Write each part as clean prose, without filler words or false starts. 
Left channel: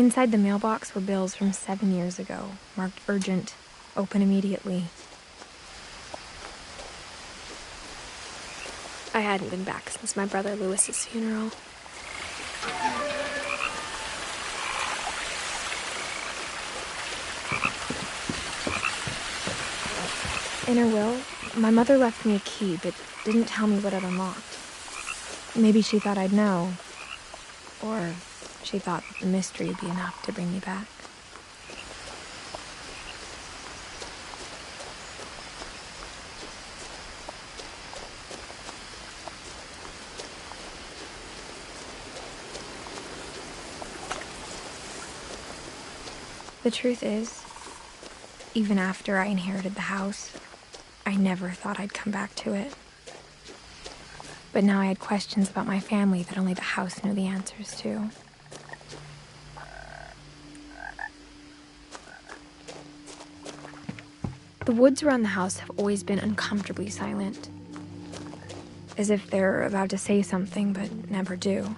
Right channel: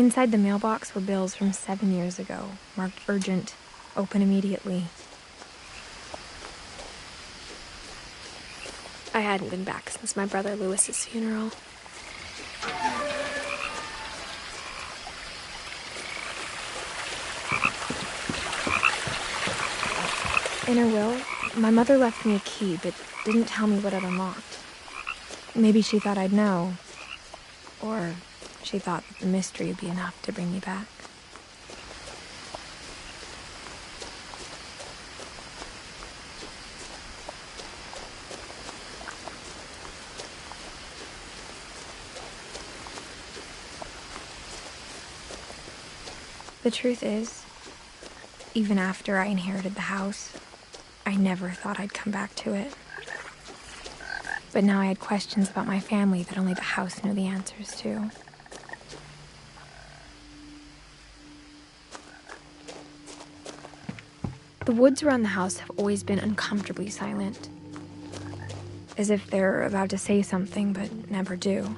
Inside the mailbox were bills from 7 years ago, marked urgent, open immediately. I hadn't been back since my brother Lewis's funeral. In her will, my mother left me a key, but didn't tell me what it unlocked. Maybe she thought I'd know. Or she thought that the mystery would be enough to bring me back. The truth is, even after I inherited the house, I never thought I'd come back to it. But now I had questions about my family that only the house knew the answers to. The woods around the house have always been uncomfortably silent, as if they're about to say something but never do.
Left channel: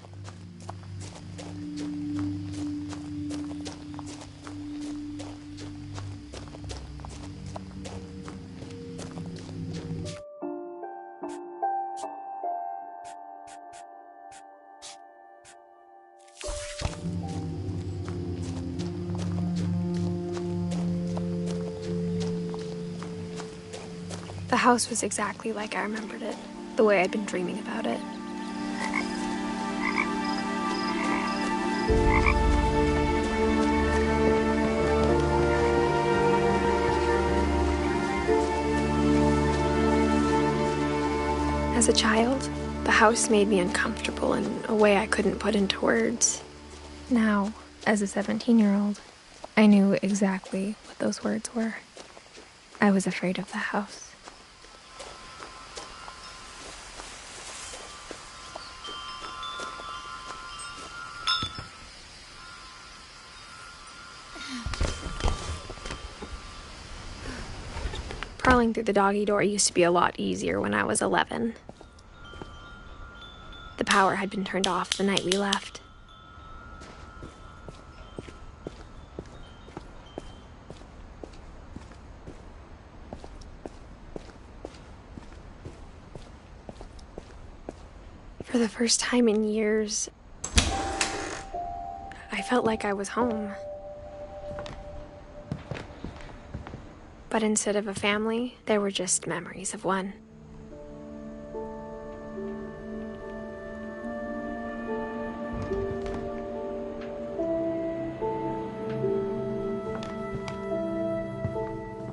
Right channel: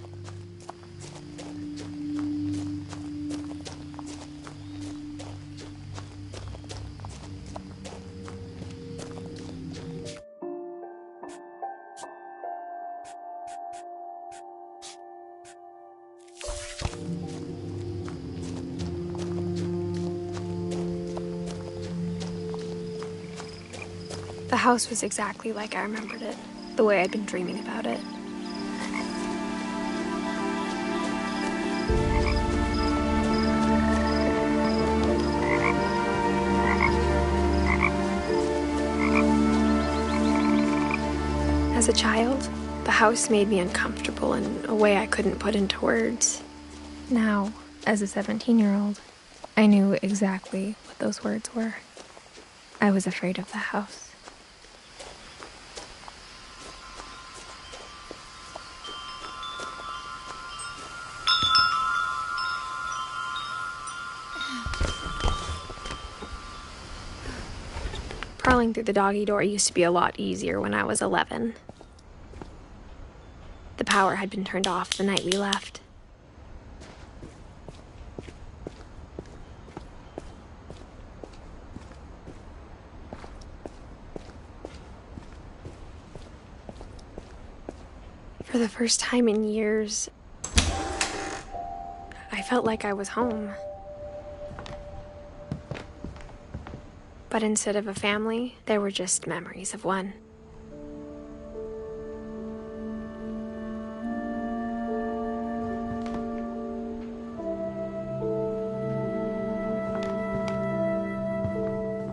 The house was exactly like I remembered it, the way I'd been dreaming about it. As a child, the house made me uncomfortable in a way I couldn't put into words. Now, as a 17-year-old, I knew exactly what those words were. I was afraid of the house. Crawling through the doggy door used to be a lot easier when I was 11. The power had been turned off the night we left. For the first time in years, I felt like I was home. But instead of a family, there were just memories of one.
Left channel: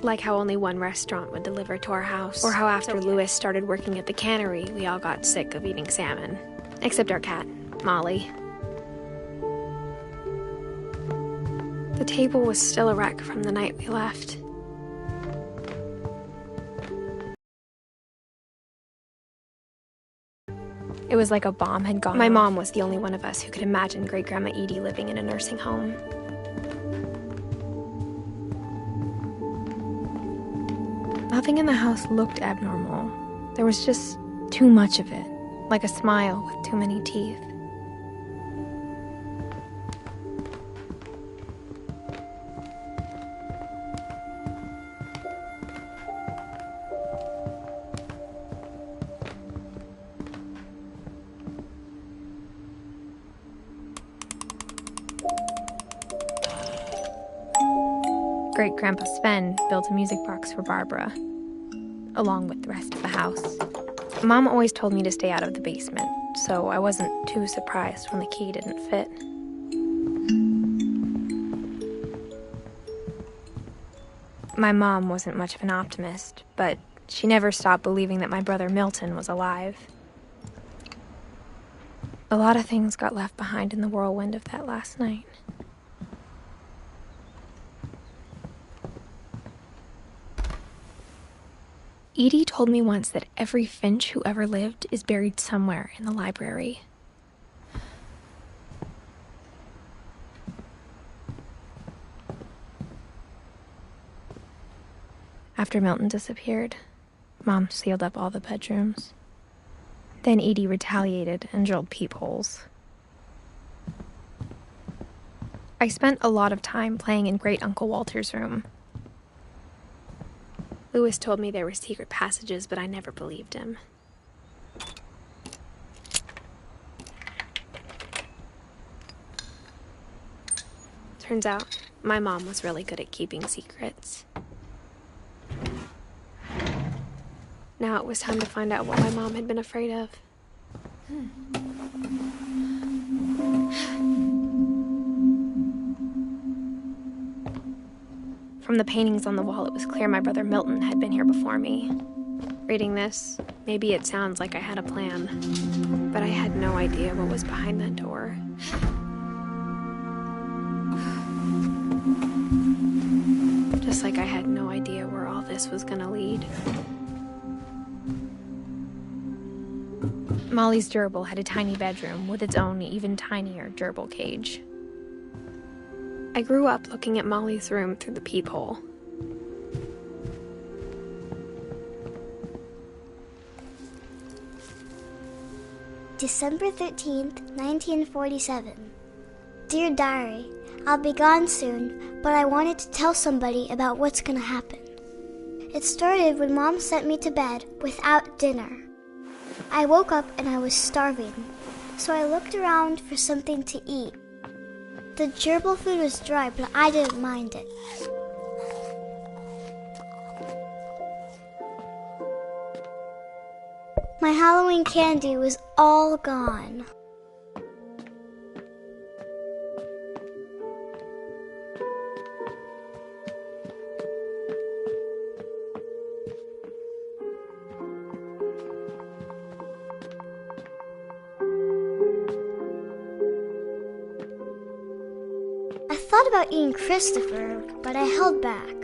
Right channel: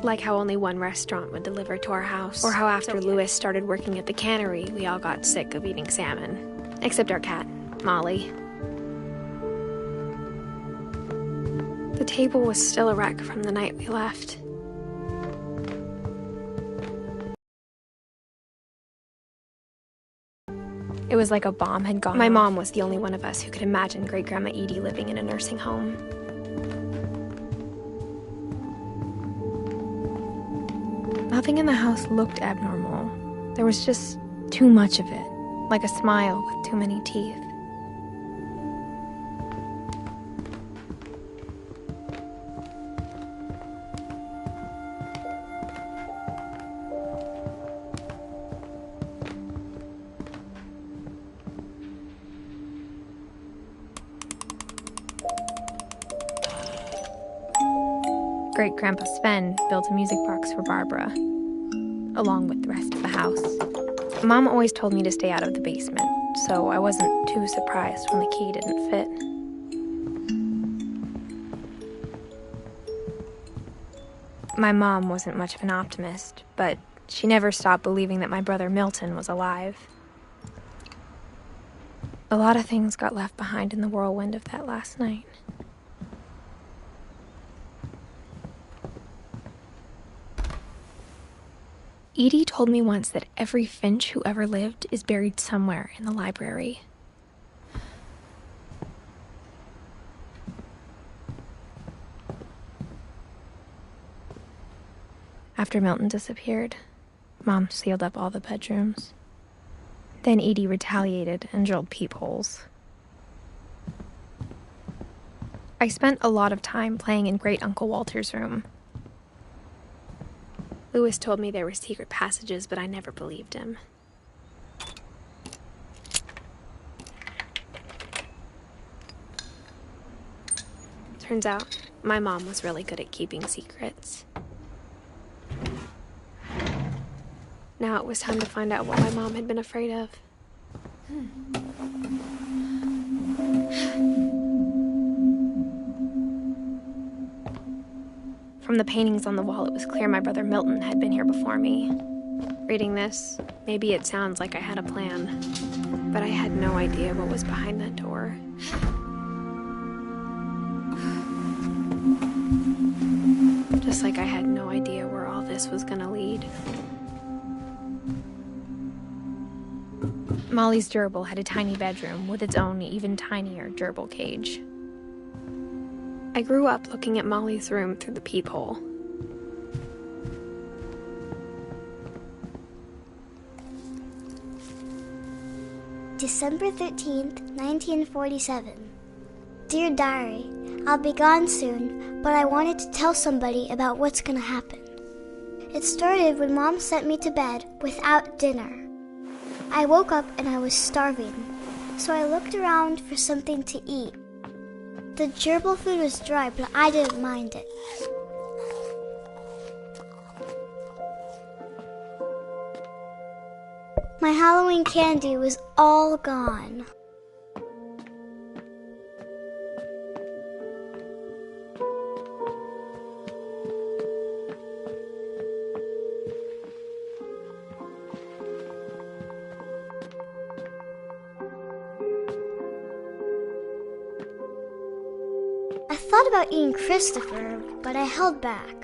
Like how only one restaurant would deliver to our house, or how after Lewis started working at the cannery, we all got sick of eating salmon. Except our cat, Molly. The table was still a wreck from the night we left. It was like a bomb had gone off. My mom was the only one of us who could imagine Great-Grandma Edie living in a nursing home. Nothing in the house looked abnormal. There was just too much of it, like a smile with too many teeth. Great-Grandpa Sven built a music box for Barbara, along with the rest of the house. Mom always told me to stay out of the basement, so I wasn't too surprised when the key didn't fit. My mom wasn't much of an optimist, but she never stopped believing that my brother Milton was alive. A lot of things got left behind in the whirlwind of that last night. Edie told me once that every Finch who ever lived is buried somewhere in the library. After Milton disappeared, Mom sealed up all the bedrooms. Then Edie retaliated and drilled peepholes. I spent a lot of time playing in Great Uncle Walter's room. Louis told me there were secret passages, but I never believed him. Turns out, my mom was really good at keeping secrets. Now it was time to find out what my mom had been afraid of. From the paintings on the wall, it was clear my brother Milton had been here before me. Reading this, maybe it sounds like I had a plan, but I had no idea what was behind that door. Just like I had no idea where all this was gonna lead. Molly's gerbil had a tiny bedroom with its own even tinier gerbil cage. I grew up looking at Molly's room through the peephole. December 13th, 1947. Dear Diary, I'll be gone soon, but I wanted to tell somebody about what's gonna happen. It started when Mom sent me to bed without dinner. I woke up and I was starving, so I looked around for something to eat. The gerbil food was dry, but I didn't mind it. My Halloween candy was all gone. I thought about eating Christopher, but I held back.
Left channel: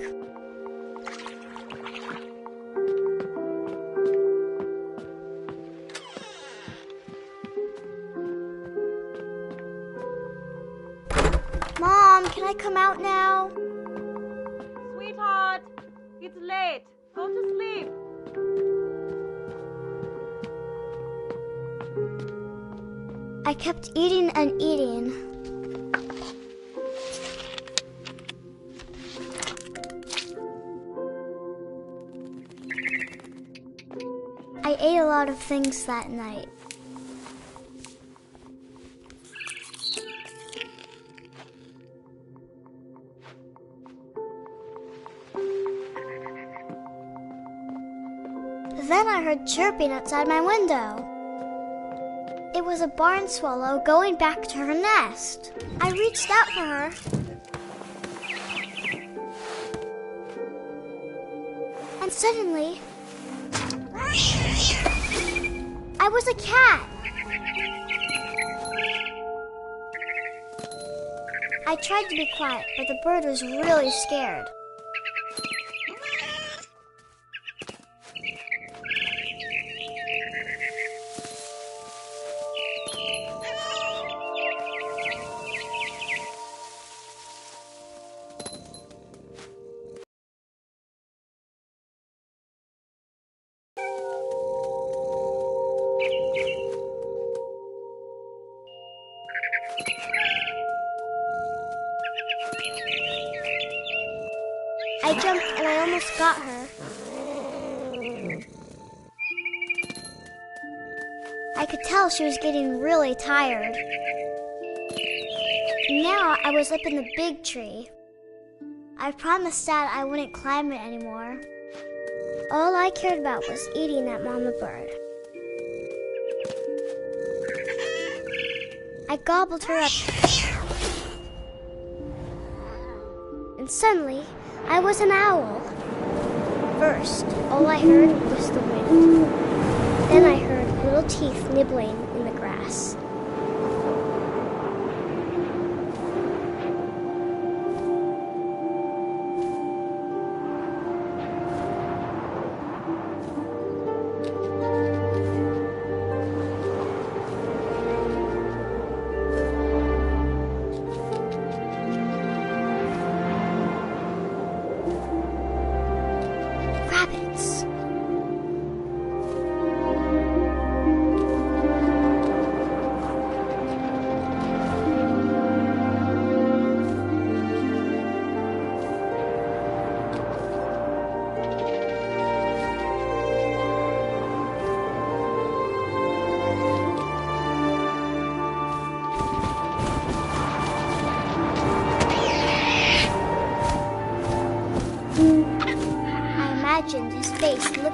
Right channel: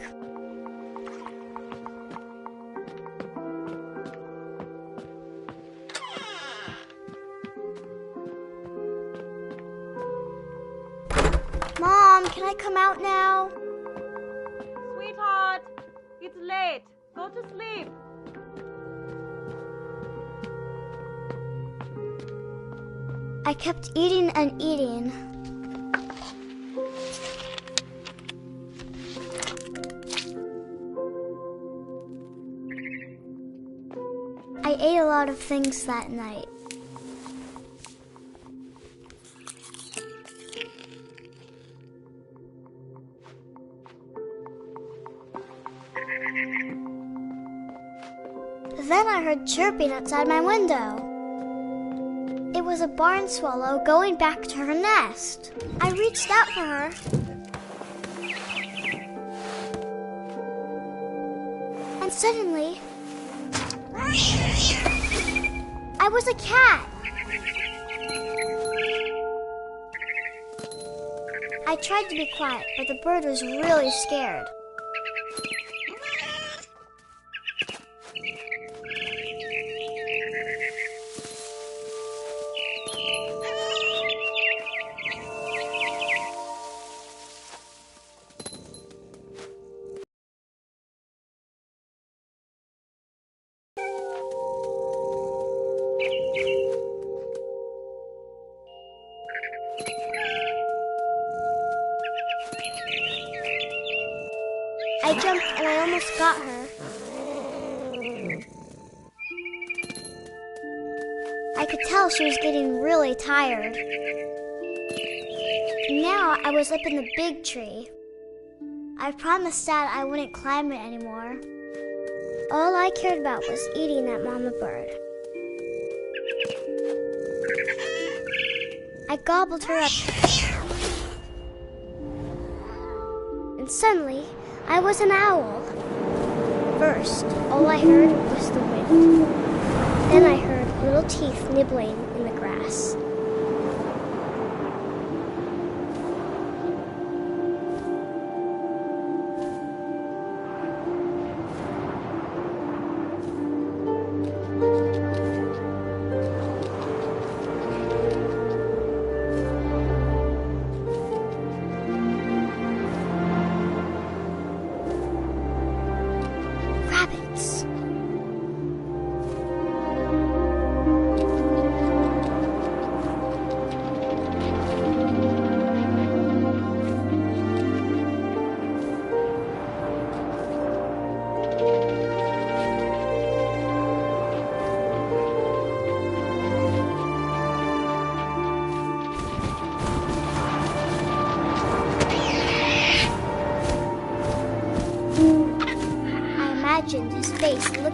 Mom, can I come out now? Sweetheart, it's late. Go to sleep. I kept eating and eating. I ate a lot of things that night. Then I heard chirping outside my window. It was a barn swallow going back to her nest. I reached out for her. And suddenly, I was a cat. I tried to be quiet, but the bird was really scared. I jumped and I almost got her. I could tell she was getting really tired. Now I was up in the big tree. I promised Dad I wouldn't climb it anymore. All I cared about was eating that mama bird. I gobbled her up. And suddenly, I was an owl. First, all I heard was the wind. Then I heard little teeth nibbling in the grass. Rabbits.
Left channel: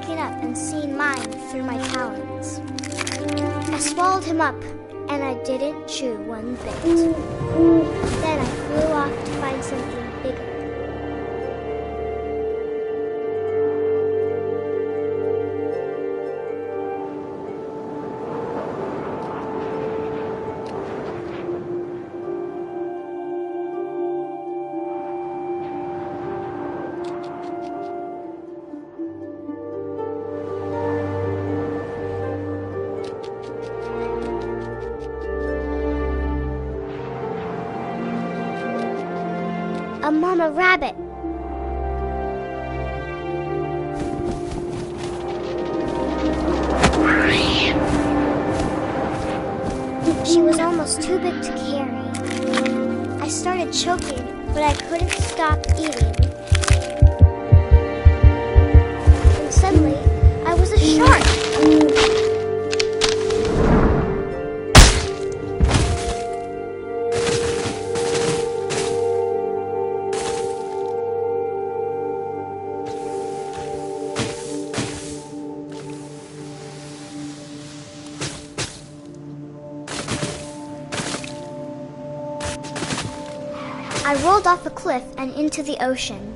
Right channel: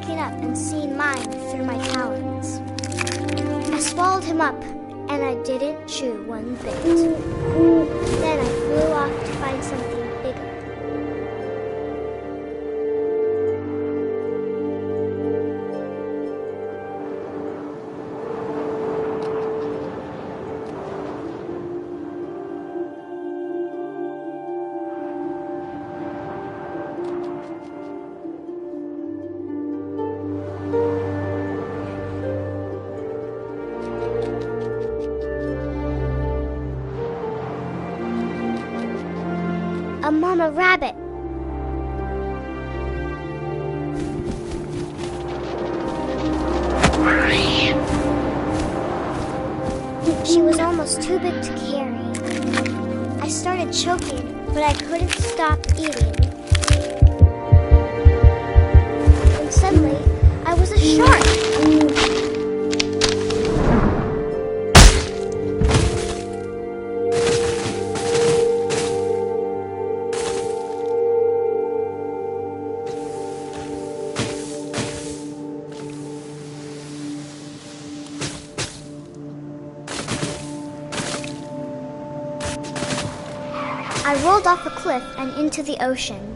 looking up and seeing mine through my talons. I swallowed him up, and I didn't chew one bit. Then I flew off to find something bigger. A mama rabbit. She was almost too big to carry. I started choking, but I couldn't stop eating. And suddenly, I was a shark. I rolled off a cliff and into the ocean.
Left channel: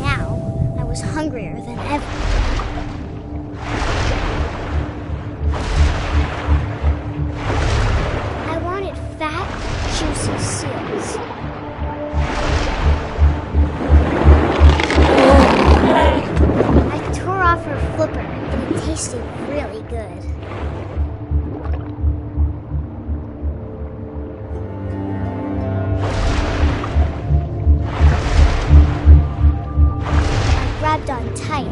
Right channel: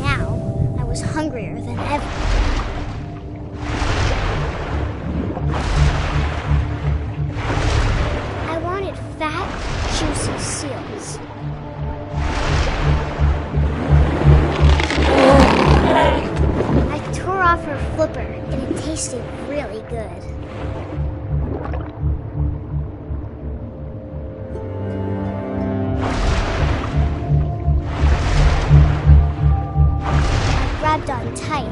Now, I was hungrier than ever. I wanted fat, juicy seals. I tore off her flipper, and it tasted really good. Grabbed on tight.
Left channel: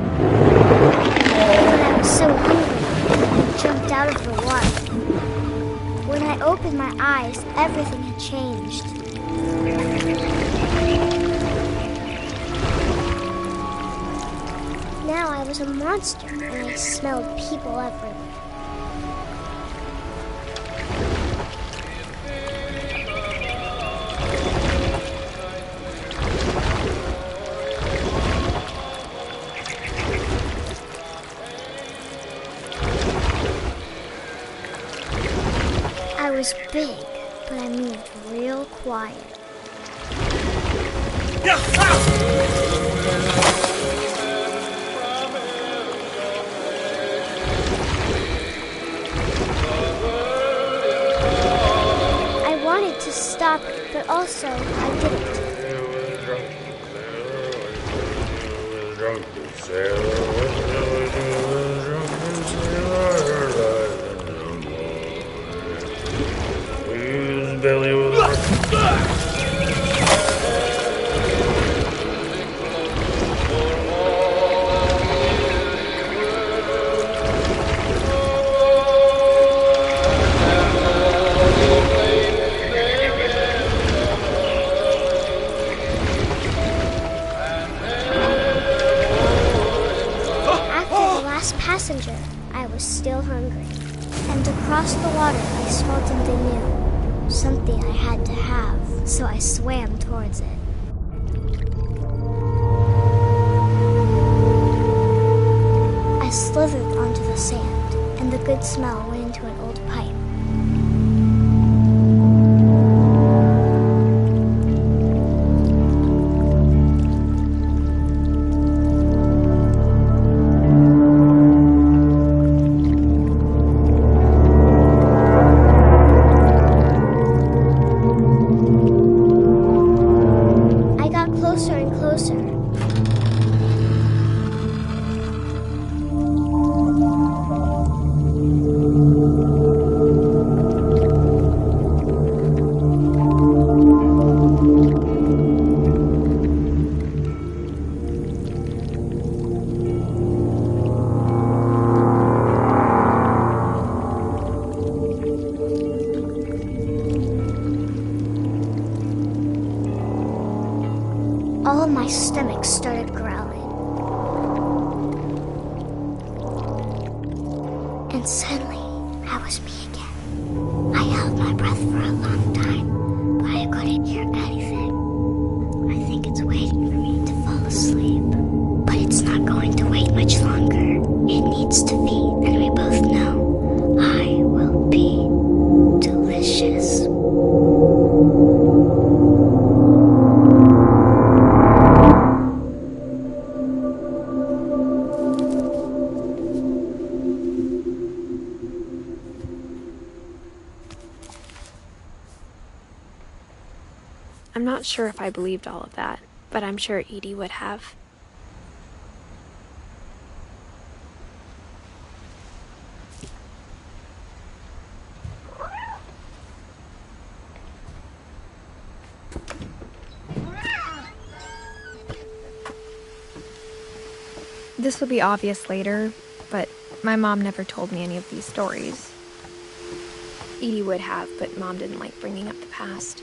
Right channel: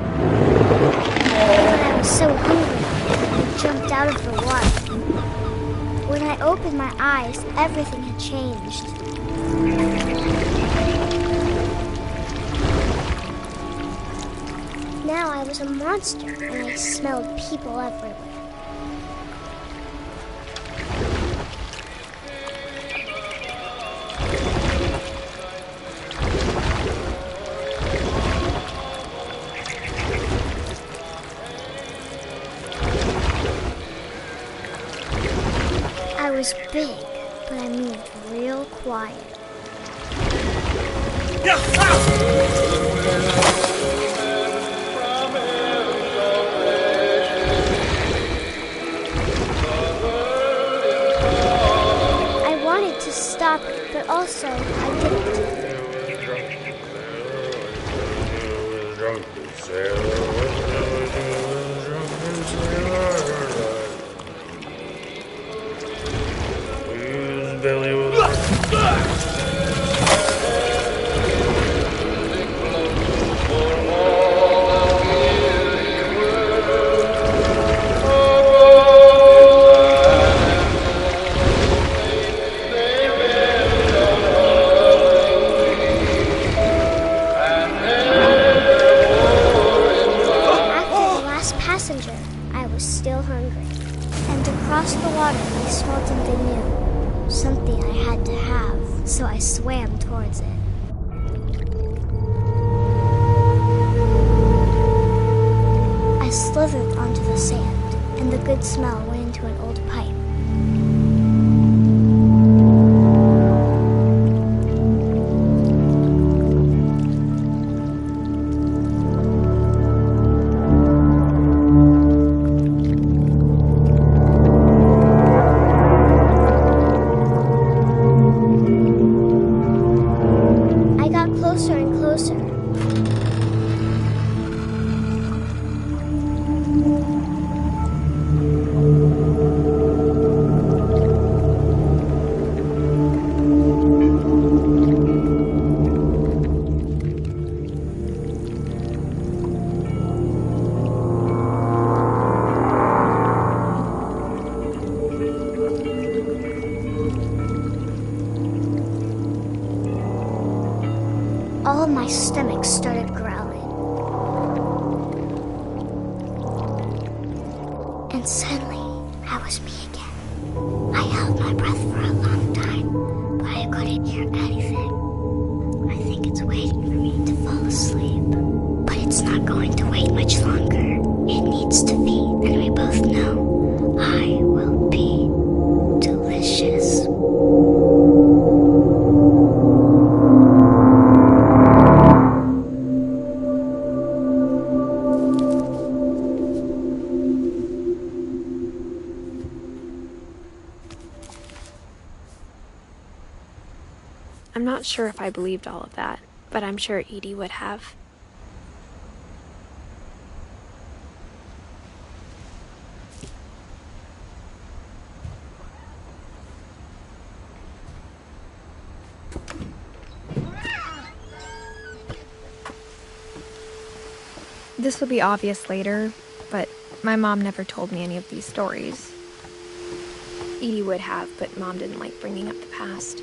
When I was so hungry, I jumped out of the water. When I opened my eyes, everything had changed. Now I was a monster, and I smelled people everywhere. I was big, but I moved real quiet. I wanted to stop it, but also I didn't. Belly was passenger, I was still hungry. And across the water, I smelled something new. Something I had to have, so I swam towards it. I slithered onto the sand, and the good smell went into an old pipe. Closer and closer. All my stomach started growling. And suddenly, I was me again. I held my breath for a long time, but I couldn't hear anything. I think it's waiting for me to fall asleep. But it's not going to wait much needs to be, and we both know I will be delicious. I'm not sure if I believed all of that, but I'm sure Edie would have. This will be obvious later, but my mom never told me any of these stories. Edie would have, but Mom didn't like bringing up the past.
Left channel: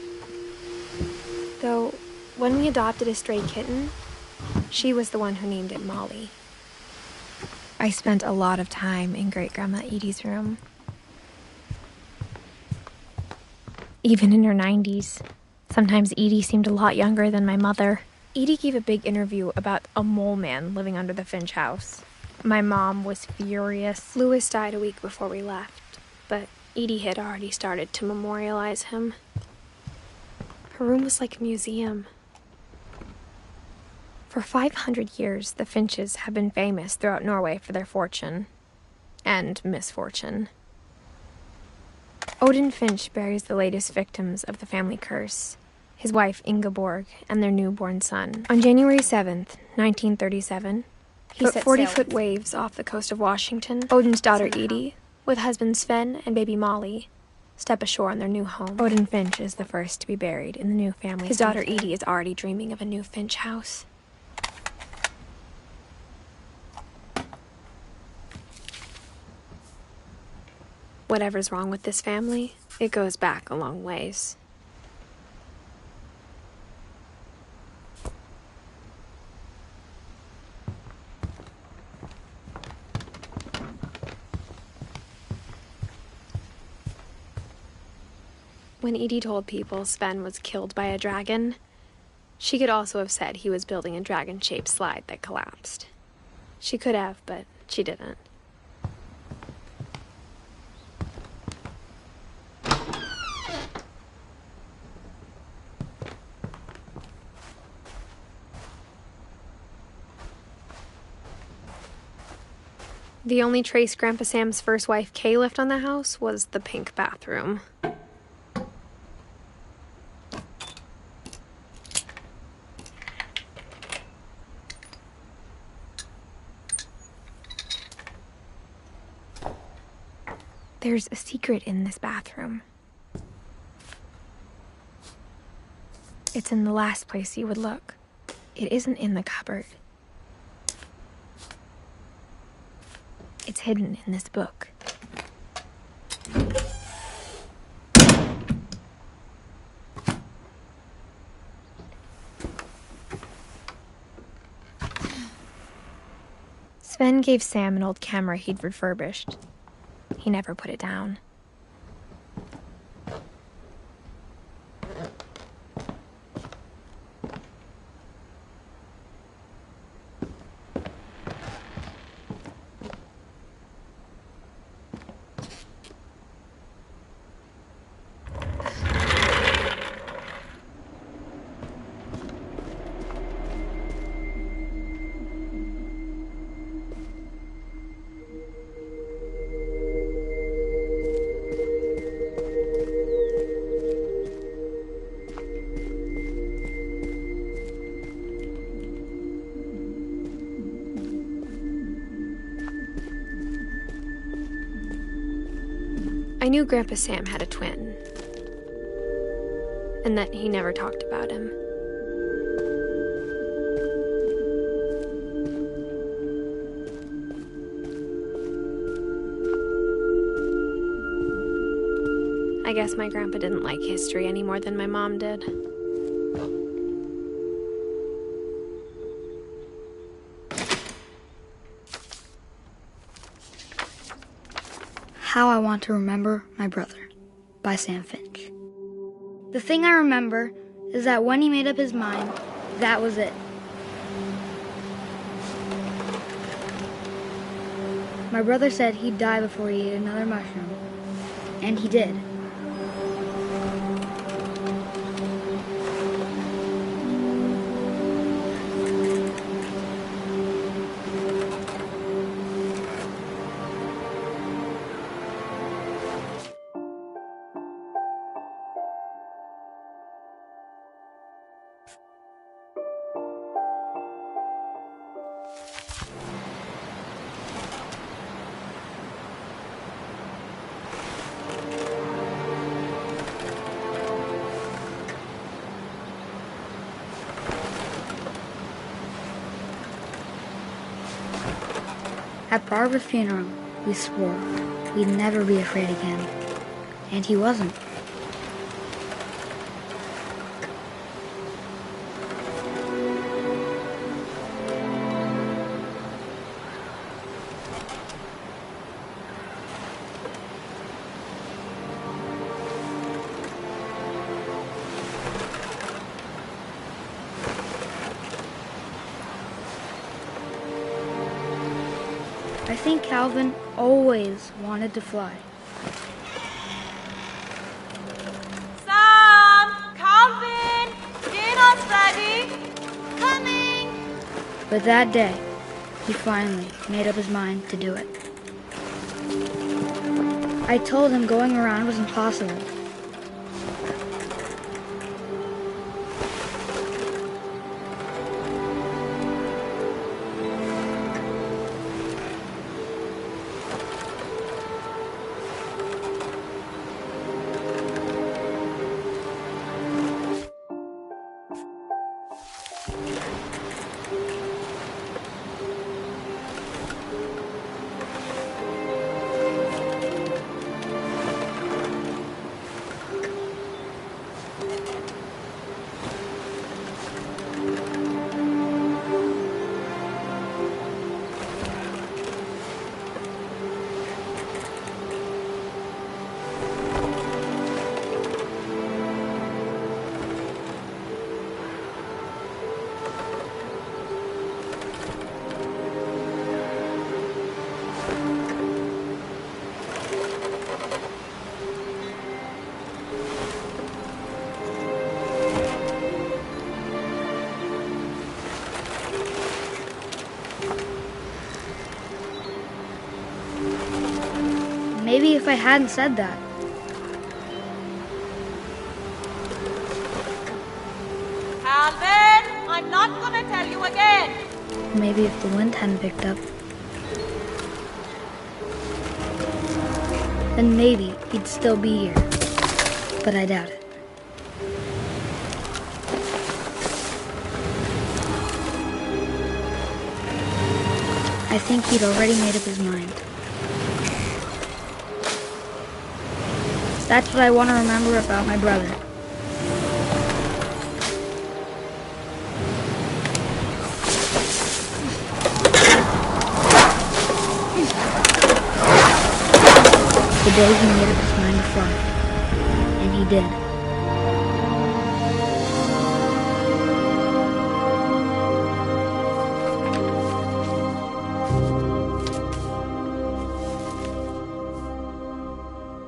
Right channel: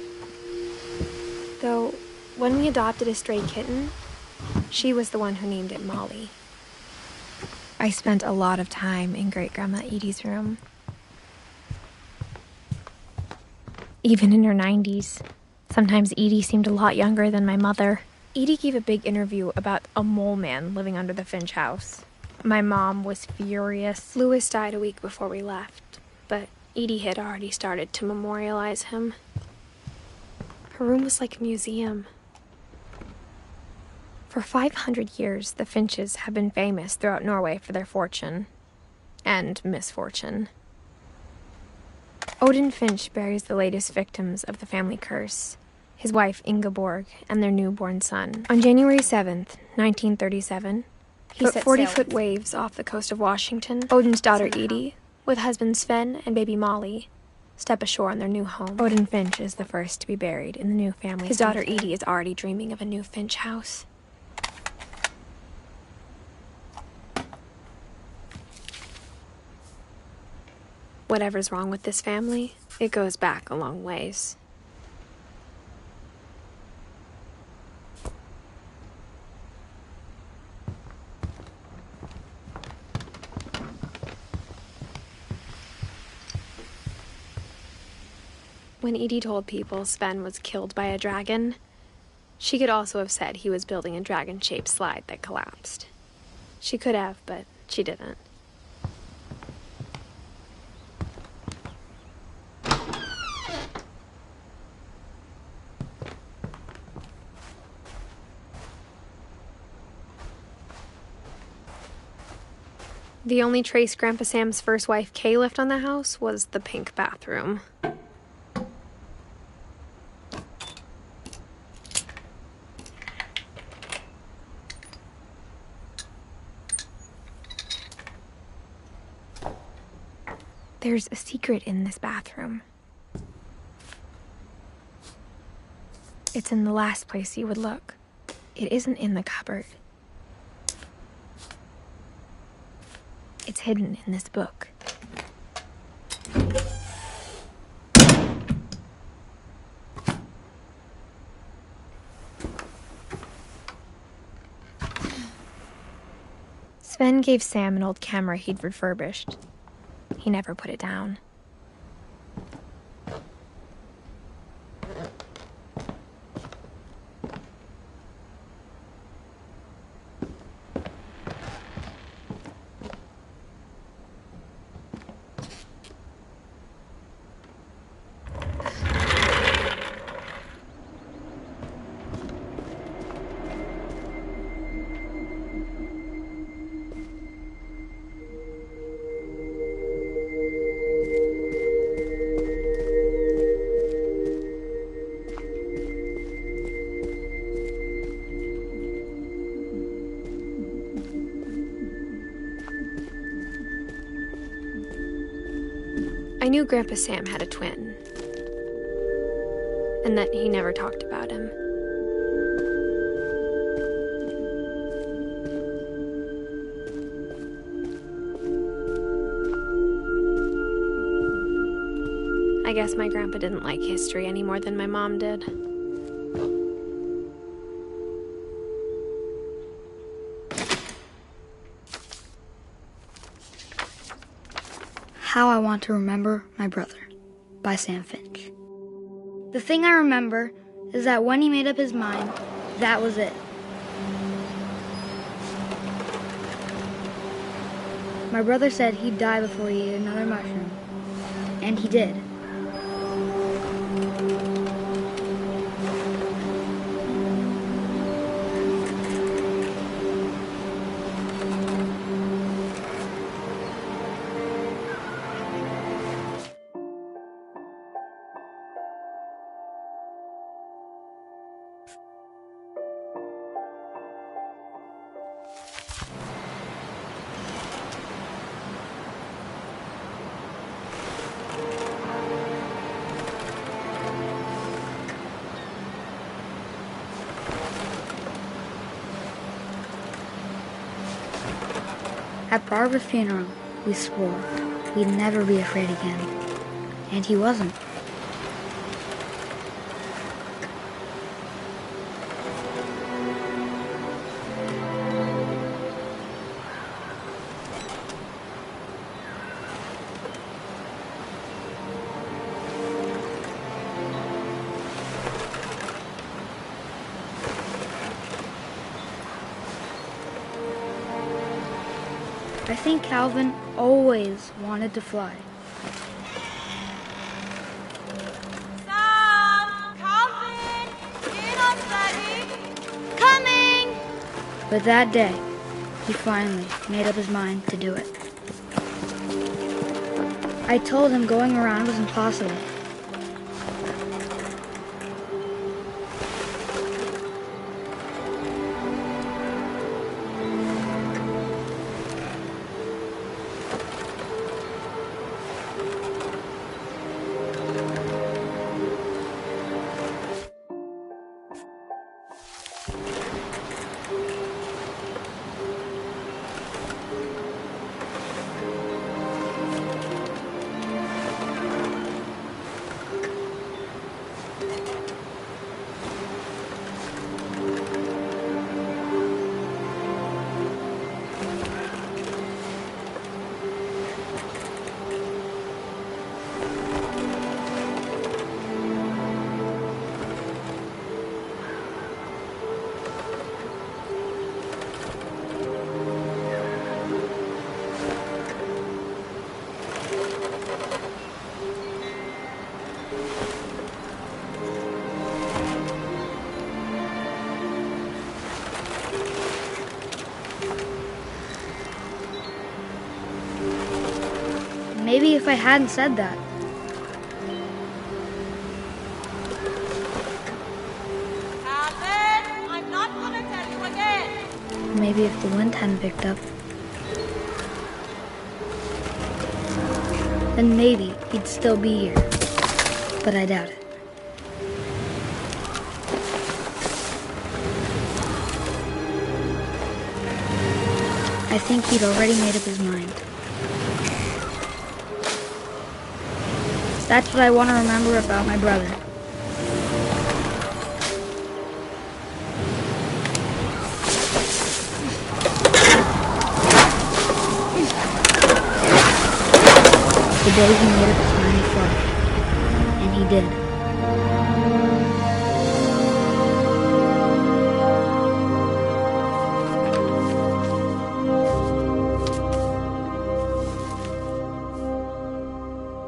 Though, when we adopted a stray kitten, she was the one who named it Molly. I spent a lot of time in Great-Grandma Edie's room. Even in her 90s. Sometimes Edie seemed a lot younger than my mother. Edie gave a big interview about a mole man living under the Finch house. My mom was furious. Louis died a week before we left, but Edie had already started to memorialize him. Her room was like a museum. For 500 years, the Finches have been famous throughout Norway for their fortune and misfortune. Odin Finch buries the latest victims of the family curse, his wife Ingeborg and their newborn son. On January 7th, 1937, he set 40-foot waves off the coast of Washington. Odin's daughter Edie, with husband Sven and baby Molly, step ashore on their new home. Odin Finch is the first to be buried in the new family. His daughter Edie is already dreaming of a new Finch house. Whatever's wrong with this family, it goes back a long ways. When Edie told people Sven was killed by a dragon, she could also have said he was building a dragon-shaped slide that collapsed. She could have, but she didn't. The only trace Grandpa Sam's first wife, Kay, left on the house was the pink bathroom. There's a secret in this bathroom. It's in the last place you would look. It isn't in the cupboard. It's hidden in this book. Sven gave Sam an old camera he'd refurbished. He never put it down. I knew Grandpa Sam had a twin, and that he never talked about him. I guess my grandpa didn't like history any more than my mom did. How I Want to Remember My Brother by Sam Finch. The thing I remember is that when he made up his mind, that was it. My brother said he'd die before he ate another mushroom. And he did. At Barbara's funeral, we swore we'd never be afraid again. And he wasn't. I think Calvin always wanted to fly. Sam! Calvin! Dinner's ready! Coming! But that day, he finally made up his mind to do it. I told him going around was impossible. Maybe if I hadn't said that. Calvin! I'm not gonna tell you again! Maybe if the wind hadn't picked up. Then maybe he'd still be here. But I doubt it. I think he'd already made up his mind. That's what I want to remember about my brother. The day he made up his mind to fly. And he did.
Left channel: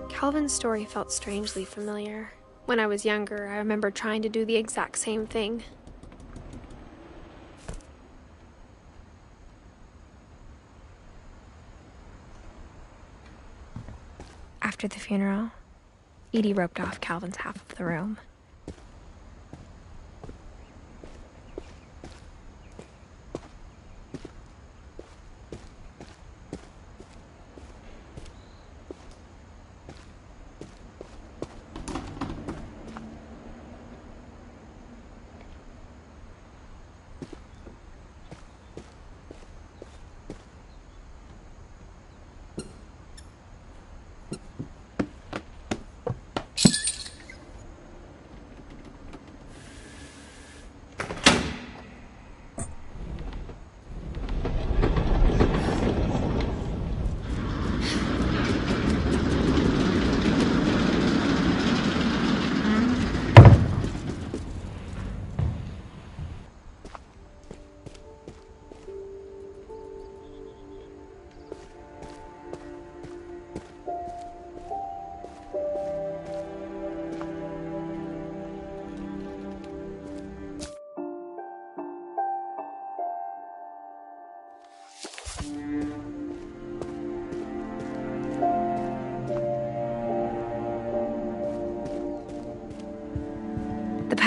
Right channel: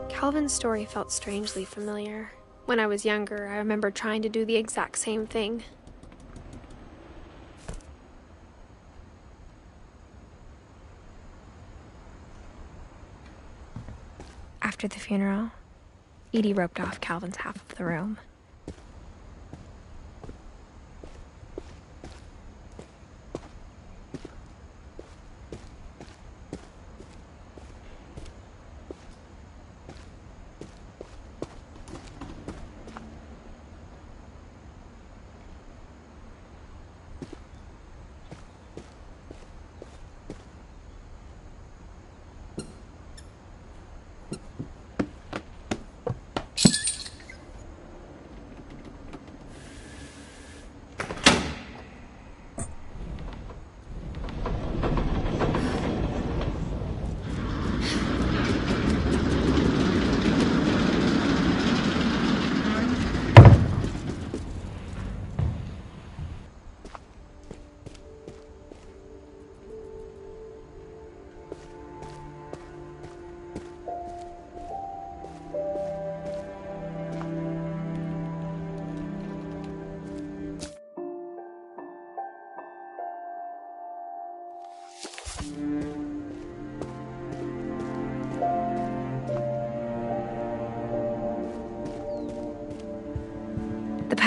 Calvin's story felt strangely familiar. When I was younger, I remember trying to do the exact same thing. After the funeral, Edie roped off Calvin's half of the room.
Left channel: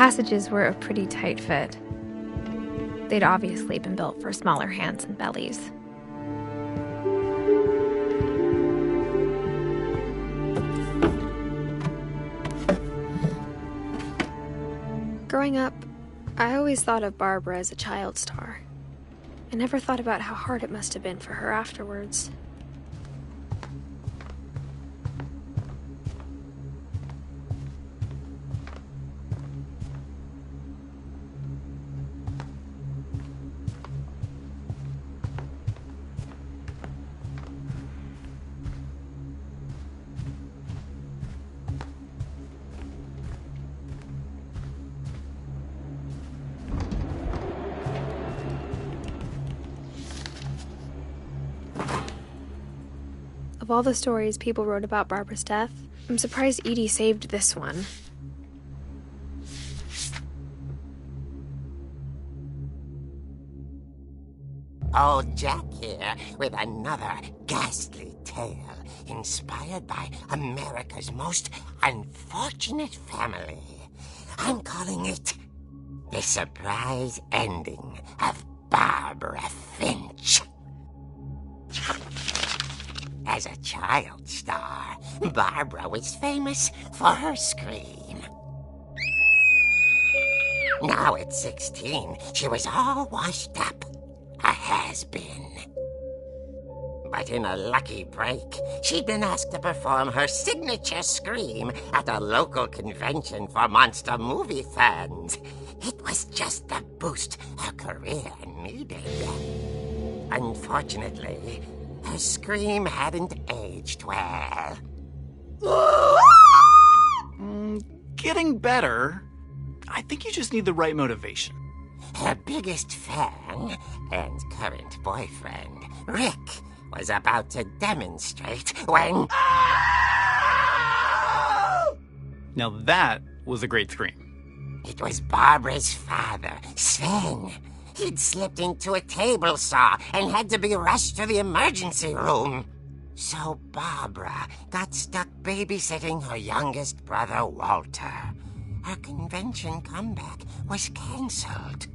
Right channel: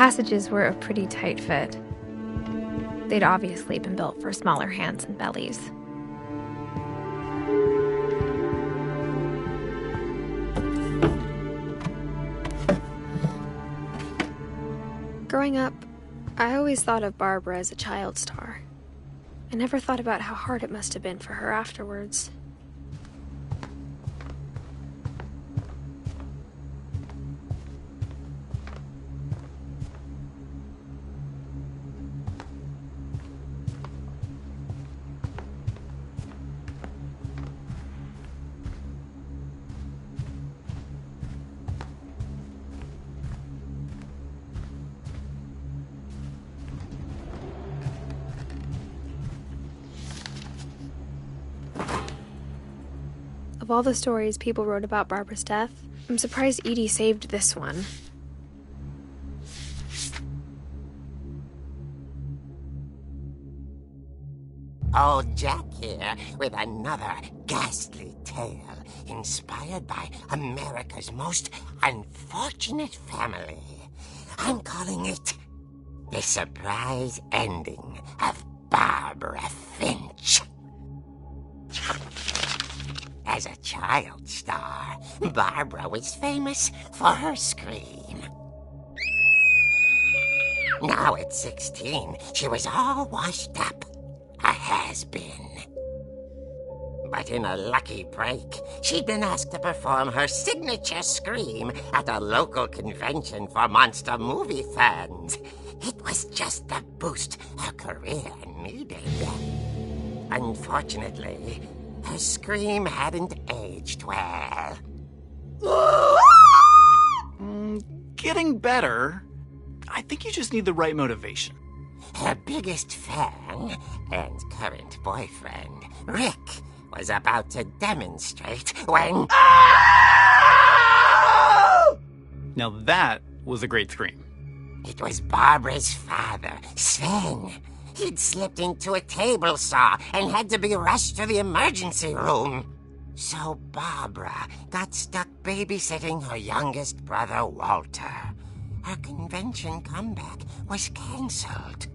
passages were a pretty tight fit. They'd obviously been built for smaller hands and bellies. Growing up, I always thought of Barbara as a child star. I never thought about how hard it must have been for her afterwards. Of all the stories people wrote about Barbara's death, I'm surprised Edie saved this one. Old Jack here with another ghastly tale inspired by America's most unfortunate family. I'm calling it The Surprise Ending of Barbara Finch. As a child star, Barbara was famous for her scream. Now at 16, she was all washed up, a has-been. But in a lucky break, she'd been asked to perform her signature scream at a local convention for monster movie fans. It was just the boost her career needed. Unfortunately, her scream hadn't aged well. Getting better. I think you just need the right motivation. Her biggest fan and current boyfriend, Rick, was about to demonstrate when... Now that was a great scream. It was Barbara's father, Sven. He'd slipped into a table saw and had to be rushed to the emergency room. So Barbara got stuck babysitting her youngest brother, Walter. Her convention comeback was cancelled.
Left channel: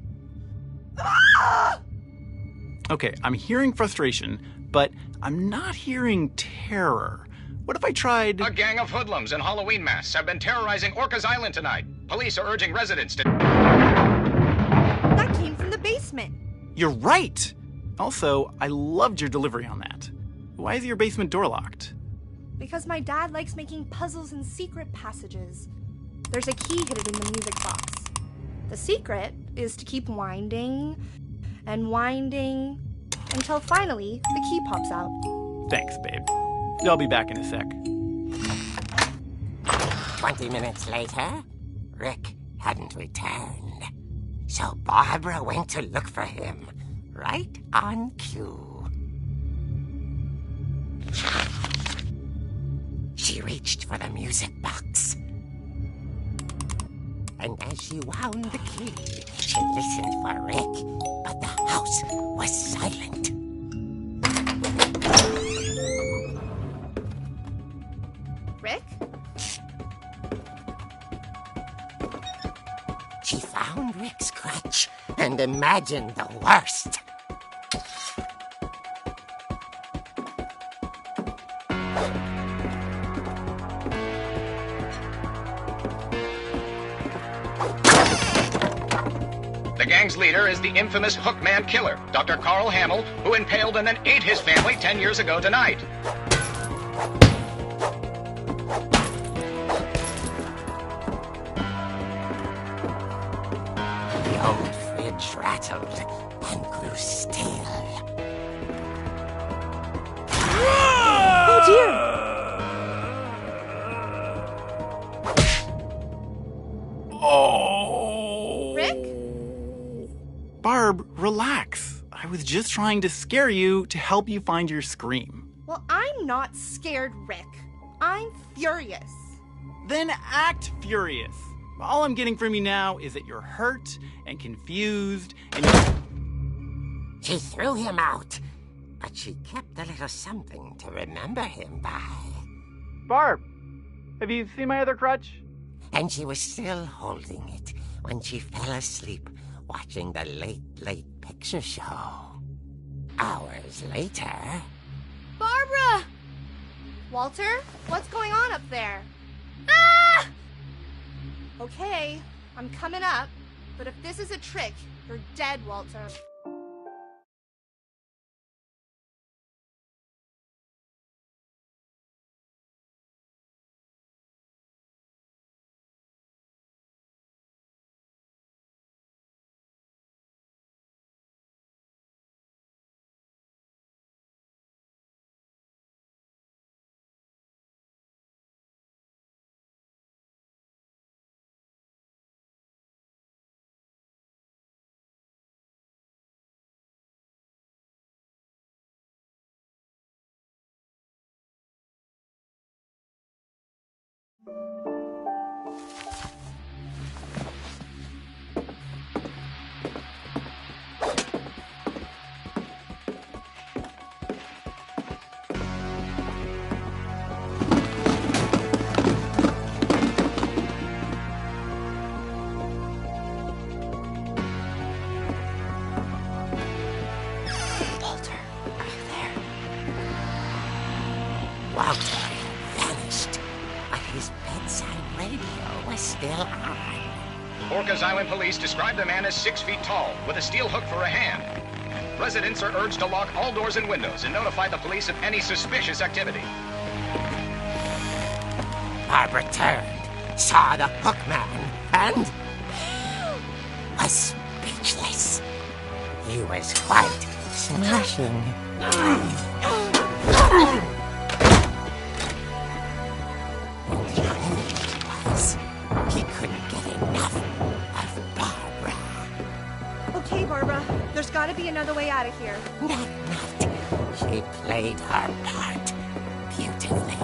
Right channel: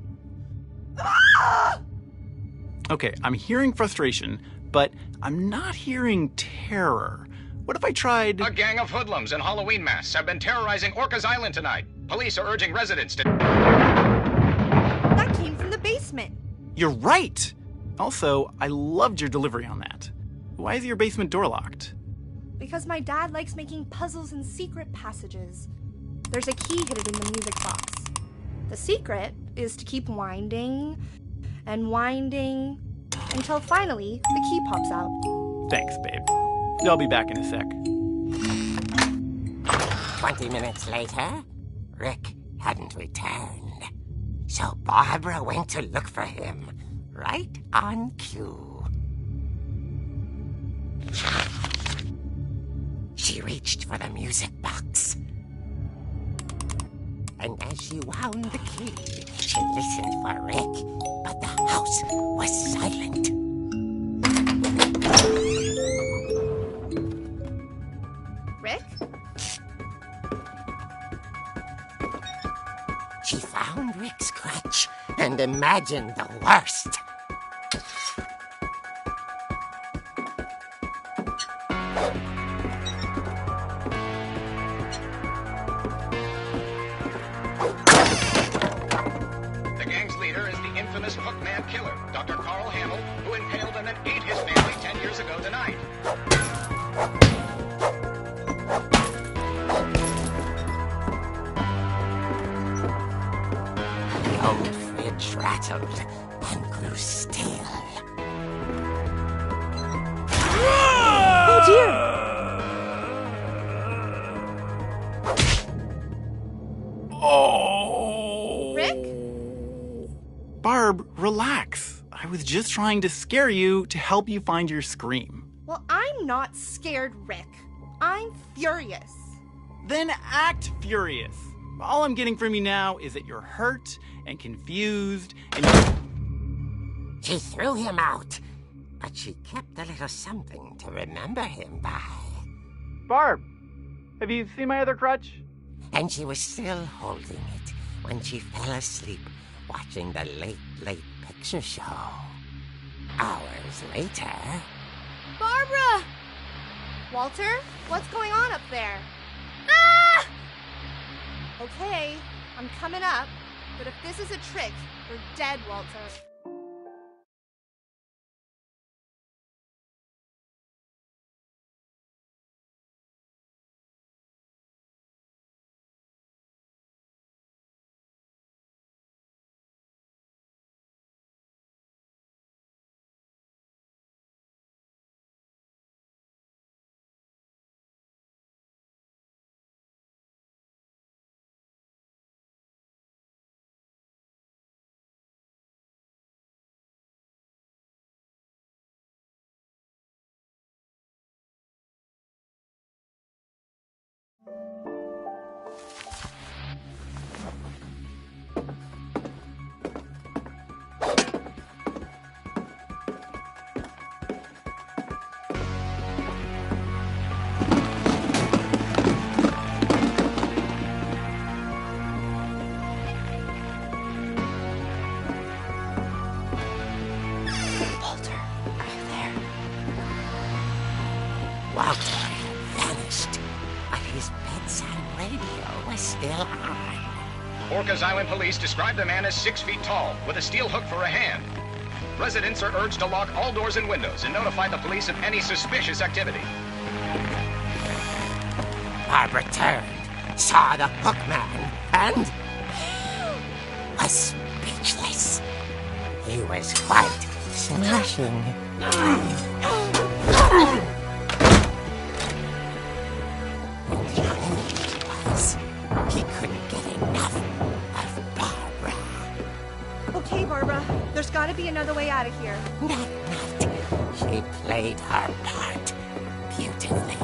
Okay, I'm hearing frustration, but I'm not hearing terror. What if I tried... A gang of hoodlums in Halloween masks have been terrorizing Orcas Island tonight. Police are urging residents to... That came from the basement. You're right! Also, I loved your delivery on that. Why is your basement door locked? Because my dad likes making puzzles and secret passages. There's a key hidden in the music box. The secret is to keep winding and winding until finally the key pops out. Thanks, babe. I'll be back in a sec. 20 minutes later, Rick hadn't returned. So Barbara went to look for him, right on cue. She reached for the music box. And as she wound the key, she listened for Rick, but the house was silent. Rick? She found Rick's crutch and imagined the worst. The gang's leader is the infamous Hookman killer, Dr. Carl Hamill, who impaled and then ate his family 10 years ago tonight. The old fridge rattled and grew still. Oh dear! Oh! Rick? Barb, relax. I was just trying to scare you to help you find your scream. Well, I'm not scared, Rick. I'm furious. Then act furious. All I'm getting from you now is that you're hurt and confused and She threw him out, but she kept a little something to remember him by. Barb, have you seen my other crutch? And she was still holding it when she fell asleep watching the Late Late Picture Show. Hours later... Barbara! Walter, what's going on up there? Ah! Okay, I'm coming up, but if this is a trick, you're dead, Walter. Walter had vanished, but his bedside radio was still on. Orcas Island police describe the man as 6 feet tall, with a steel hook for a hand. Residents are urged to lock all doors and windows and notify the police of any suspicious activity. Barbara turned, saw the hook man, and was speechless. He was quite smashing. He couldn't get enough of Barbara. Okay, Barbara, there's gotta be another way out of here. Not. She played her part beautifully.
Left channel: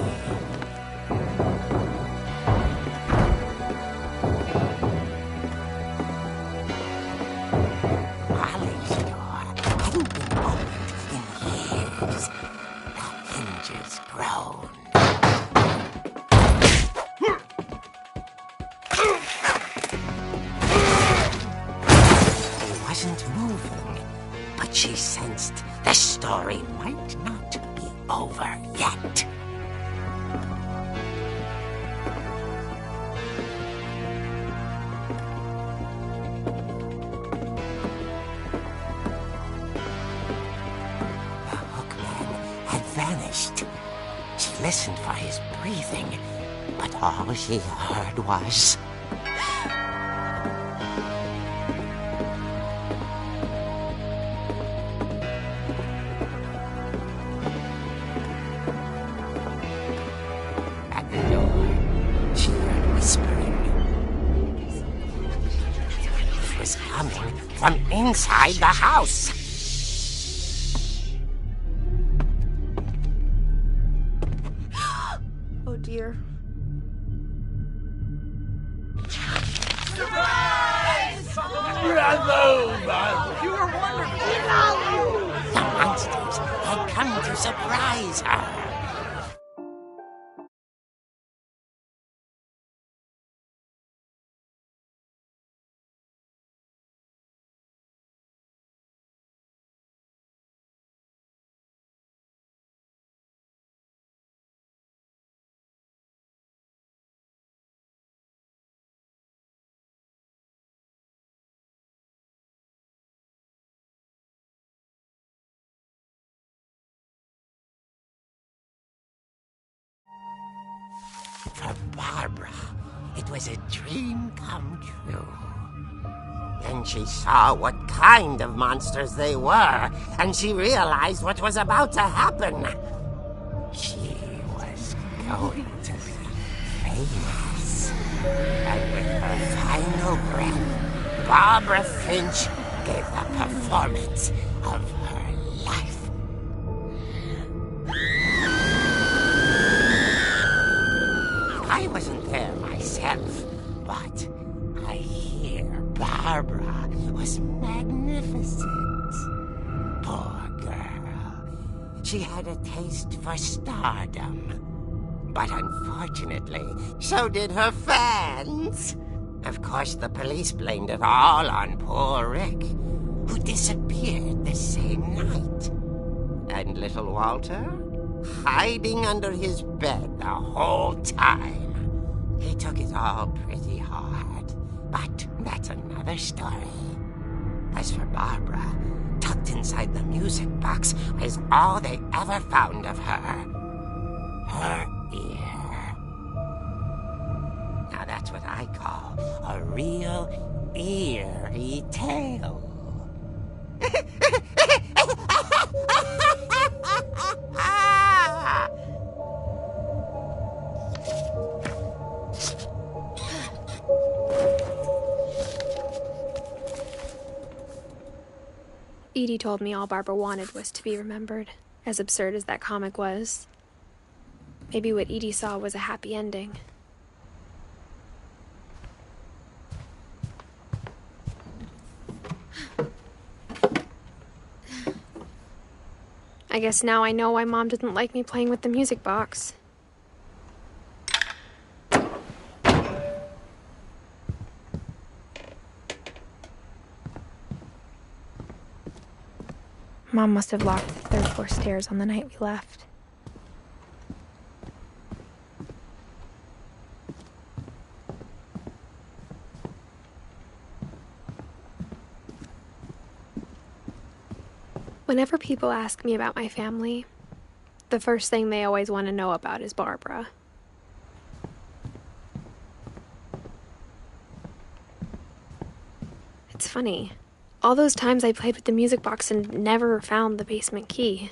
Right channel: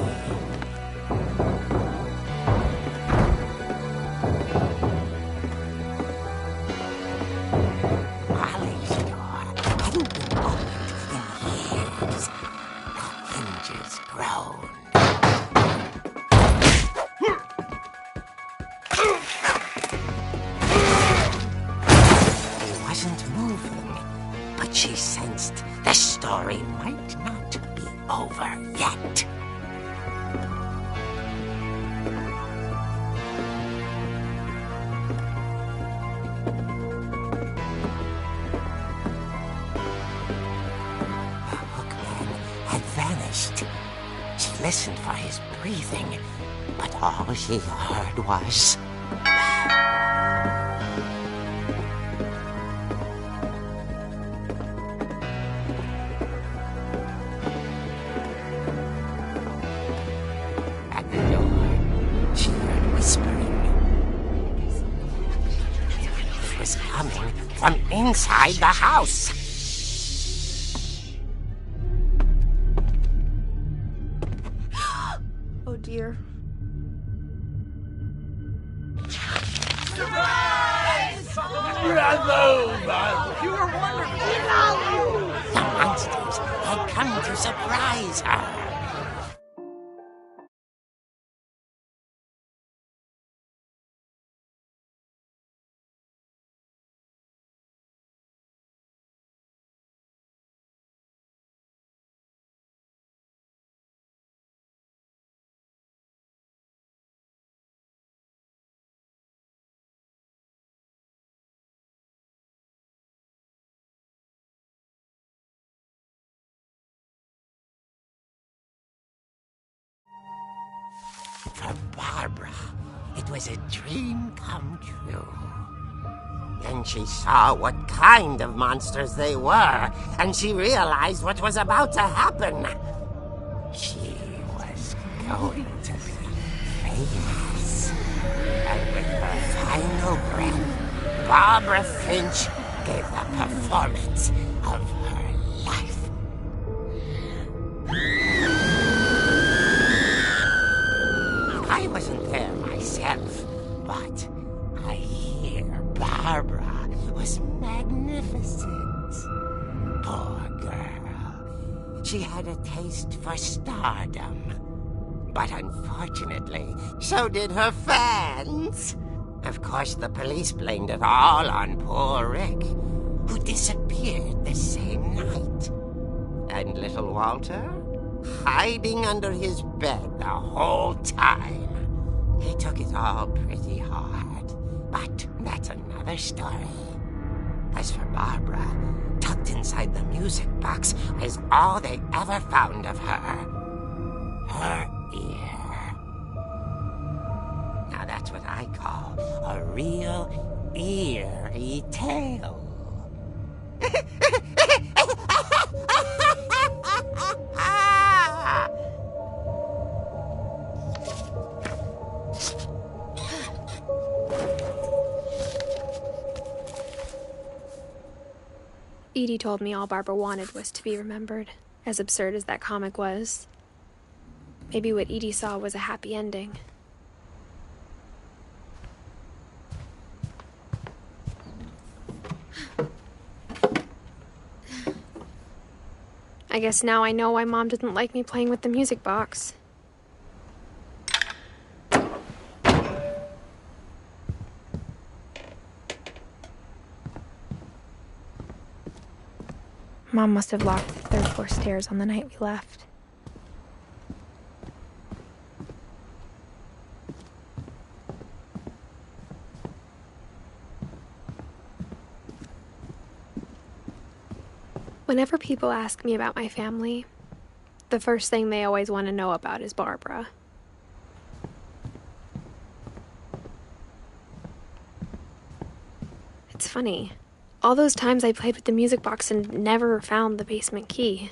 Molly's door hadn't been opened in years. The hinges groaned. He wasn't moving, but she sensed the story might not be over yet. The hookman had vanished. She listened for his breathing, but all she heard was... At the door, she heard whispering. It was coming from inside the house. Oh dear. The monsters had come to surprise her. For Barbara, it was a dream come true. Then she saw what kind of monsters they were, and she realized what was about to happen. She was going to be famous. And with her final breath, Barbara Finch gave the performance of her life. I wasn't there myself, but I hear Barbara was magnificent. Poor girl. She had a taste for stardom. But unfortunately, so did her fans. Of course, the police blamed it all on poor Rick, who disappeared the same night. And little Walter, hiding under his bed the whole time. He took it all pretty hard, but that's another story. As for Barbara, tucked inside the music box was all they ever found of her. Her ear. Now that's what I call a real eerie tale. Edie told me all Barbara wanted was to be remembered, as absurd as that comic was. Maybe what Edie saw was a happy ending. I guess now I know why Mom didn't like me playing with the music box. Mom must have locked the third floor stairs on the night we left. Whenever people ask me about my family, the first thing they always want to know about is Barbara. It's funny. All those times I played with the music box and never found the basement key.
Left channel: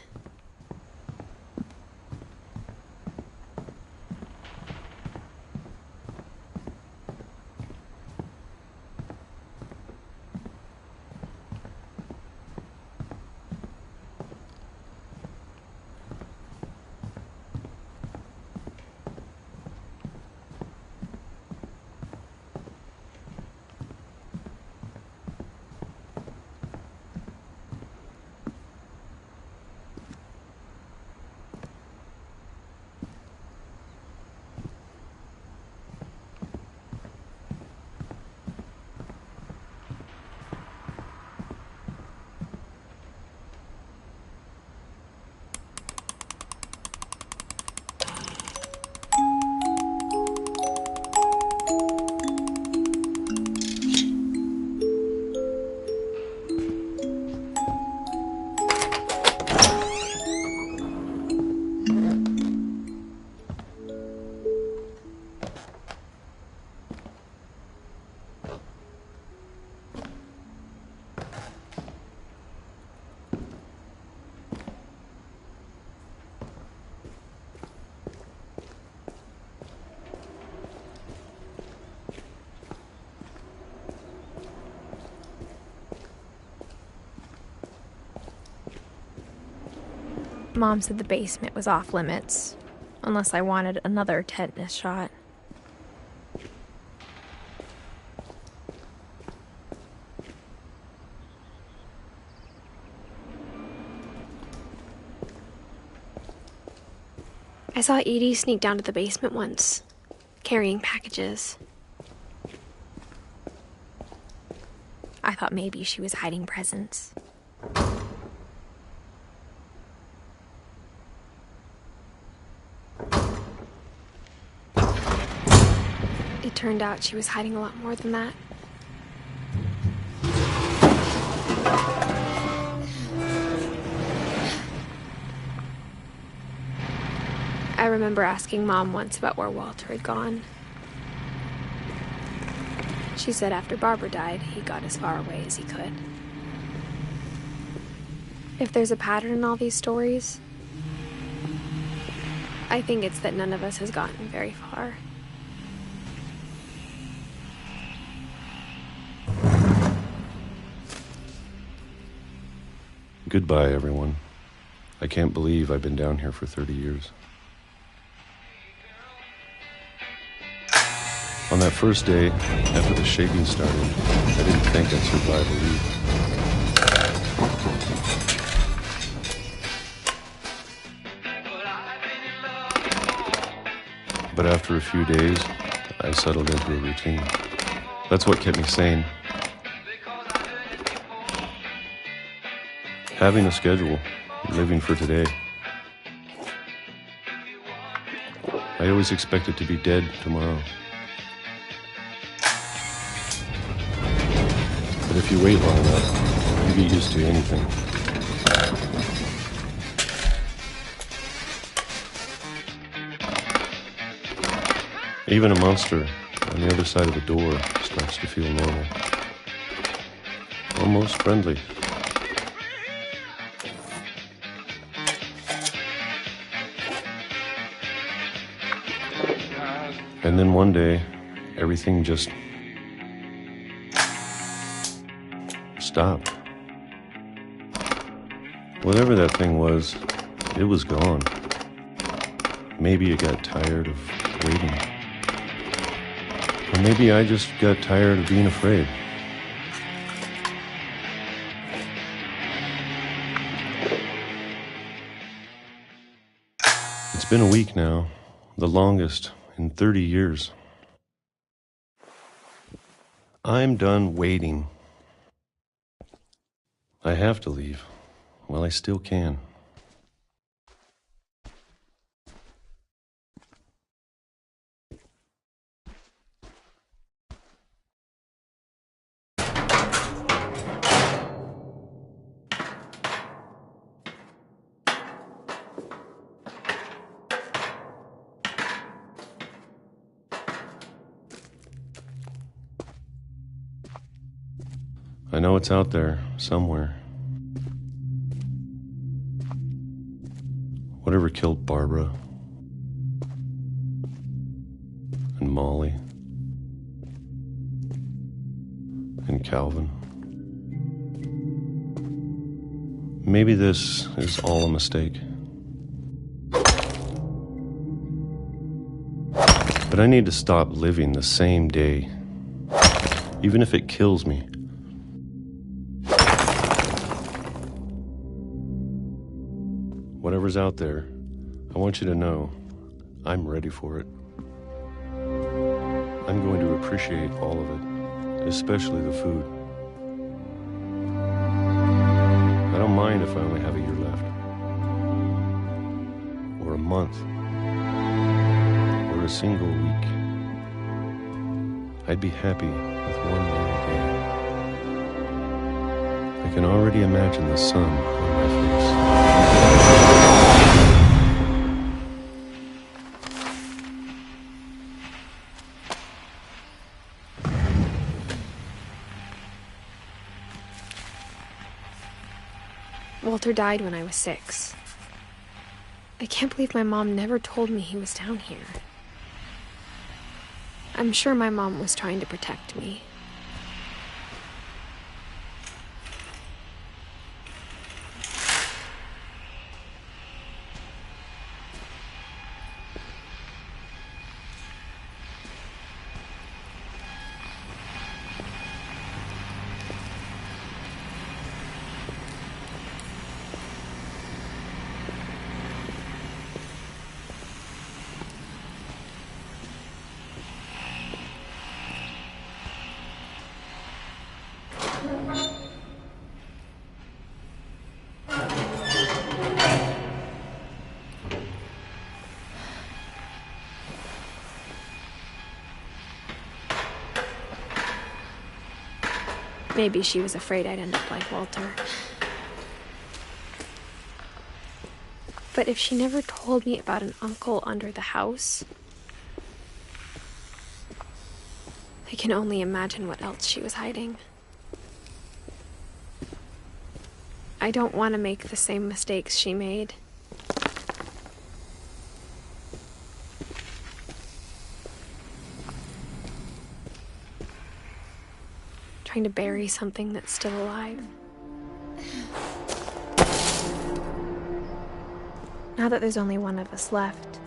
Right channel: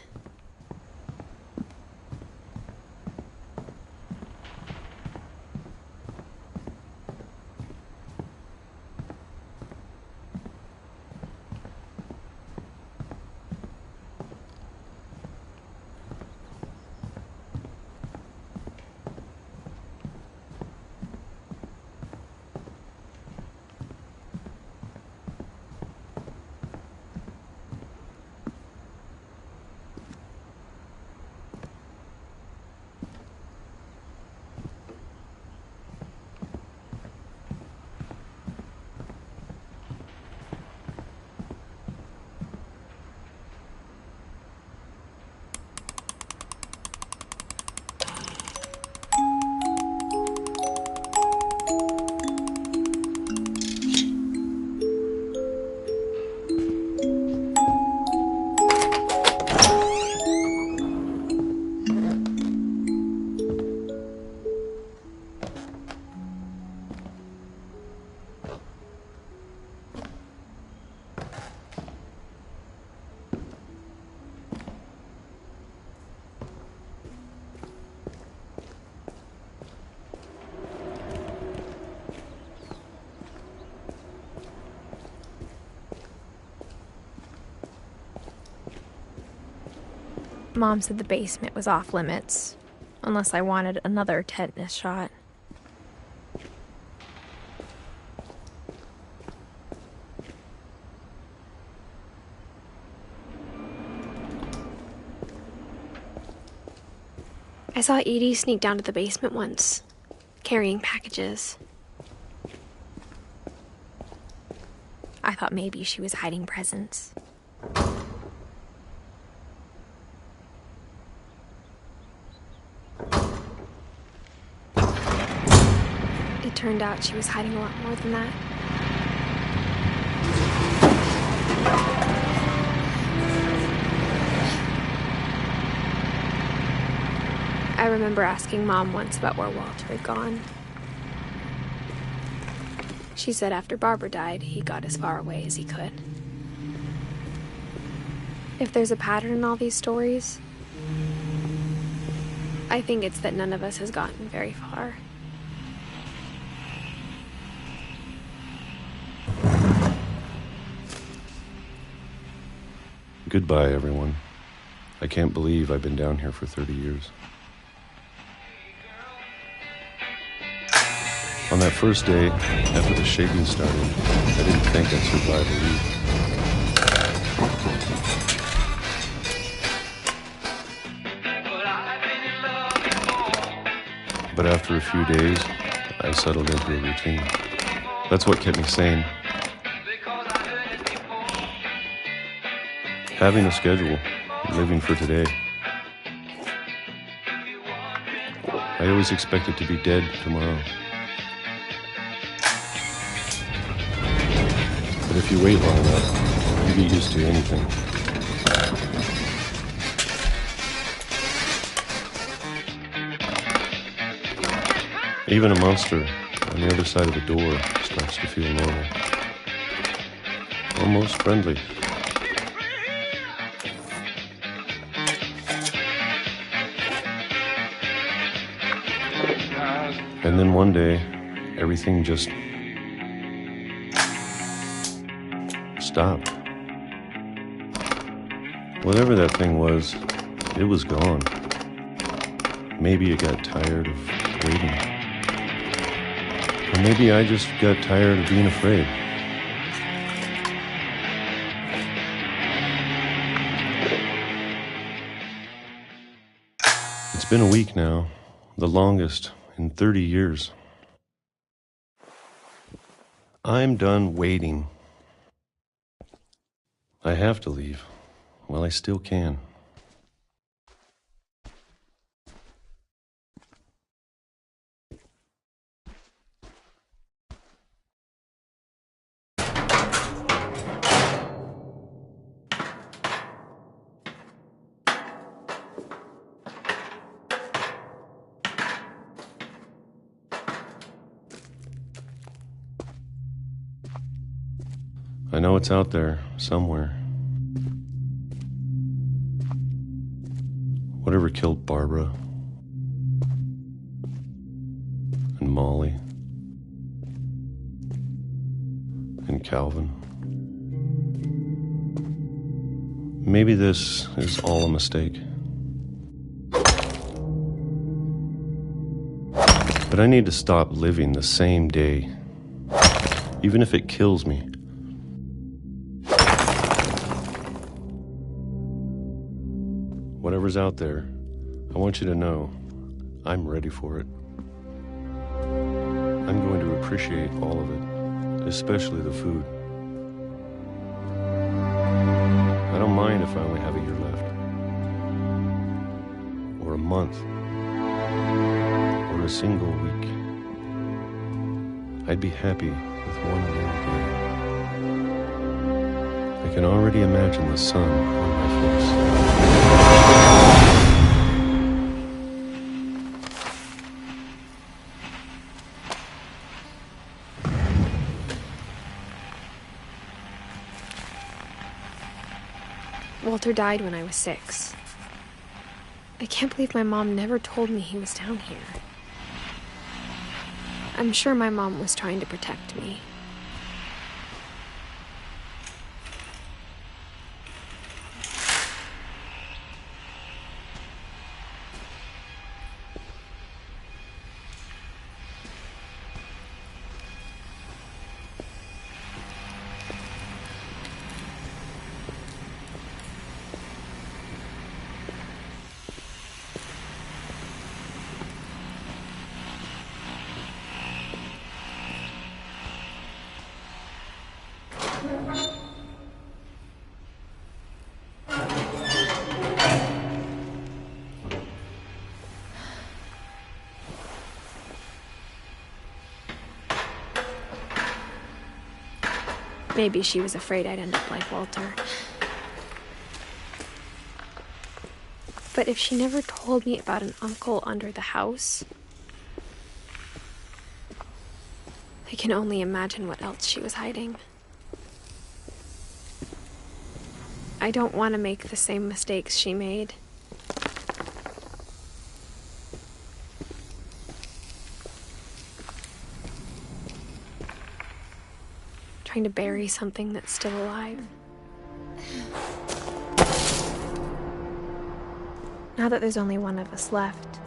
Mom said the basement was off limits, unless I wanted another tetanus shot. I saw Edie sneak down to the basement once, carrying packages. I thought maybe she was hiding presents. It turned out she was hiding a lot more than that. I remember asking Mom once about where Walter had gone. She said after Barbara died, he got as far away as he could. If there's a pattern in all these stories, I think it's that none of us has gotten very far. Goodbye, everyone. I can't believe I've been down here for 30 years. On that first day, after the shaking started, I didn't think I'd survive a week. But after a few days, I settled into a routine. That's what kept me sane. Having a schedule, living for today. I always expected to be dead tomorrow. But if you wait long enough, you get used to anything. Even a monster on the other side of the door starts to feel normal. Almost friendly. And then one day, everything just stopped. Whatever that thing was, it was gone. Maybe it got tired of waiting. Or maybe I just got tired of being afraid. It's been a week now, the longest in 30 years. I'm done waiting. I have to leave while I still can. I know it's out there, somewhere. Whatever killed Barbara and Molly and Calvin. Maybe this is all a mistake. But I need to stop living the same day, even if it kills me. Whatever's out there, I want you to know I'm ready for it. I'm going to appreciate all of it, especially the food. I don't mind if I only have a year left, or a month, or a single week. I'd be happy with one more day. I can already imagine the sun on my face. Walter died when I was 6. I can't believe my mom never told me he was down here. I'm sure my mom was trying to protect me. Maybe she was afraid I'd end up like Walter. But if she never told me about an uncle under the house, I can only imagine what else she was hiding. I don't want to make the same mistakes she made. Trying to bury something that's still alive. Now that there's only one of us left,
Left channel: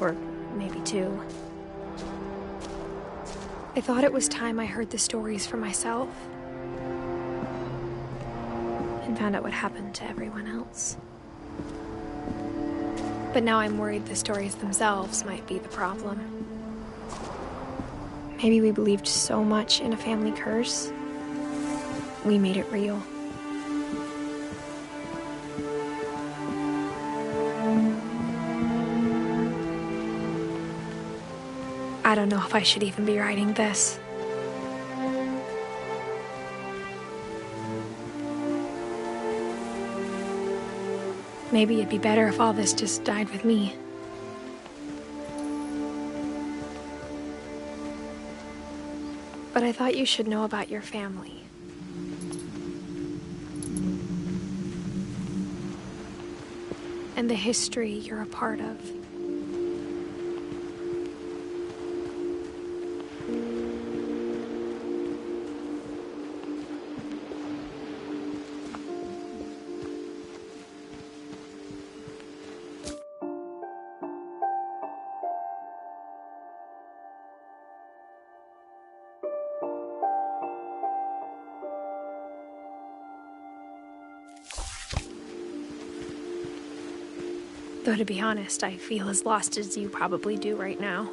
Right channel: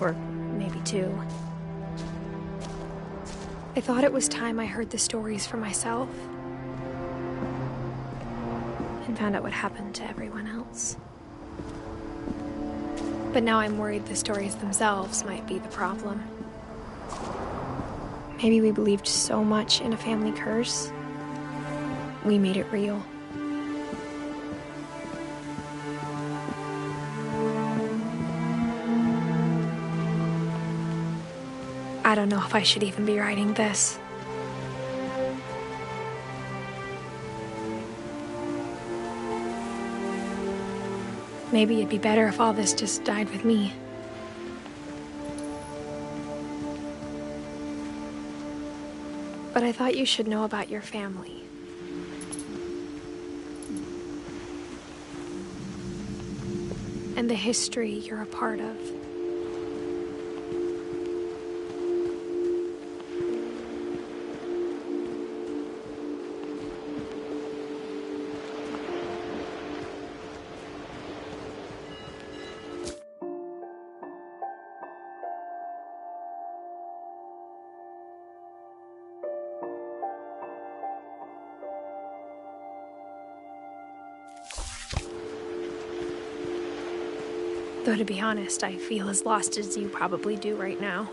or maybe 2, I thought it was time I heard the stories for myself and found out what happened to everyone else. But now I'm worried the stories themselves might be the problem. Maybe we believed so much in a family curse, we made it real. I don't know if I should even be writing this. Maybe it'd be better if all this just died with me. But I thought you should know about your family. And the history you're a part of. Though to be honest, I feel as lost as you probably do right now.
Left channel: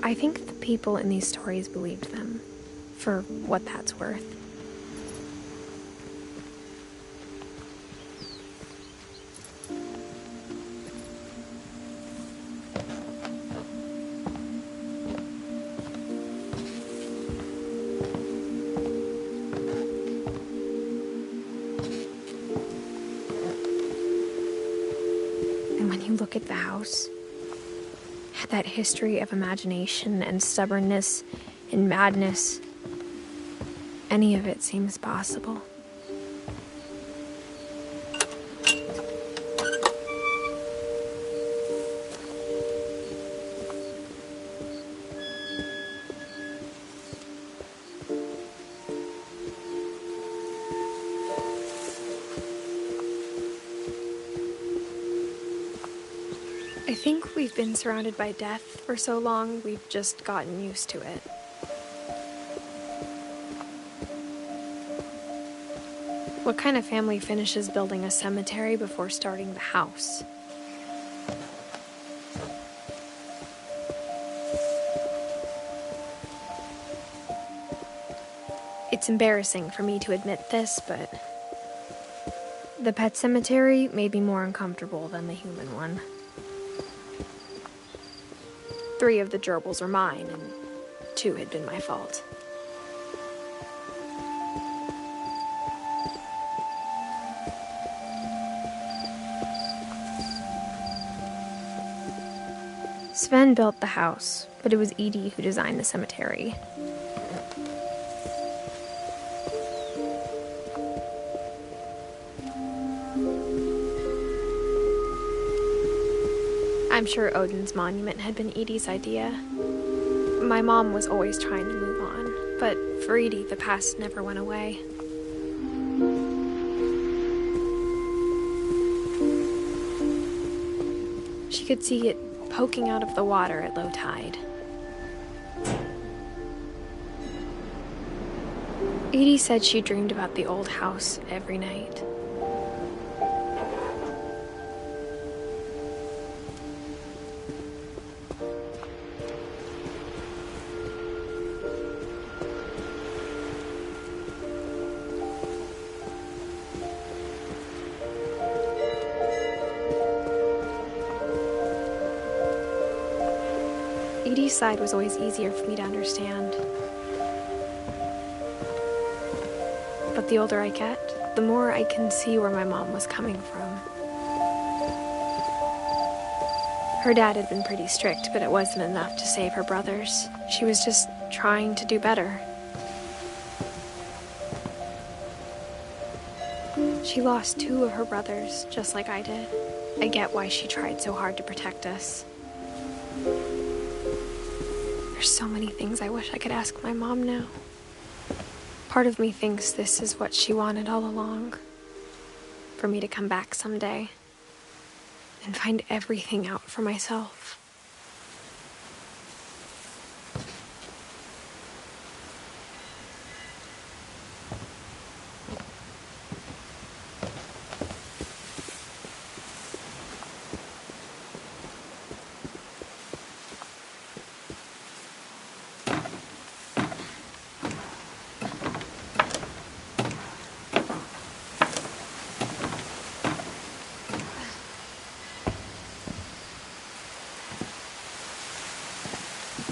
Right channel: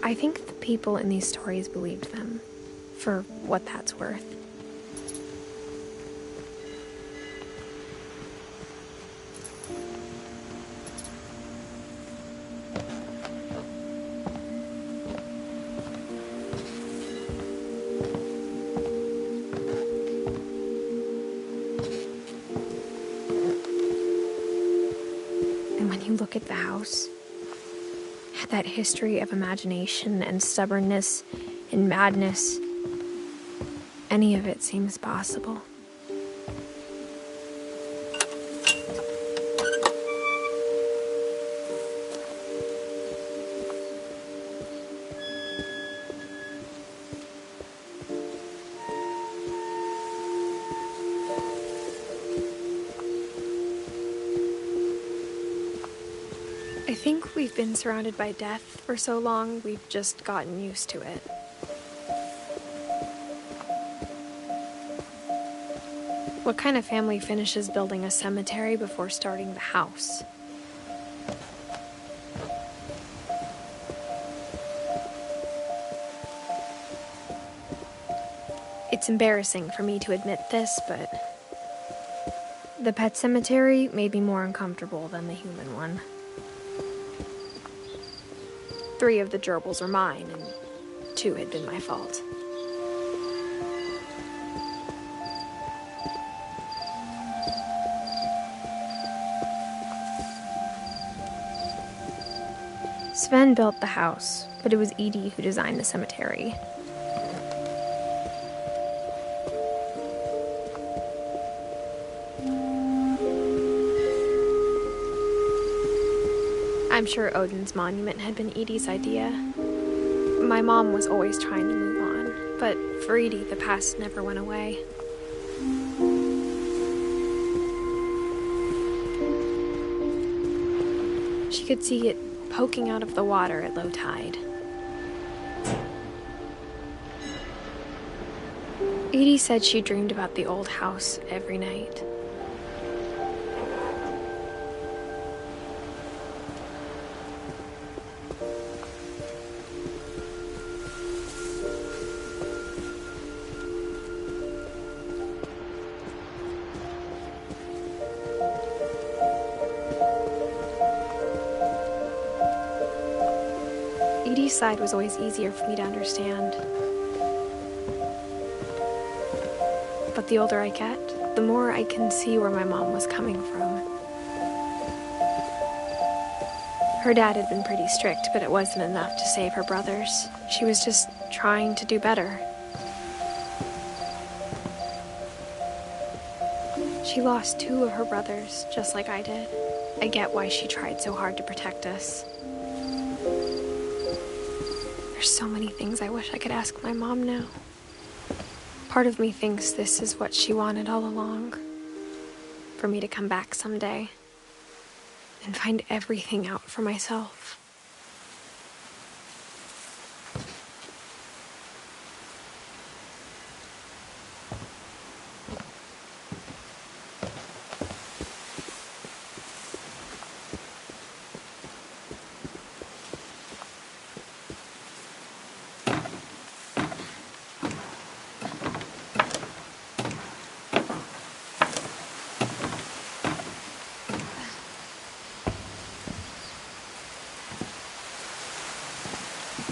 I think the people in these stories believed them, for what that's worth. Look at the house. That history of imagination and stubbornness and madness. Any of it seems possible. I think we've been surrounded by death for so long, we've just gotten used to it. What kind of family finishes building a cemetery before starting the house? It's embarrassing for me to admit this, but the pet cemetery made me more uncomfortable than the human one. 3 of the gerbils are mine, and 2 had been my fault. Sven built the house, but it was Edie who designed the cemetery. I'm sure Odin's monument had been Edie's idea. My mom was always trying to move on, but for Edie, the past never went away. She could see it poking out of the water at low tide. Edie said she dreamed about the old house every night. Edie's side was always easier for me to understand. But the older I get, the more I can see where my mom was coming from. Her dad had been pretty strict, but it wasn't enough to save her brothers. She was just trying to do better. She lost 2 of her brothers, just like I did. I get why she tried so hard to protect us. There's so many things I wish I could ask my mom now. Part of me thinks this is what she wanted all along. For me to come back someday and find everything out for myself.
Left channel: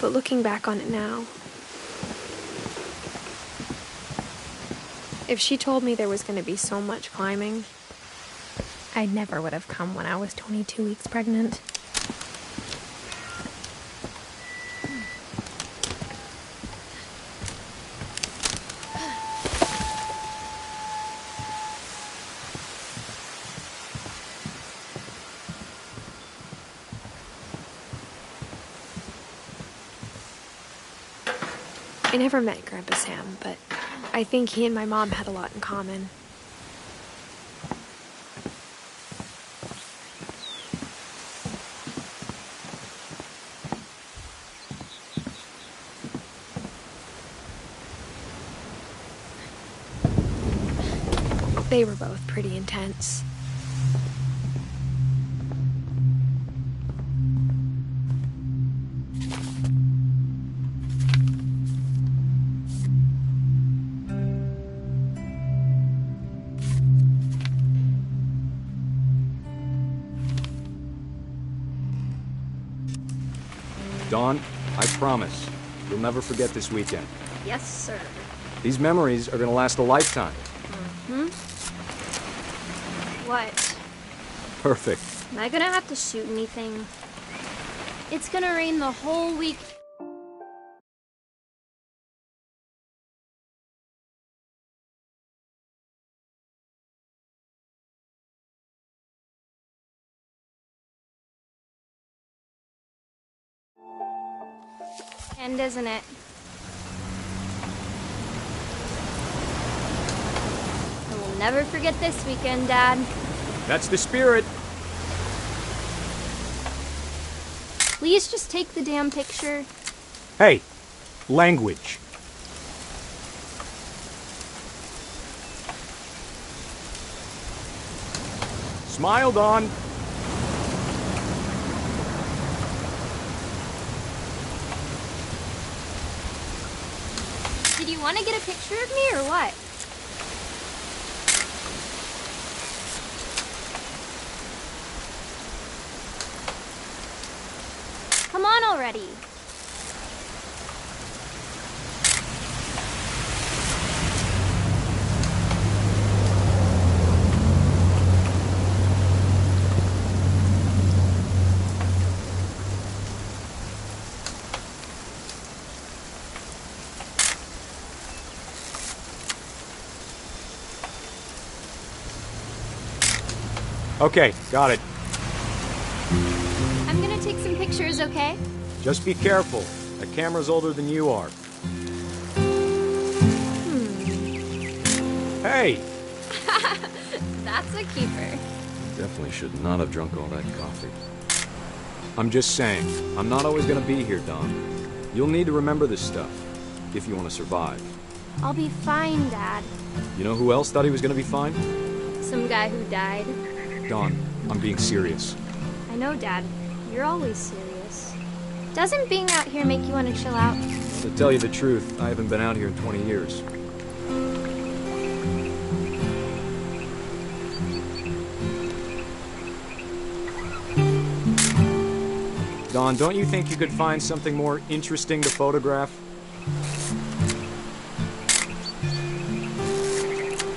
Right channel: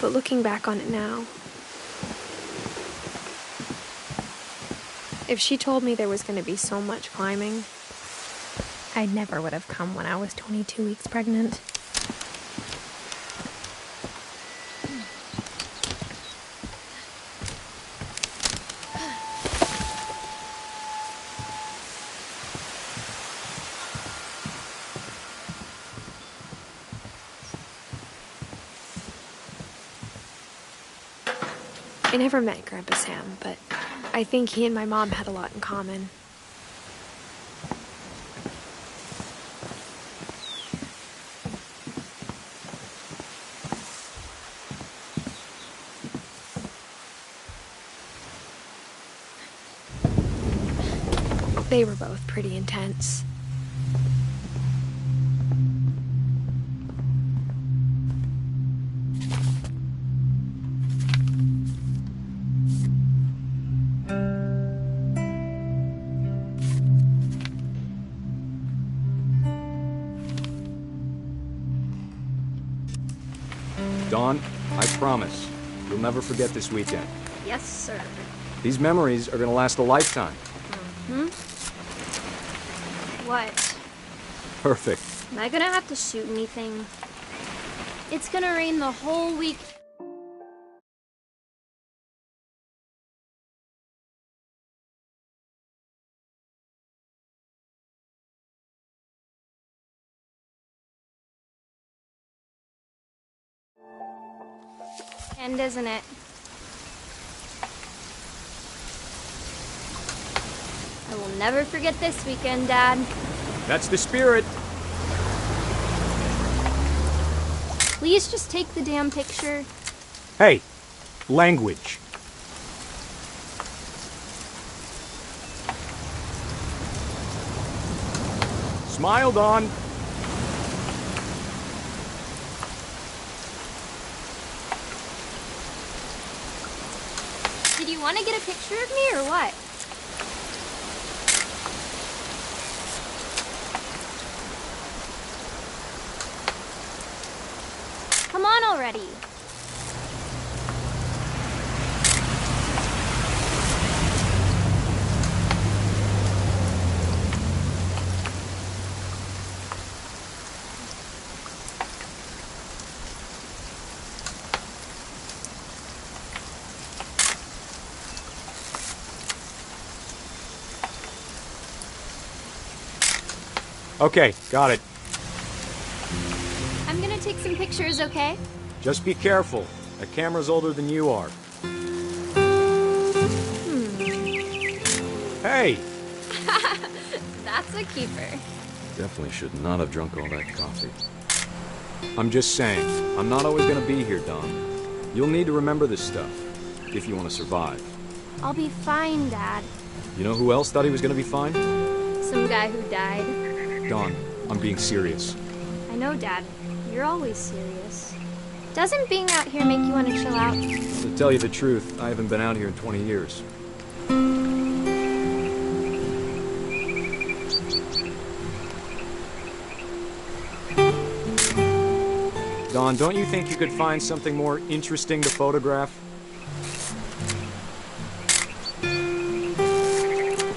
But looking back on it now, if she told me there was going to be so much climbing, I never would have come when I was 22 weeks pregnant. I never met Grandpa Sam, but I think he and my mom had a lot in common. They were both pretty intense. Dawn, I promise, you'll never forget this weekend. Yes, sir. These memories are gonna last a lifetime. Hmm? What? Perfect. Am I gonna have to shoot anything? It's gonna rain the whole week. End, isn't it? I will never forget this weekend, Dad. That's the spirit. Please just take the damn picture. Hey, language. Smile, Dawn. Did you want to get a picture of me or what? Come on already. Okay, got it. I'm gonna take some pictures, okay? Just be careful. That camera's older than you are. Hey! That's a keeper. Definitely should not have drunk all that coffee. I'm just saying, I'm not always gonna be here, Dawn. You'll need to remember this stuff, if you want to survive. I'll be fine, Dad. You know who else thought he was gonna be fine? Some guy who died. Dawn, I'm being serious. I know, Dad. You're always serious. Doesn't being out here make you want to chill out? To tell you the truth, I haven't been out here in 20 years. Dawn, don't you think you could find something more interesting to photograph?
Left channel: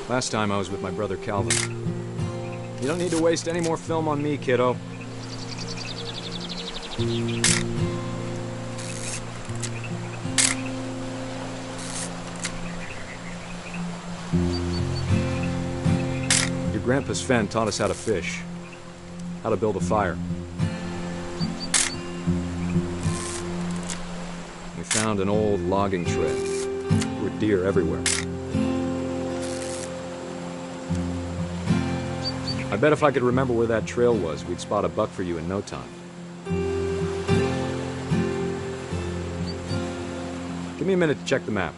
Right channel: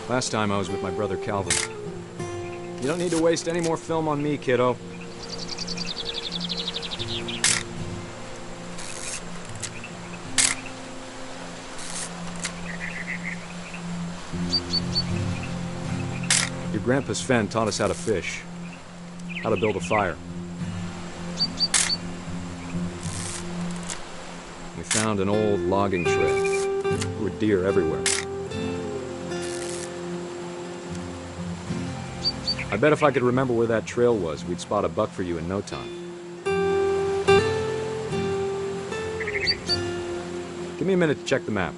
Last time I was with my brother Calvin. You don't need to waste any more film on me, kiddo. Your grandpa Sven taught us how to fish, how to build a fire. We found an old logging trail. There were deer everywhere. I bet if I could remember where that trail was, we'd spot a buck for you in no time. Give me a minute to check the map.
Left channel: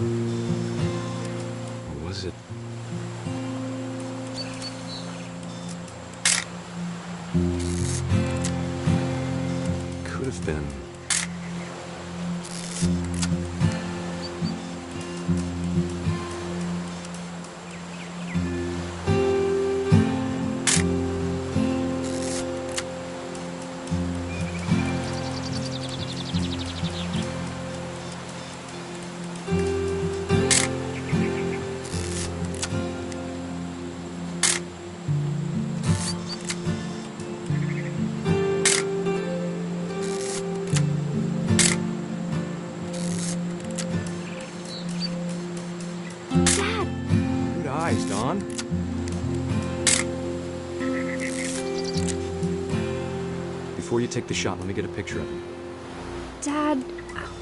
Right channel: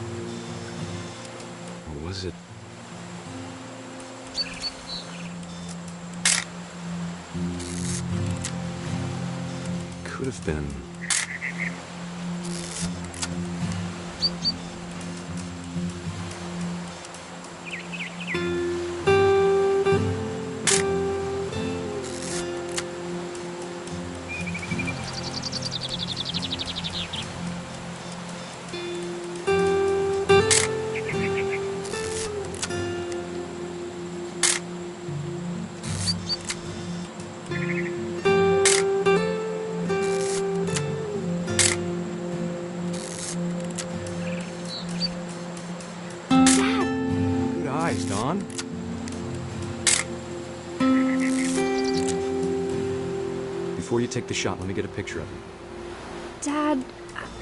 Or was it? Could have been. Good eyes, Dawn. Before you take the shot, let me get a picture of him. Dad,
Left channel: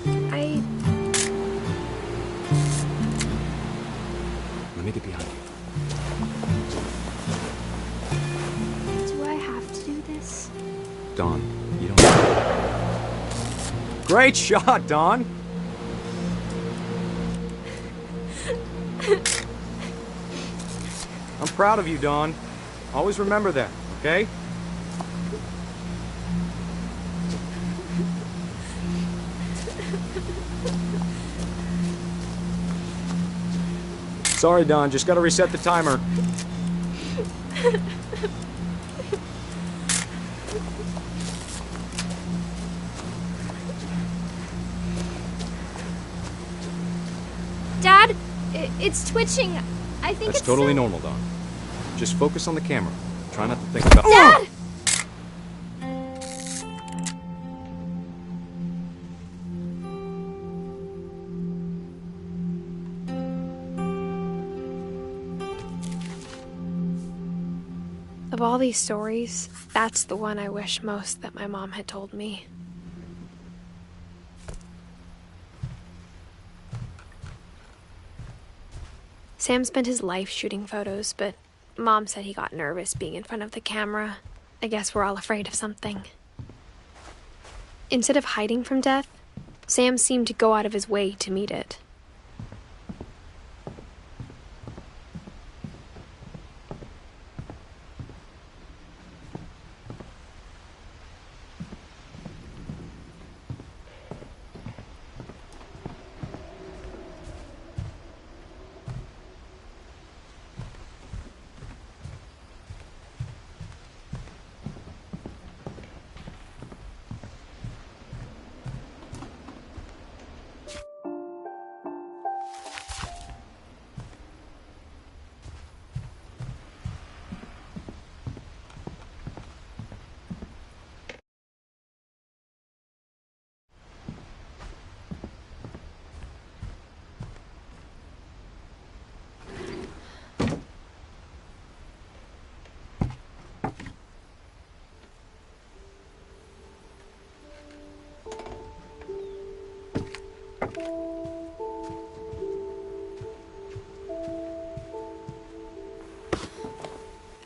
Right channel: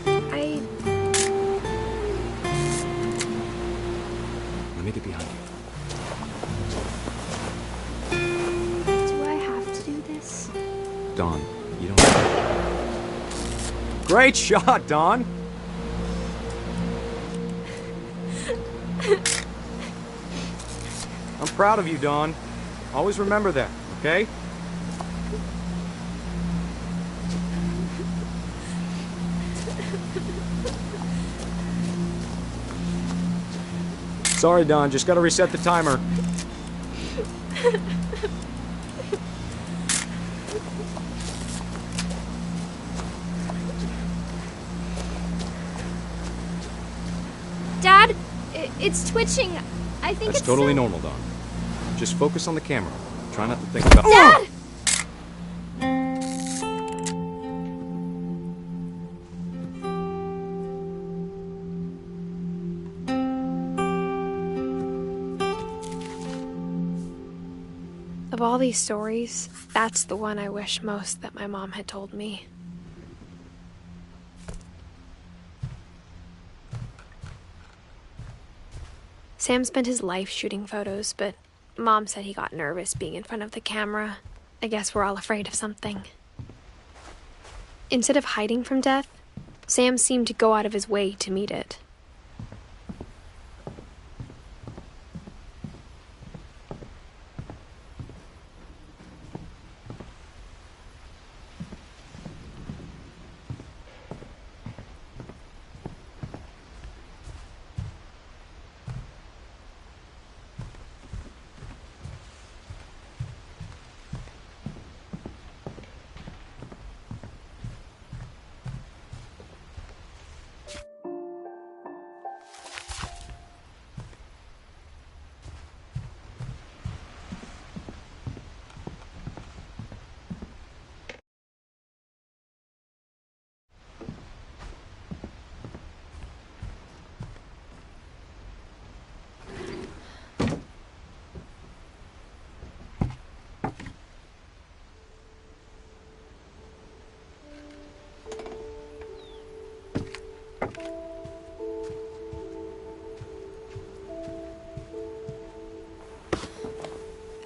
I... Let me get behind you. Do I have to do this? Dawn, you don't... Great shot, Dawn! I'm proud of you, Dawn. Always remember that, okay? Sorry, Dawn, just gotta reset the timer. Dad, it's twitching. I think That's it's totally normal, Dawn. Just focus on the camera. Try not to think about... Dad! Of all these stories, that's the one I wish most that my mom had told me. Sam spent his life shooting photos, but Mom said he got nervous being in front of the camera. I guess we're all afraid of something. Instead of hiding from death, Sam seemed to go out of his way to meet it.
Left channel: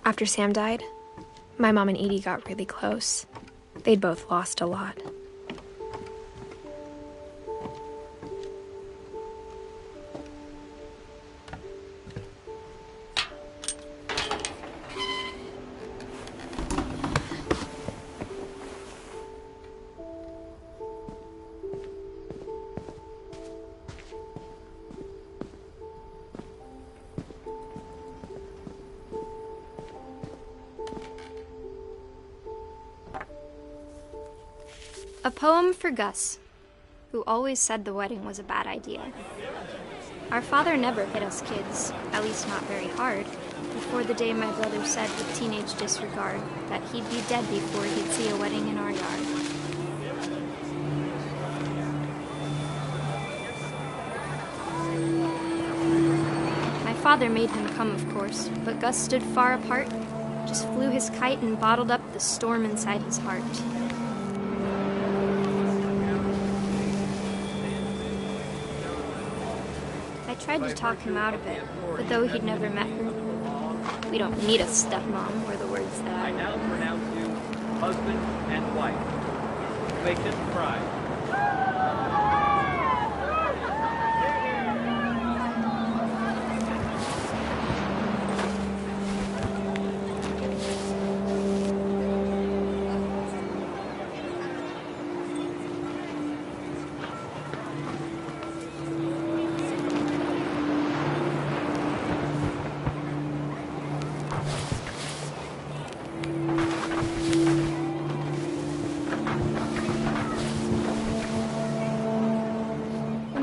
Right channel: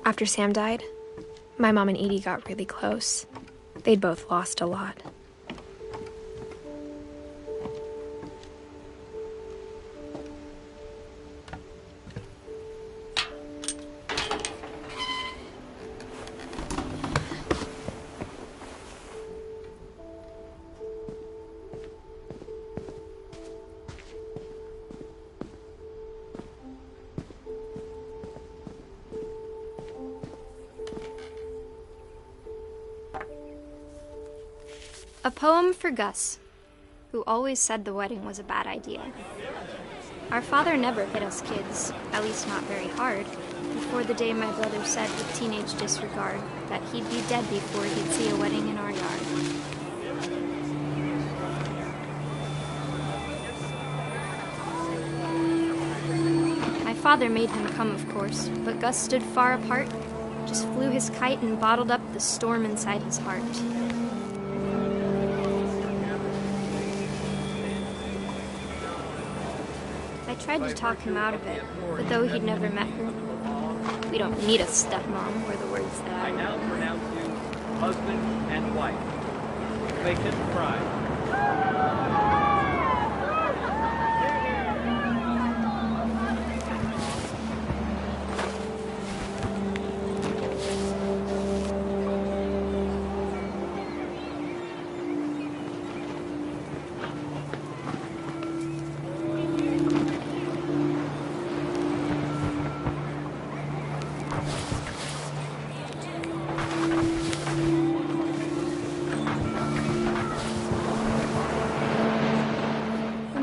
After Sam died, my mom and Edie got really close. They'd both lost a lot. A poem for Gus, who always said the wedding was a bad idea. Our father never hit us kids, at least not very hard, before the day my brother said with teenage disregard that he'd be dead before he'd see a wedding in our yard. My father made him come, of course, but Gus stood far apart, just flew his kite and bottled up the storm inside his heart. I tried to talk him out of it, but though he'd never met her, we don't need a stepmom, were the words that I now pronounce you husband and wife. Make him cry.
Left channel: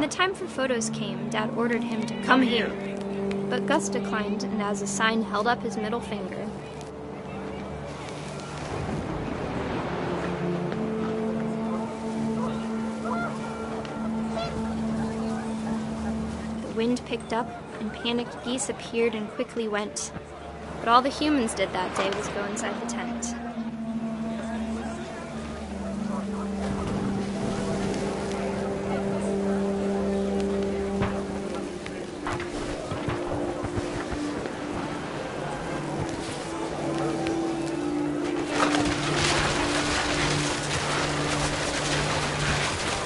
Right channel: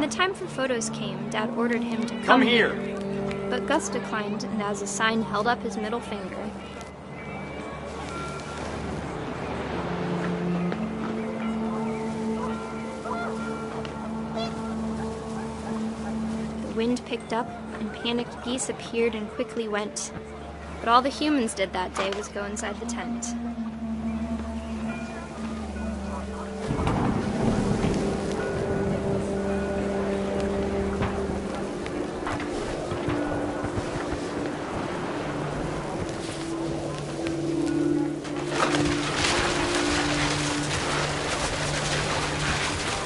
the time for photos came, Dad ordered him to Come here. But Gus declined and as a sign held up his middle finger. The wind picked up and panicked geese appeared and quickly went. But all the humans did that day was go inside the tent.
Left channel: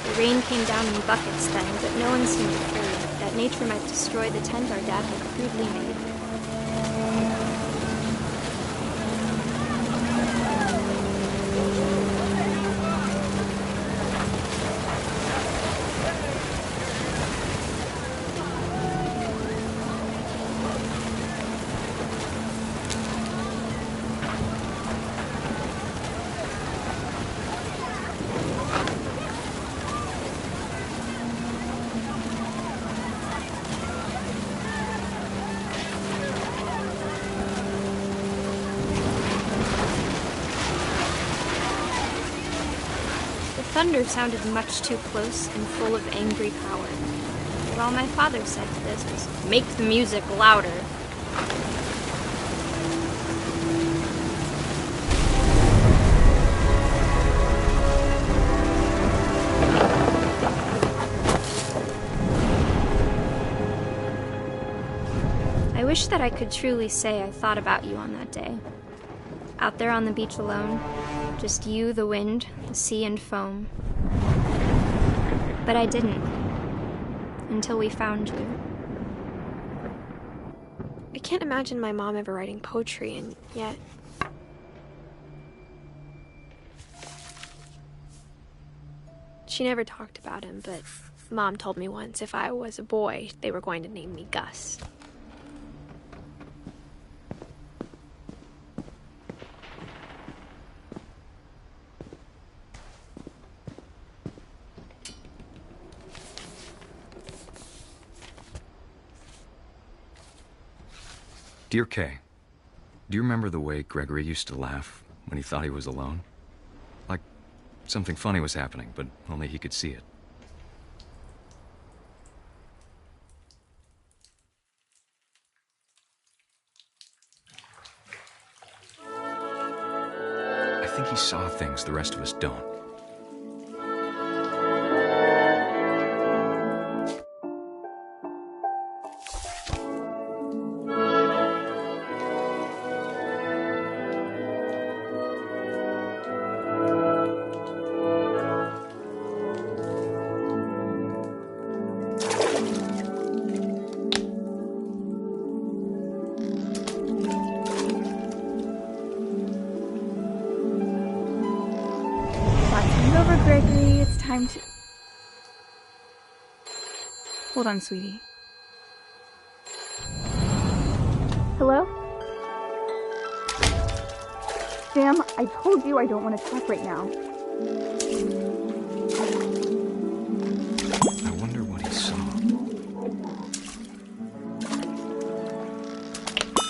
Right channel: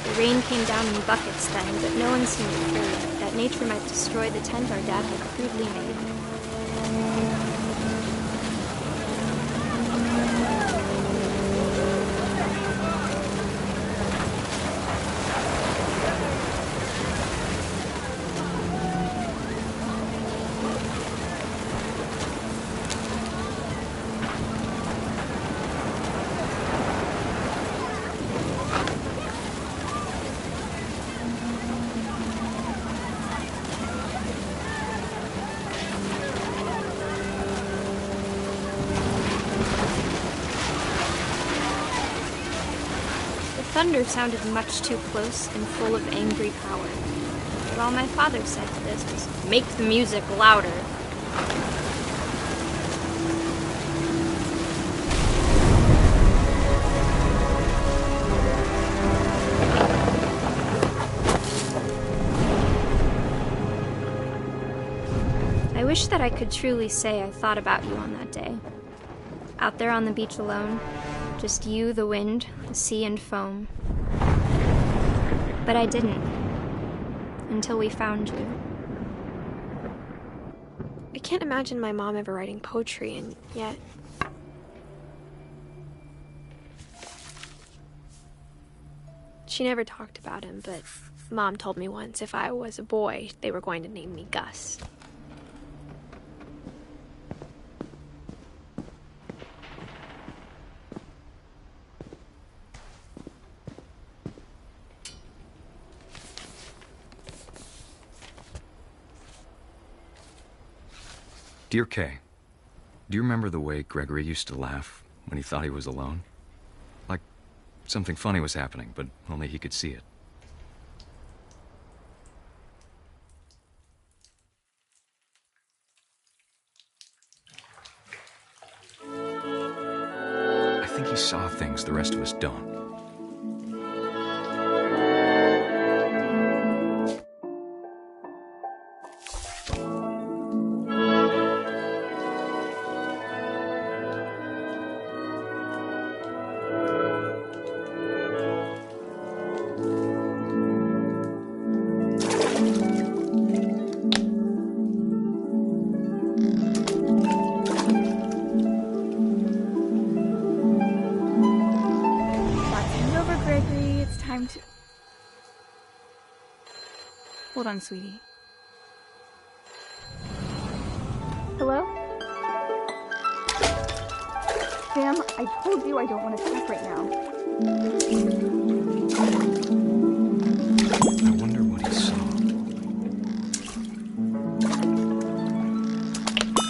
The rain came down in buckets then, but no one seemed afraid that nature might destroy the tent our dad had crudely made. Thunder sounded much too close and full of angry power. But all my father said to this was, "Make the music louder." I wish that I could truly say I thought about you on that day. Out there on the beach alone, just you, the wind, the sea, and foam. But I didn't. Until we found you. I can't imagine my mom ever writing poetry, and yet... She never talked about him, but Mom told me once if I was a boy, they were going to name me Gus. Dear Kay, do you remember the way Gregory used to laugh when he thought he was alone? Like something funny was happening, but only he could see it. I think he saw things the rest of us don't. Gregory, it's time to... Hold on, sweetie. Hello? Sam, I told you I don't want to talk right now. I wonder what he saw.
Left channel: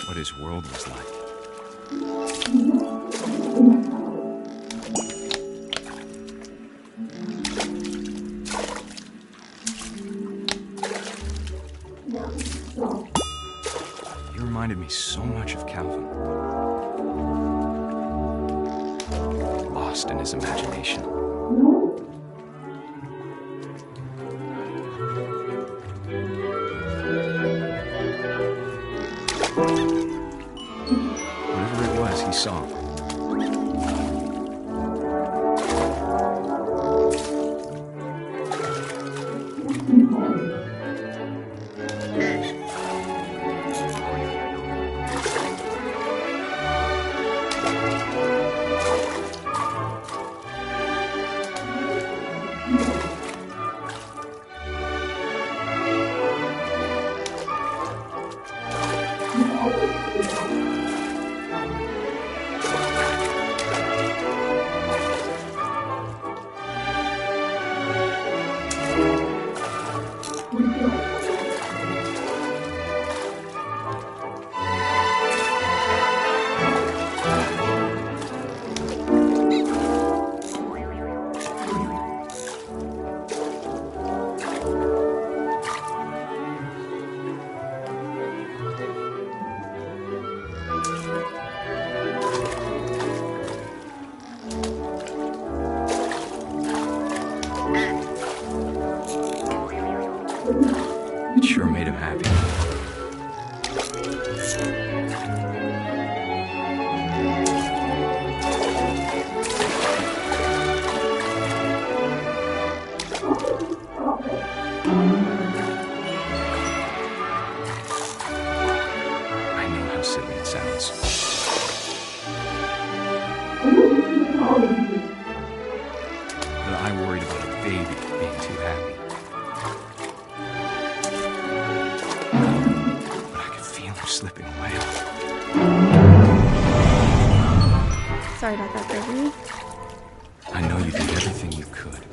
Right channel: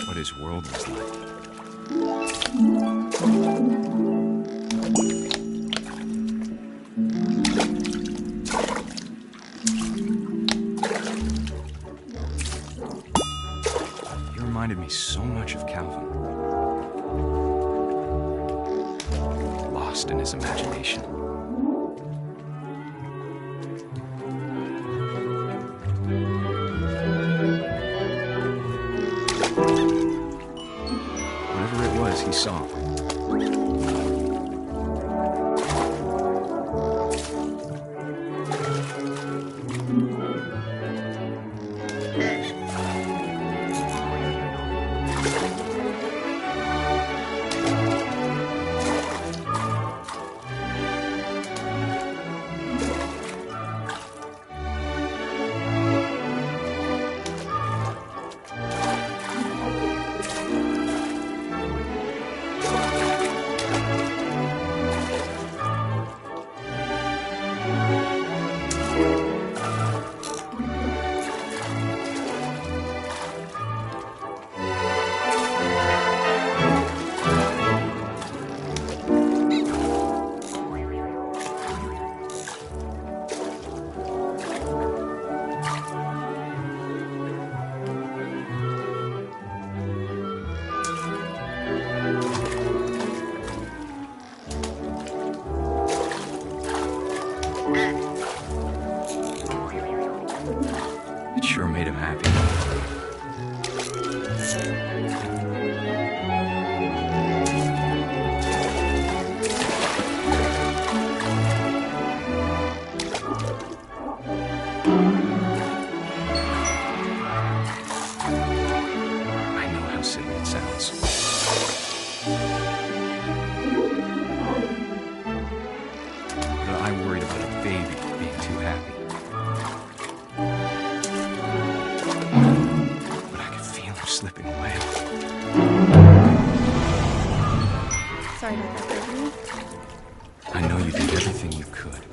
What his world was like. Reminded me so much of Calvin. Lost in his imagination. Whatever it was, he saw. sure made him happy. I know how silly it sounds. That I worried about a baby being too happy. But I could feel her slipping away. Sorry about that, Gregory. I know you did everything you could.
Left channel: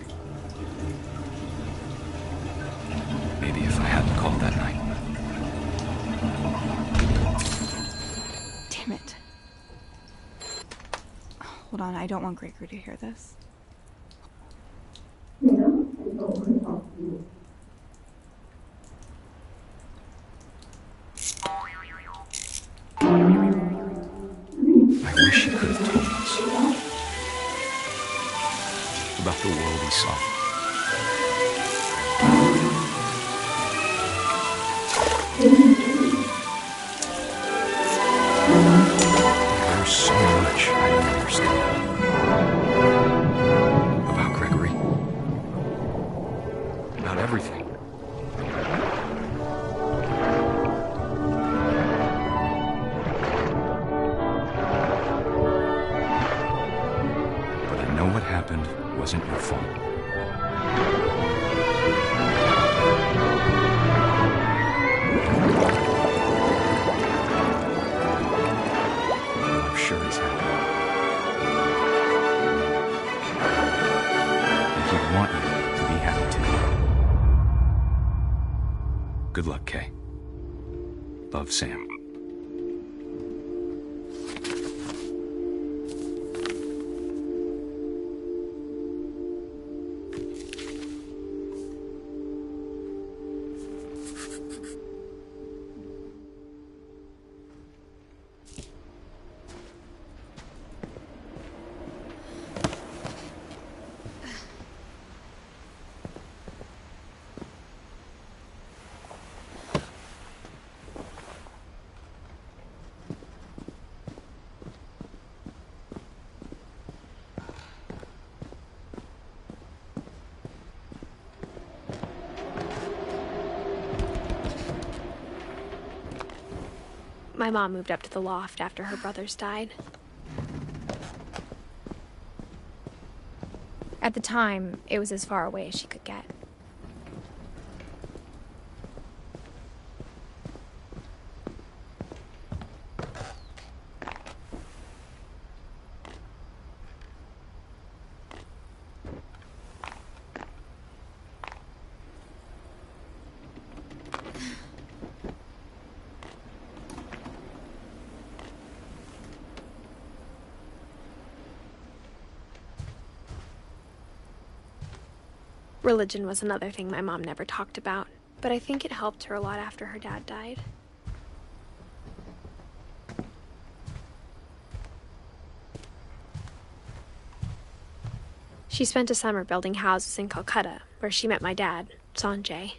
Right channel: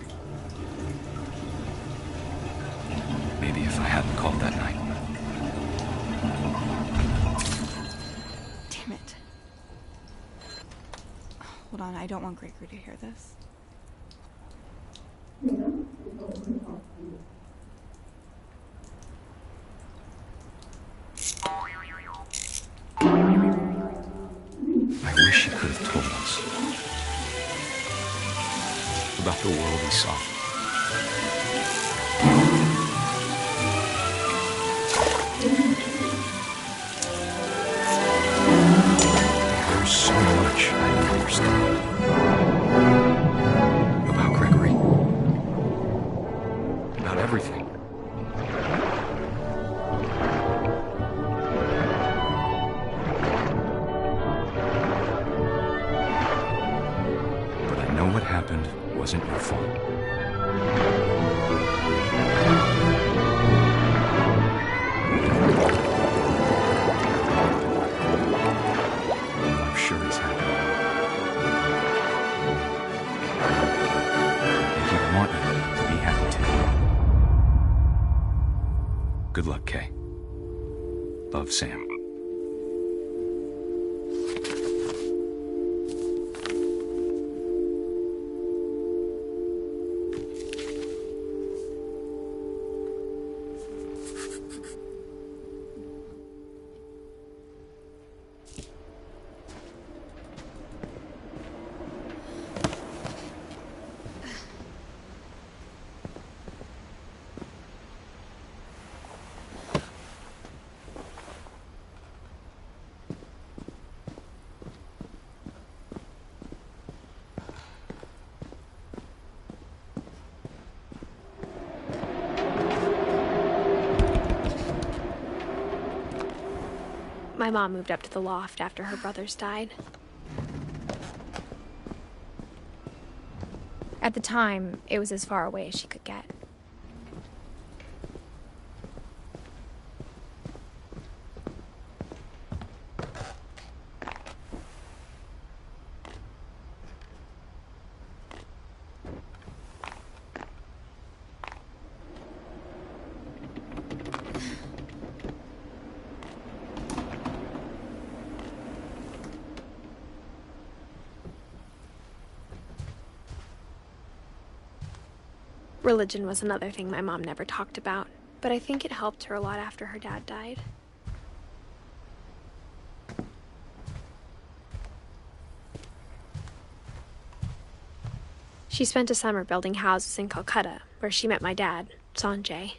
Maybe if I hadn't called that night. Damn it. Hold on, I don't want Gregory to hear this. I wish he could have told us about the world he saw. There's so much I don't understand about Gregory, about everything. But I know what happened wasn't your fault. I'm sure he's happy. And he'd want you to be happy too. Good luck, Kay. Love, Sam. My mom moved up to the loft after her brothers died. At the time, it was as far away as she could get. Religion was another thing my mom never talked about, but I think it helped her a lot after her dad died. She spent a summer building houses in Calcutta, where she met my dad, Sanjay.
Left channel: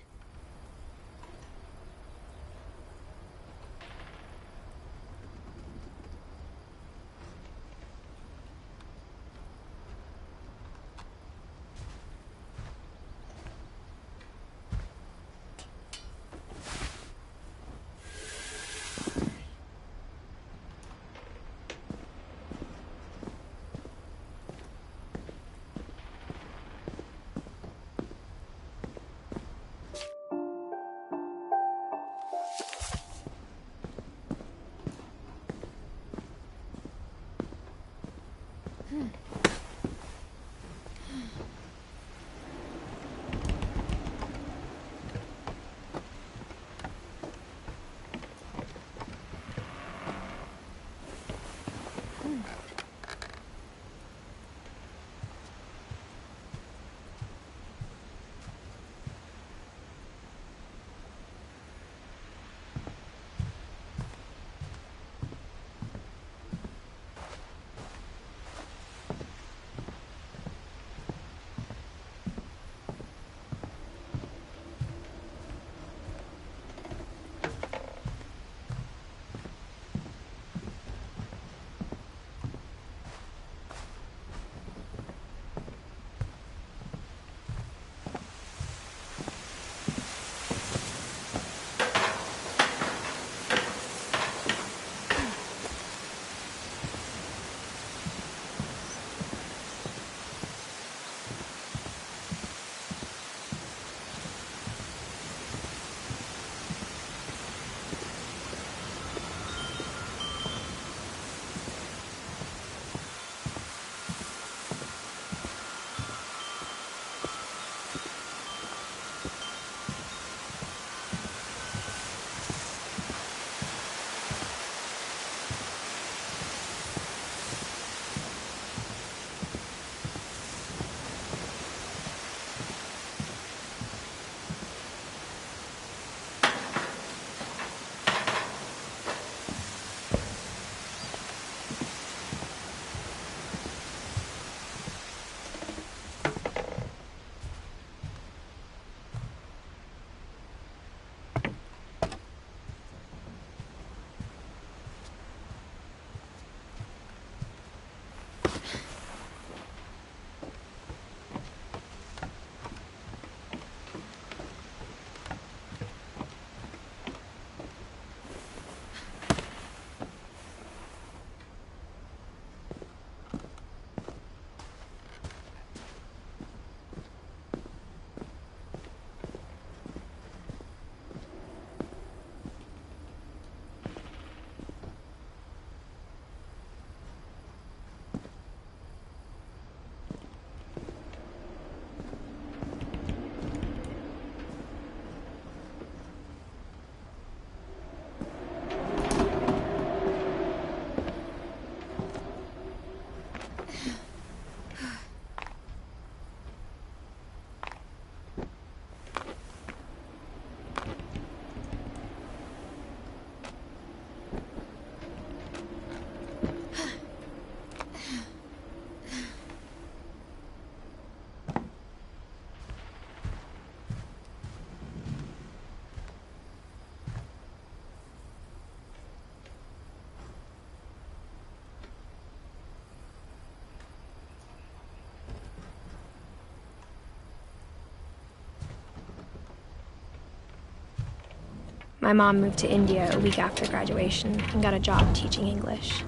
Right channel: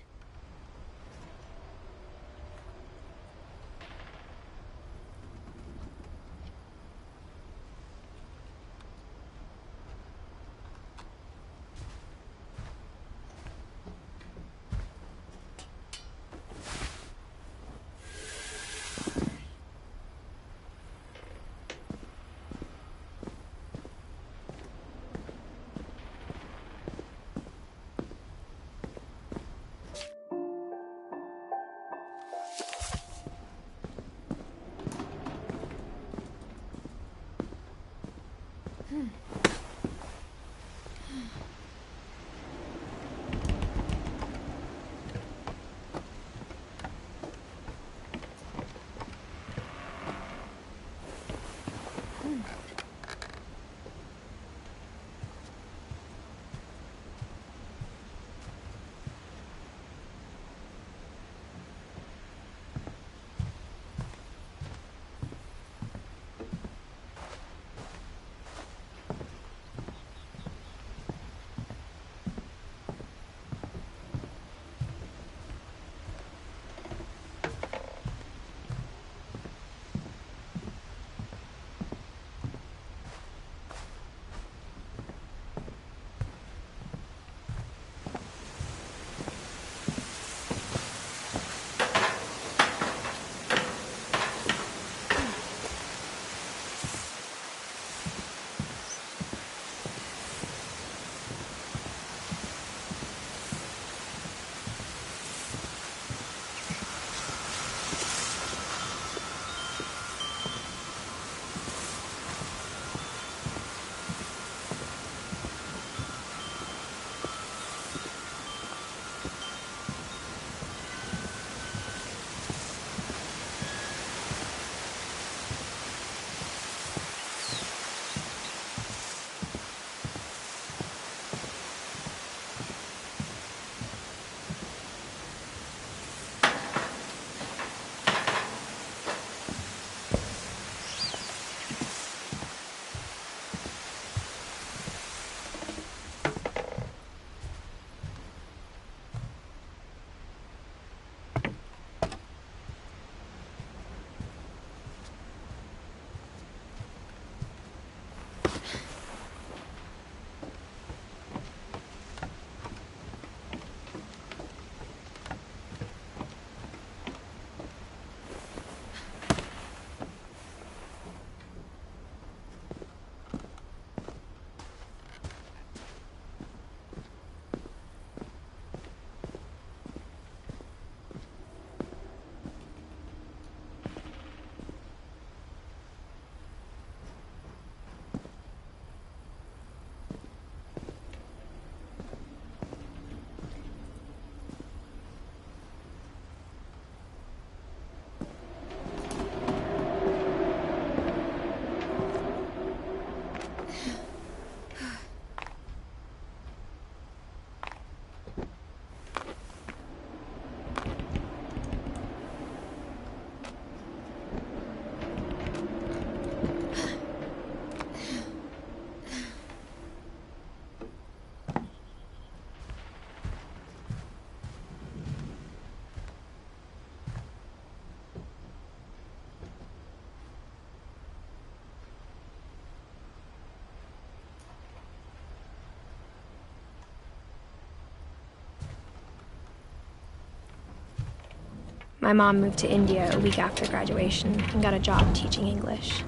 My mom moved to India a week after graduation and got a job teaching English.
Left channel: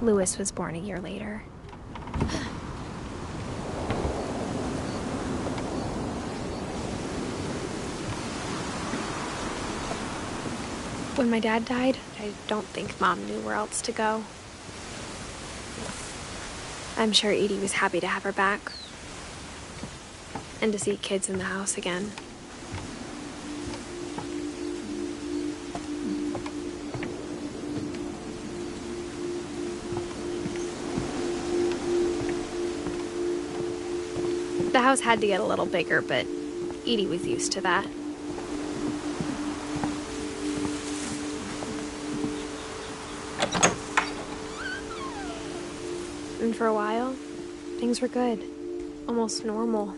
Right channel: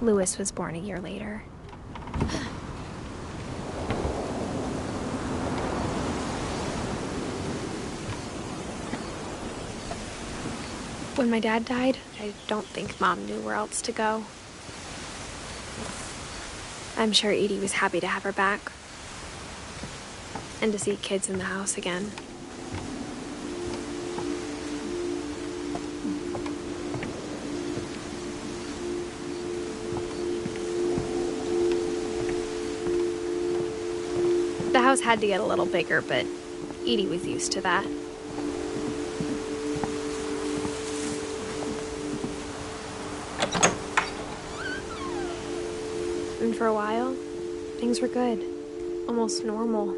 Louis was born a year later. When my dad died, I don't think Mom knew where else to go. I'm sure Edie was happy to have her back and to see kids in the house again. The house had to get a little bigger, but Edie was used to that. And for a while, things were good, almost normal.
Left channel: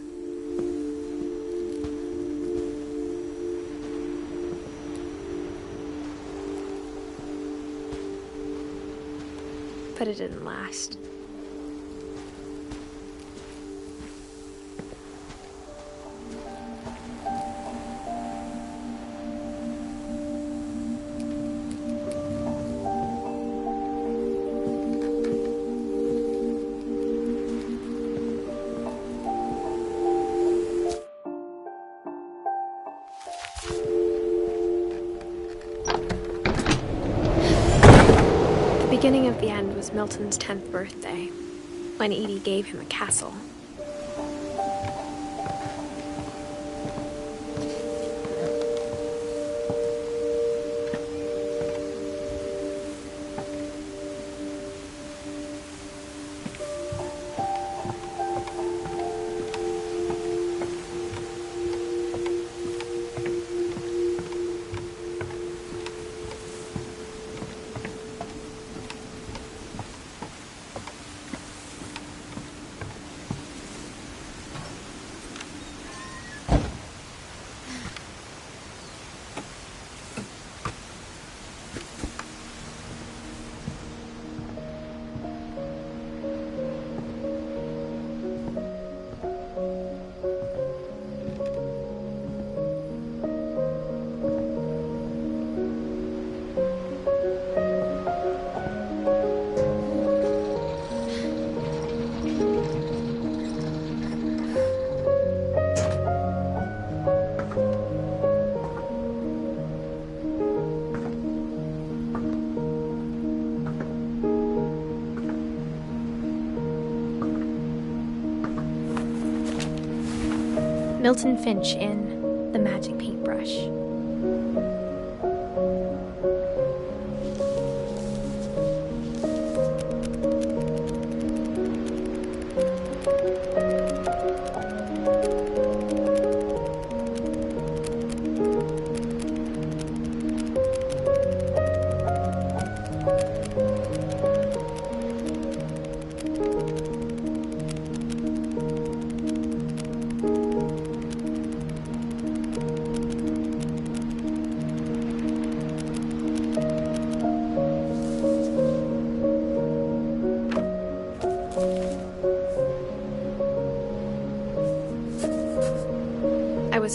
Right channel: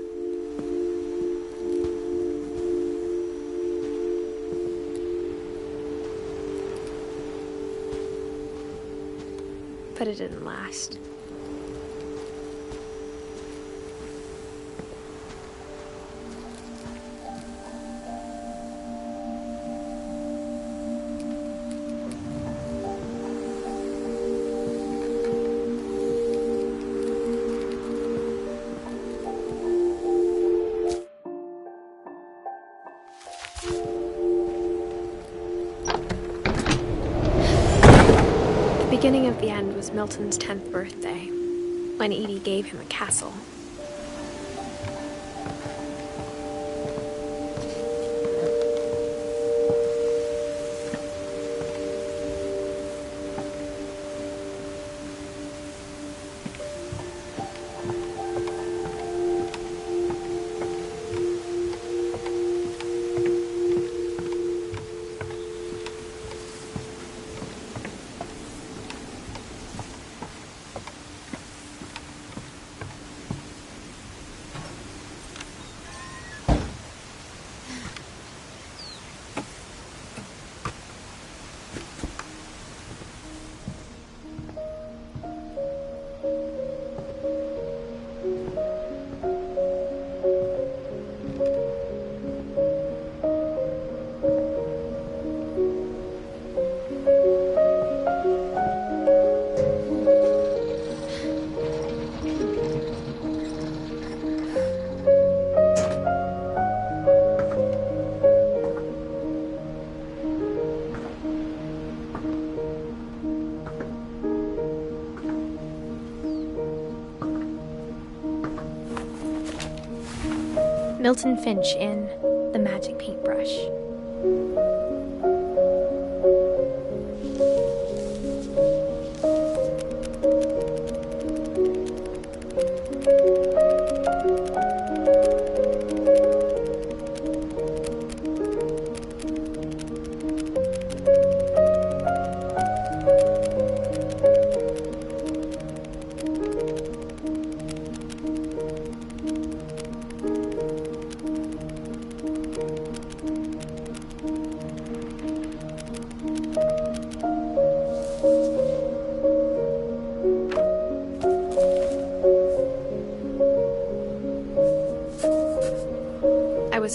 But it didn't last. The beginning of the end was Milton's 10th birthday, when Edie gave him a castle. Milton Finch in The Magic Paintbrush.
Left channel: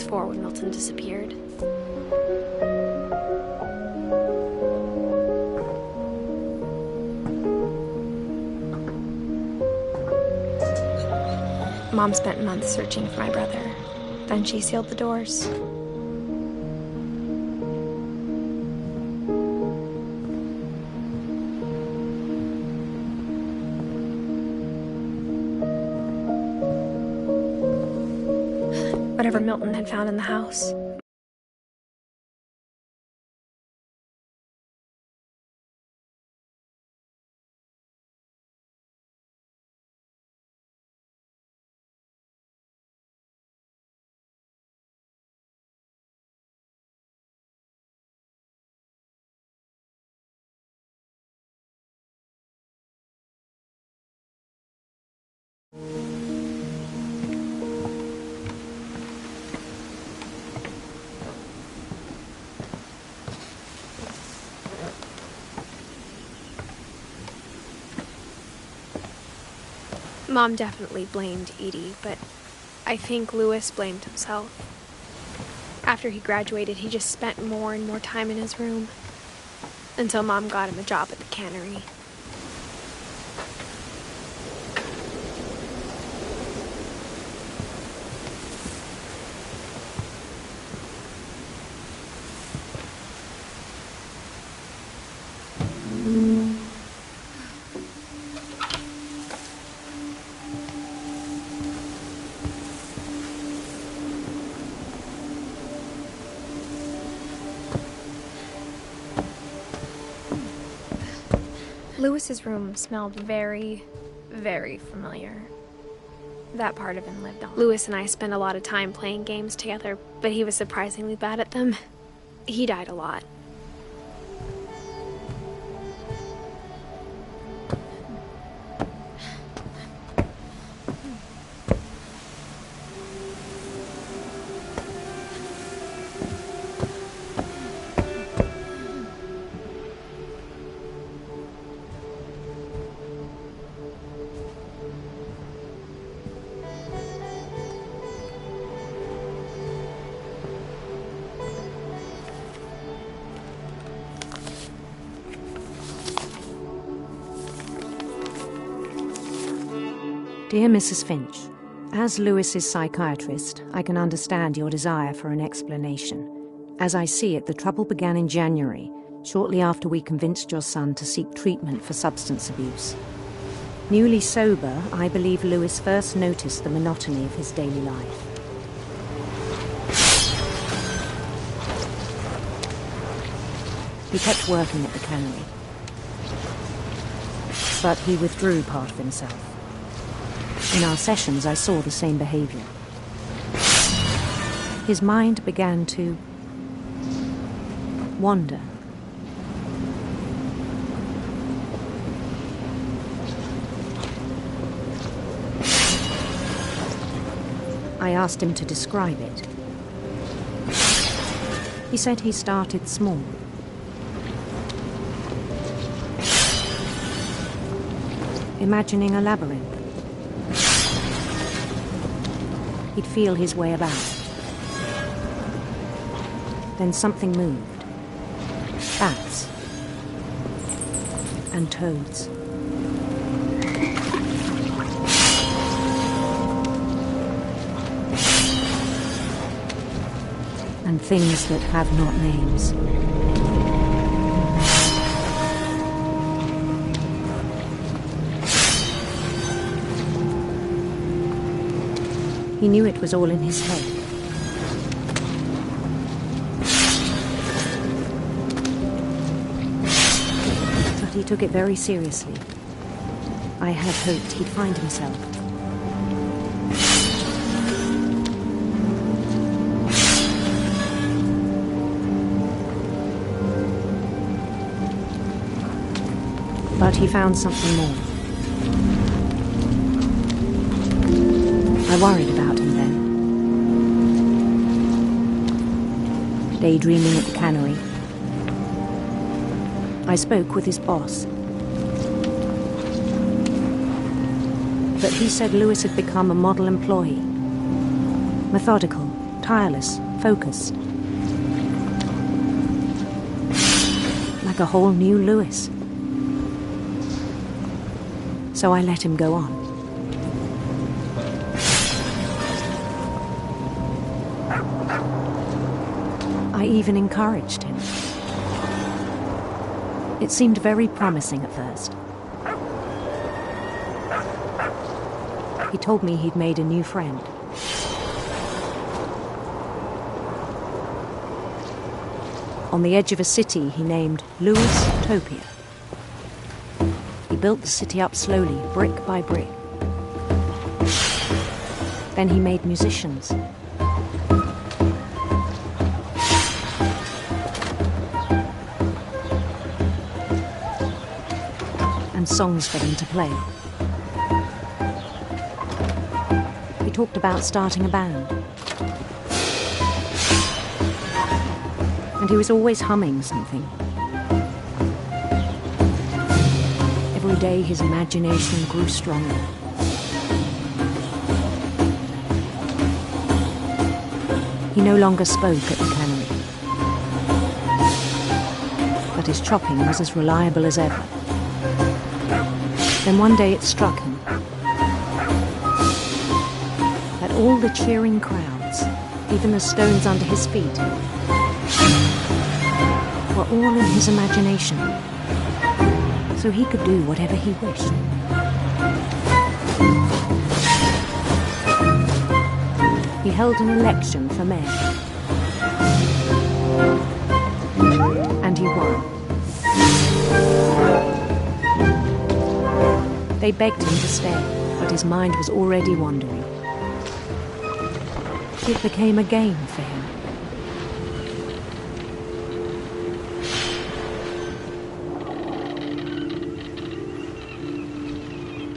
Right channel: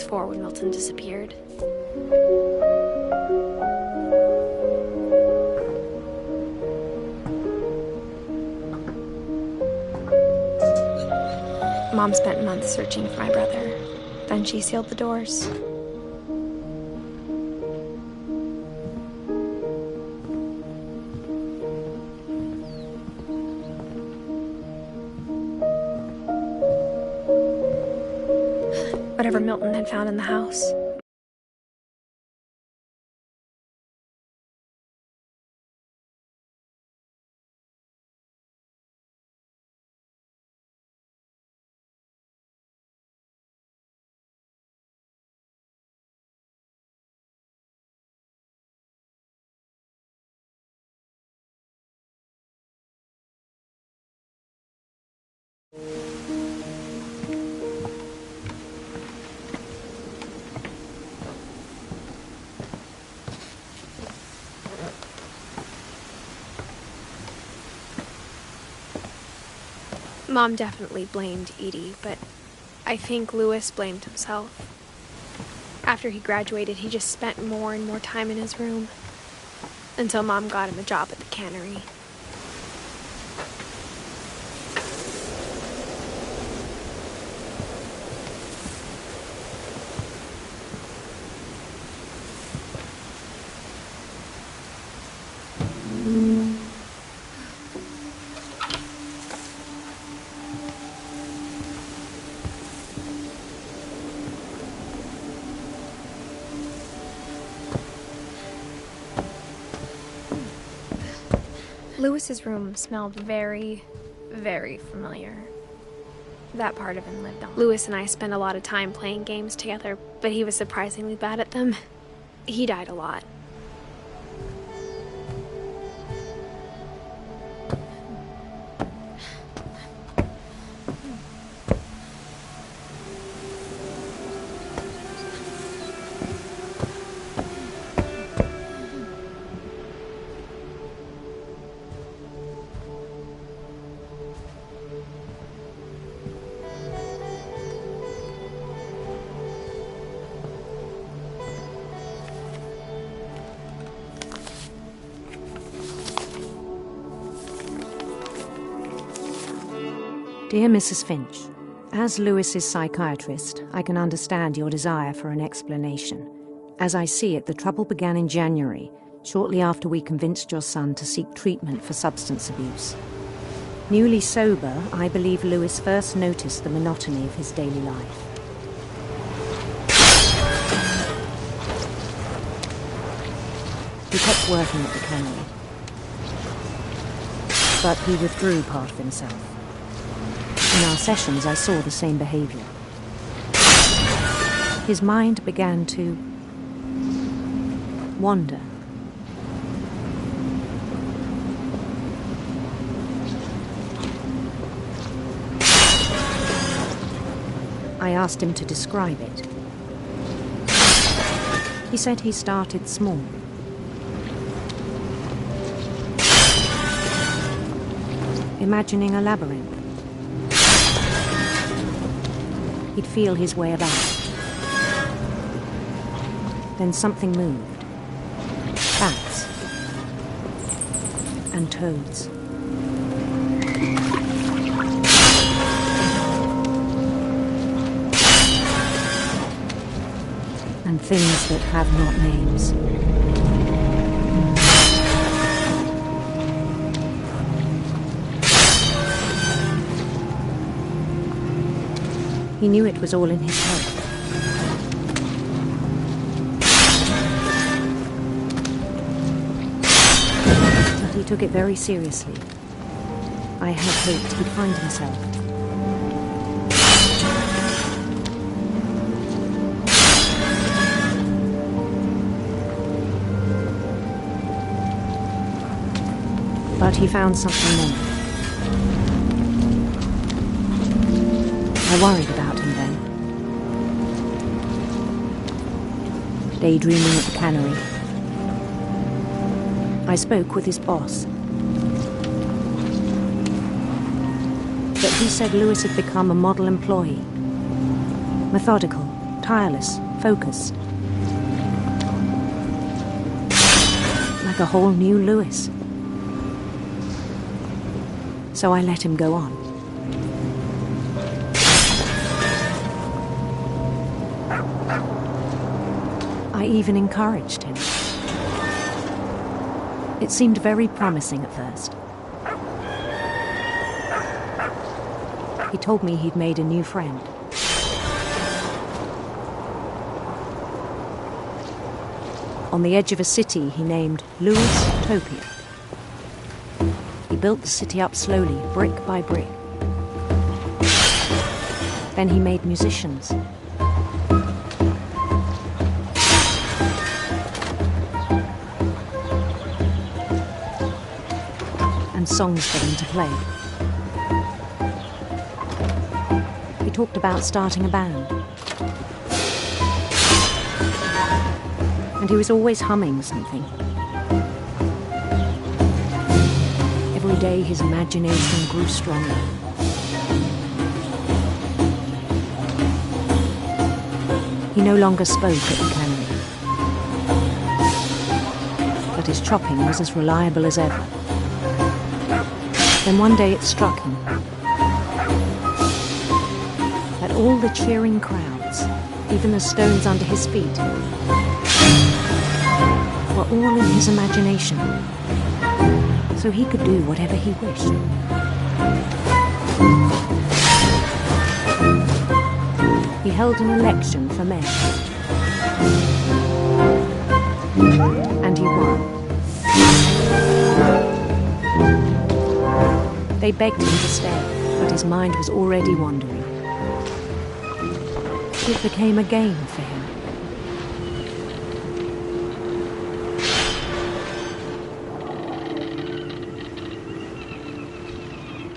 was 4 when Milton disappeared. Mom spent months searching for my brother. Then she sealed the doors. Whatever Milton had found in the house. Mom definitely blamed Edie, but I think Louis blamed himself. After he graduated, he just spent more and more time in his room, until Mom got him a job at the cannery. Louis's room smelled very, very familiar. That part of him lived on. Louis and I spent a lot of time playing games together, but he was surprisingly bad at them. He died a lot. Dear Mrs. Finch, as Louis's psychiatrist, I can understand your desire for an explanation. As I see it, the trouble began in January, shortly after we convinced your son to seek treatment for substance abuse. Newly sober, I believe Louis first noticed the monotony of his daily life. He kept working at the cannery, but he withdrew part of himself. In our sessions, I saw the same behavior. His mind began to wander. I asked him to describe it. He said he started small. Imagining a labyrinth. He'd feel his way about. Then something moved. Bats. And toads. And things that have not names. He knew it was all in his head. But he took it very seriously. I had hoped he'd find himself. But he found something more. I worried about him then. Daydreaming at the cannery, I spoke with his boss. But he said Louis had become a model employee. Methodical, tireless, focused. Like a whole new Lewis. So I let him go on. I even encouraged him. It seemed very promising at first. He told me he'd made a new friend. On the edge of a city he named Lewis Topia. He built the city up slowly, brick by brick. Then he made musicians. And songs for them to play. He talked about starting a band. And he was always humming something. Every day his imagination grew stronger. He no longer spoke at the cannery. But his chopping was as reliable as ever. Then one day it struck him that all the cheering crowds, even the stones under his feet, were all in his imagination, so he could do whatever he wished. He held an election for mayor, and he won. They begged him to stay, but his mind was already wandering. It became a game for him.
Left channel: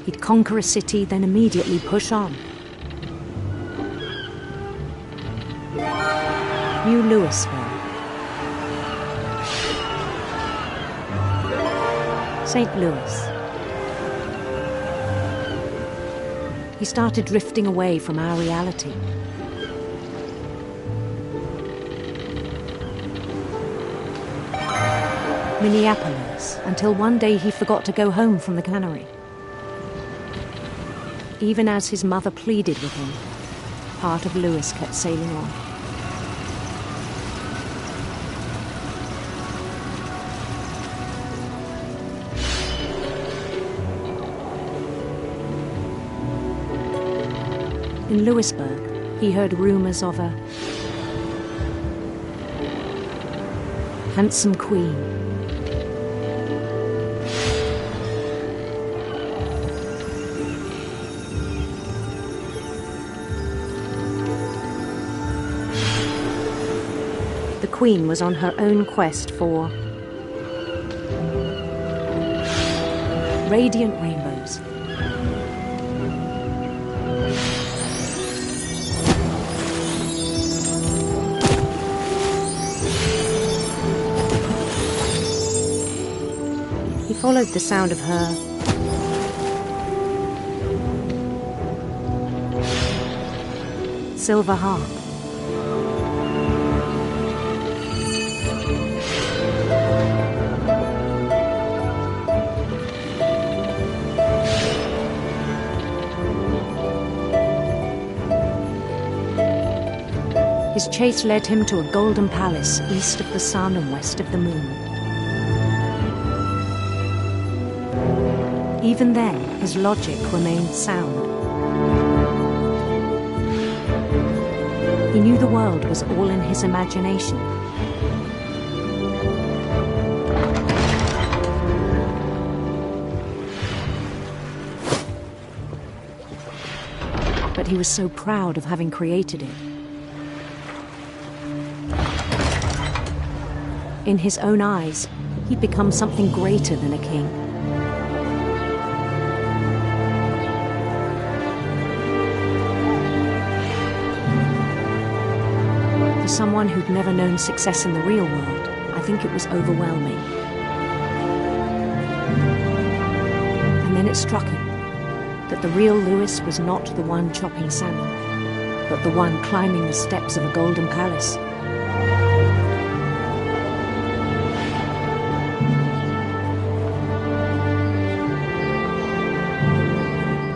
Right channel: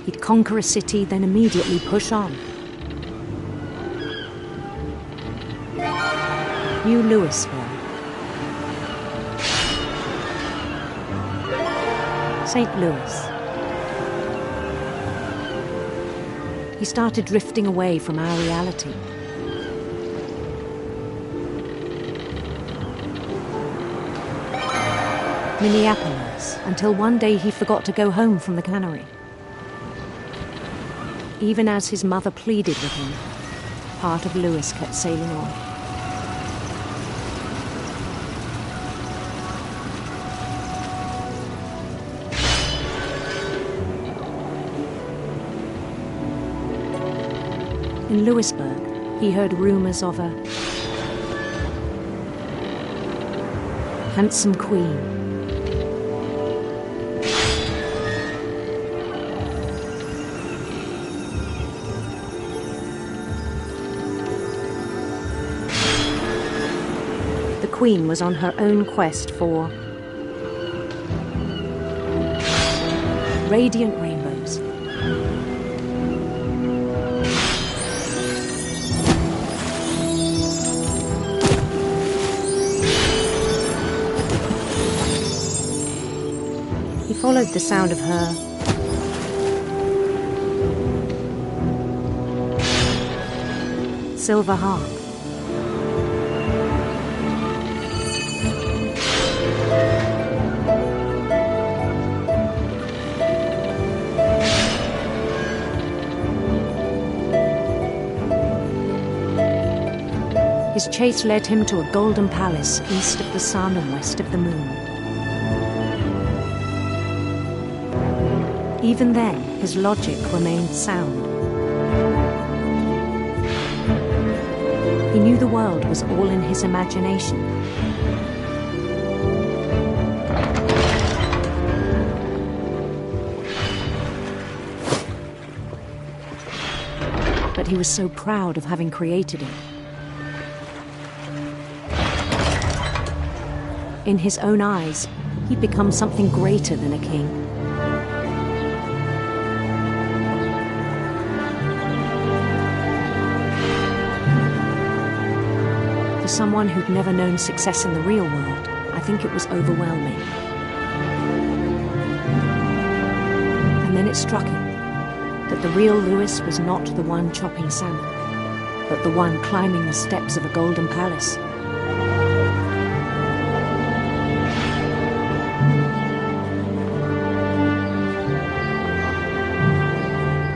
He'd conquer a city, then immediately push on. New Louisville. St. Louis. He started drifting away from our reality. Minneapolis, until one day he forgot to go home from the cannery. Even as his mother pleaded with him, part of Lewis kept sailing on. In Lewisburg, he heard rumors of a handsome queen. The queen was on her own quest for radiant rainbows. He followed the sound of her silver harp. His chase led him to a golden palace east of the sun and west of the moon. Even then, his logic remained sound. He knew the world was all in his imagination. But he was so proud of having created it. In his own eyes, he'd become something greater than a king. For someone who'd never known success in the real world, I think it was overwhelming. And then it struck him that the real Lewis was not the one chopping salmon. but the one climbing the steps of a golden palace.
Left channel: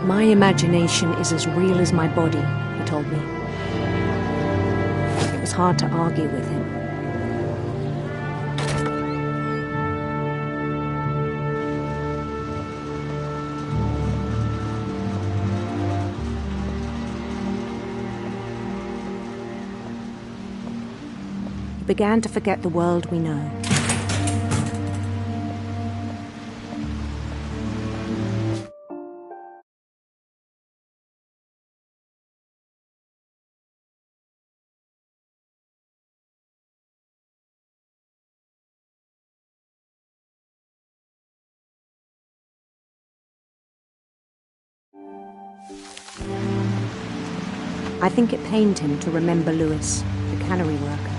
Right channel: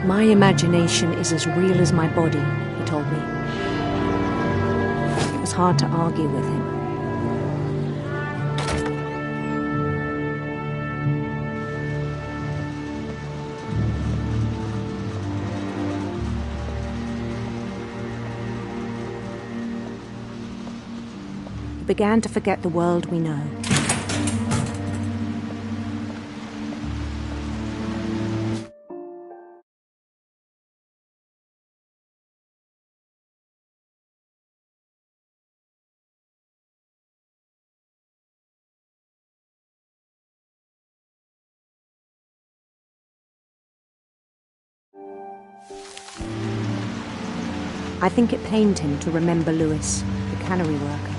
My imagination is as real as my body, he told me. It was hard to argue with him. We began to forget the world we know. I think it pained him to remember Louis, the cannery worker.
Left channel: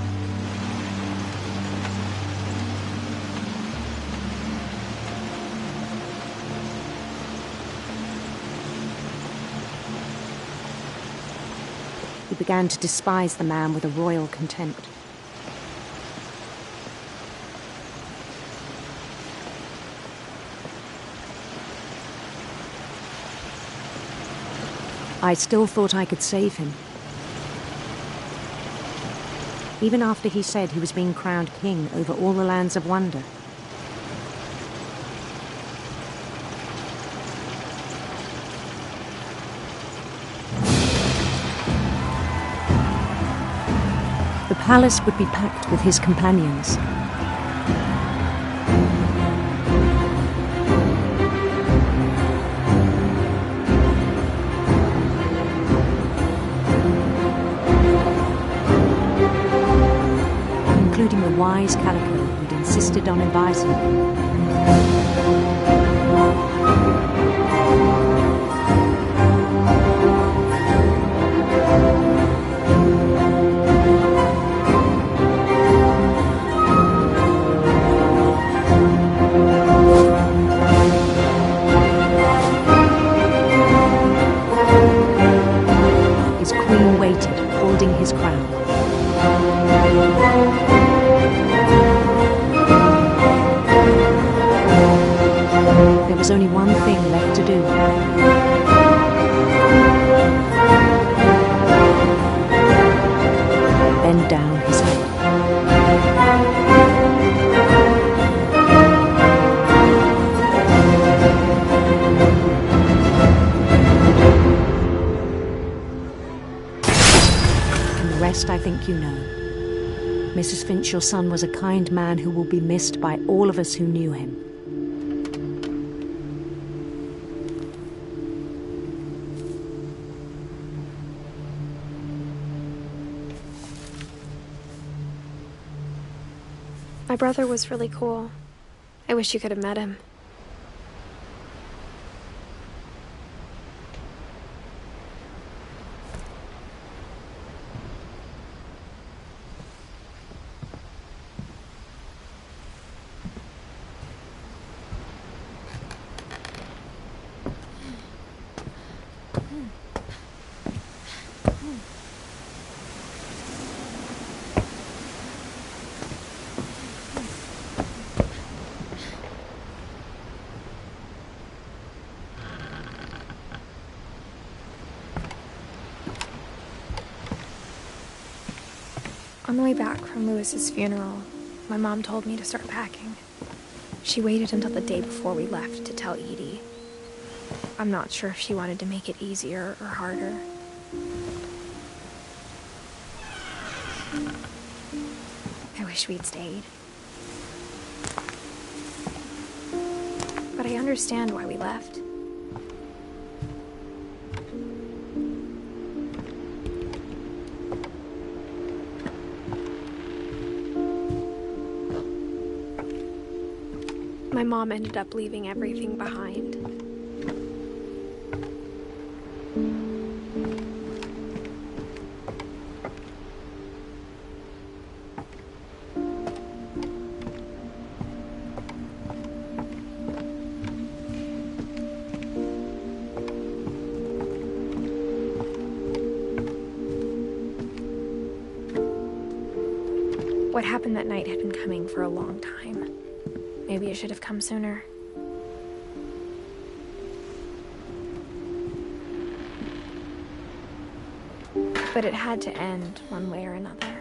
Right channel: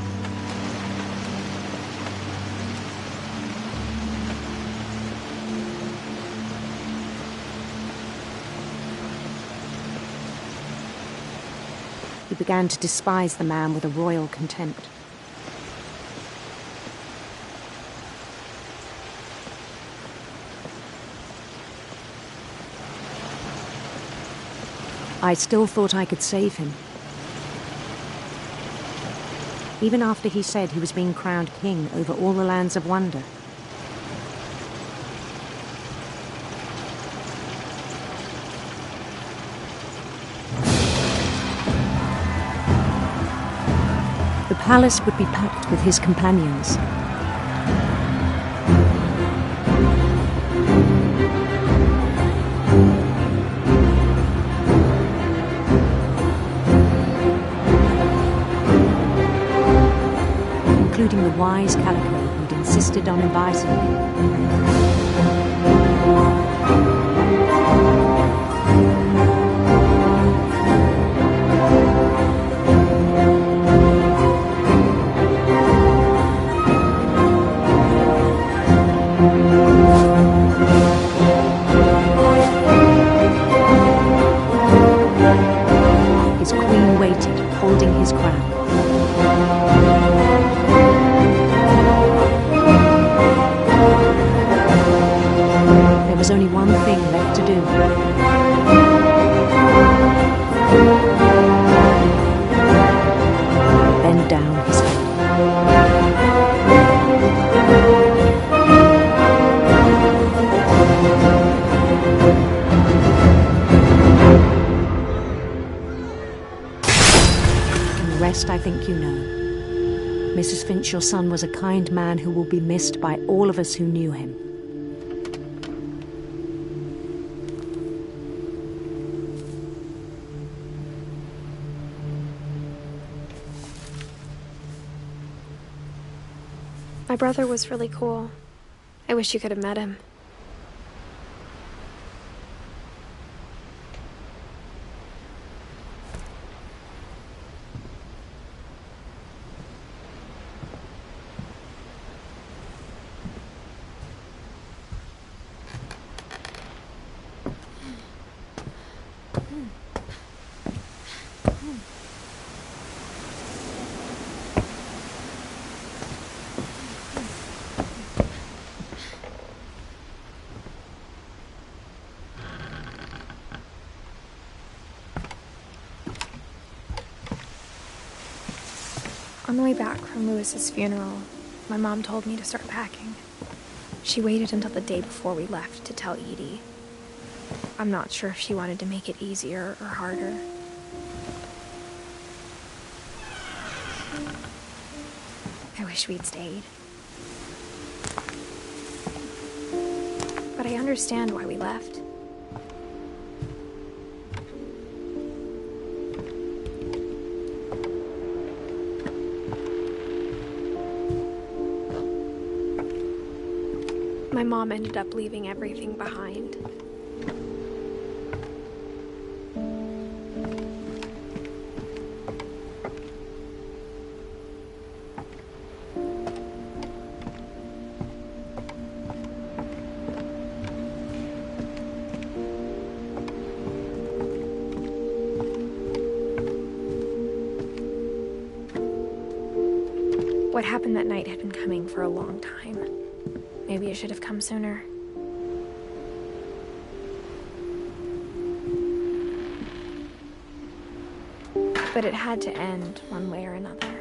He began to despise the man with a royal contempt. I still thought I could save him. Even after he said he was being crowned king over all the lands of wonder. The palace would be packed with his companions. Including the wise Calico who'd insisted on inviting him. His queen waited, holding his crown. There was only one thing left to do. Bend down his head. And the rest I think you know. Mrs. Finch, your son was a kind man who will be missed by all of us who knew him. My brother was really cool. I wish you could have met him. On the way back from Louis's funeral, my mom told me to start packing. She waited until the day before we left to tell Edie. I'm not sure if she wanted to make it easier or harder. I wish we'd stayed. But I understand why we left. My mom ended up leaving everything behind. What happened that night had been coming for a long time. Maybe it should have come sooner. But it had to end one way or another.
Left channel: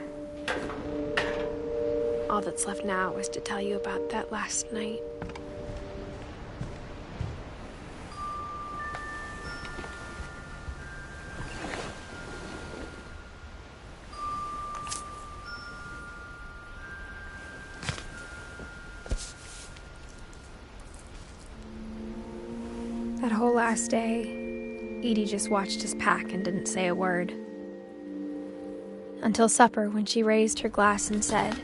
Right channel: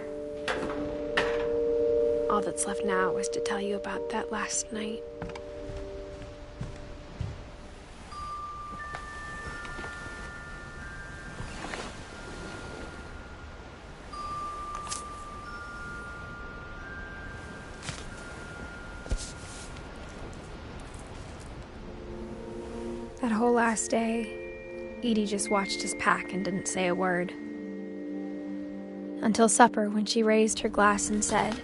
All that's left now is to tell you about that last night. That whole last day, Edie just watched us pack and didn't say a word. Until supper, when she raised her glass and said,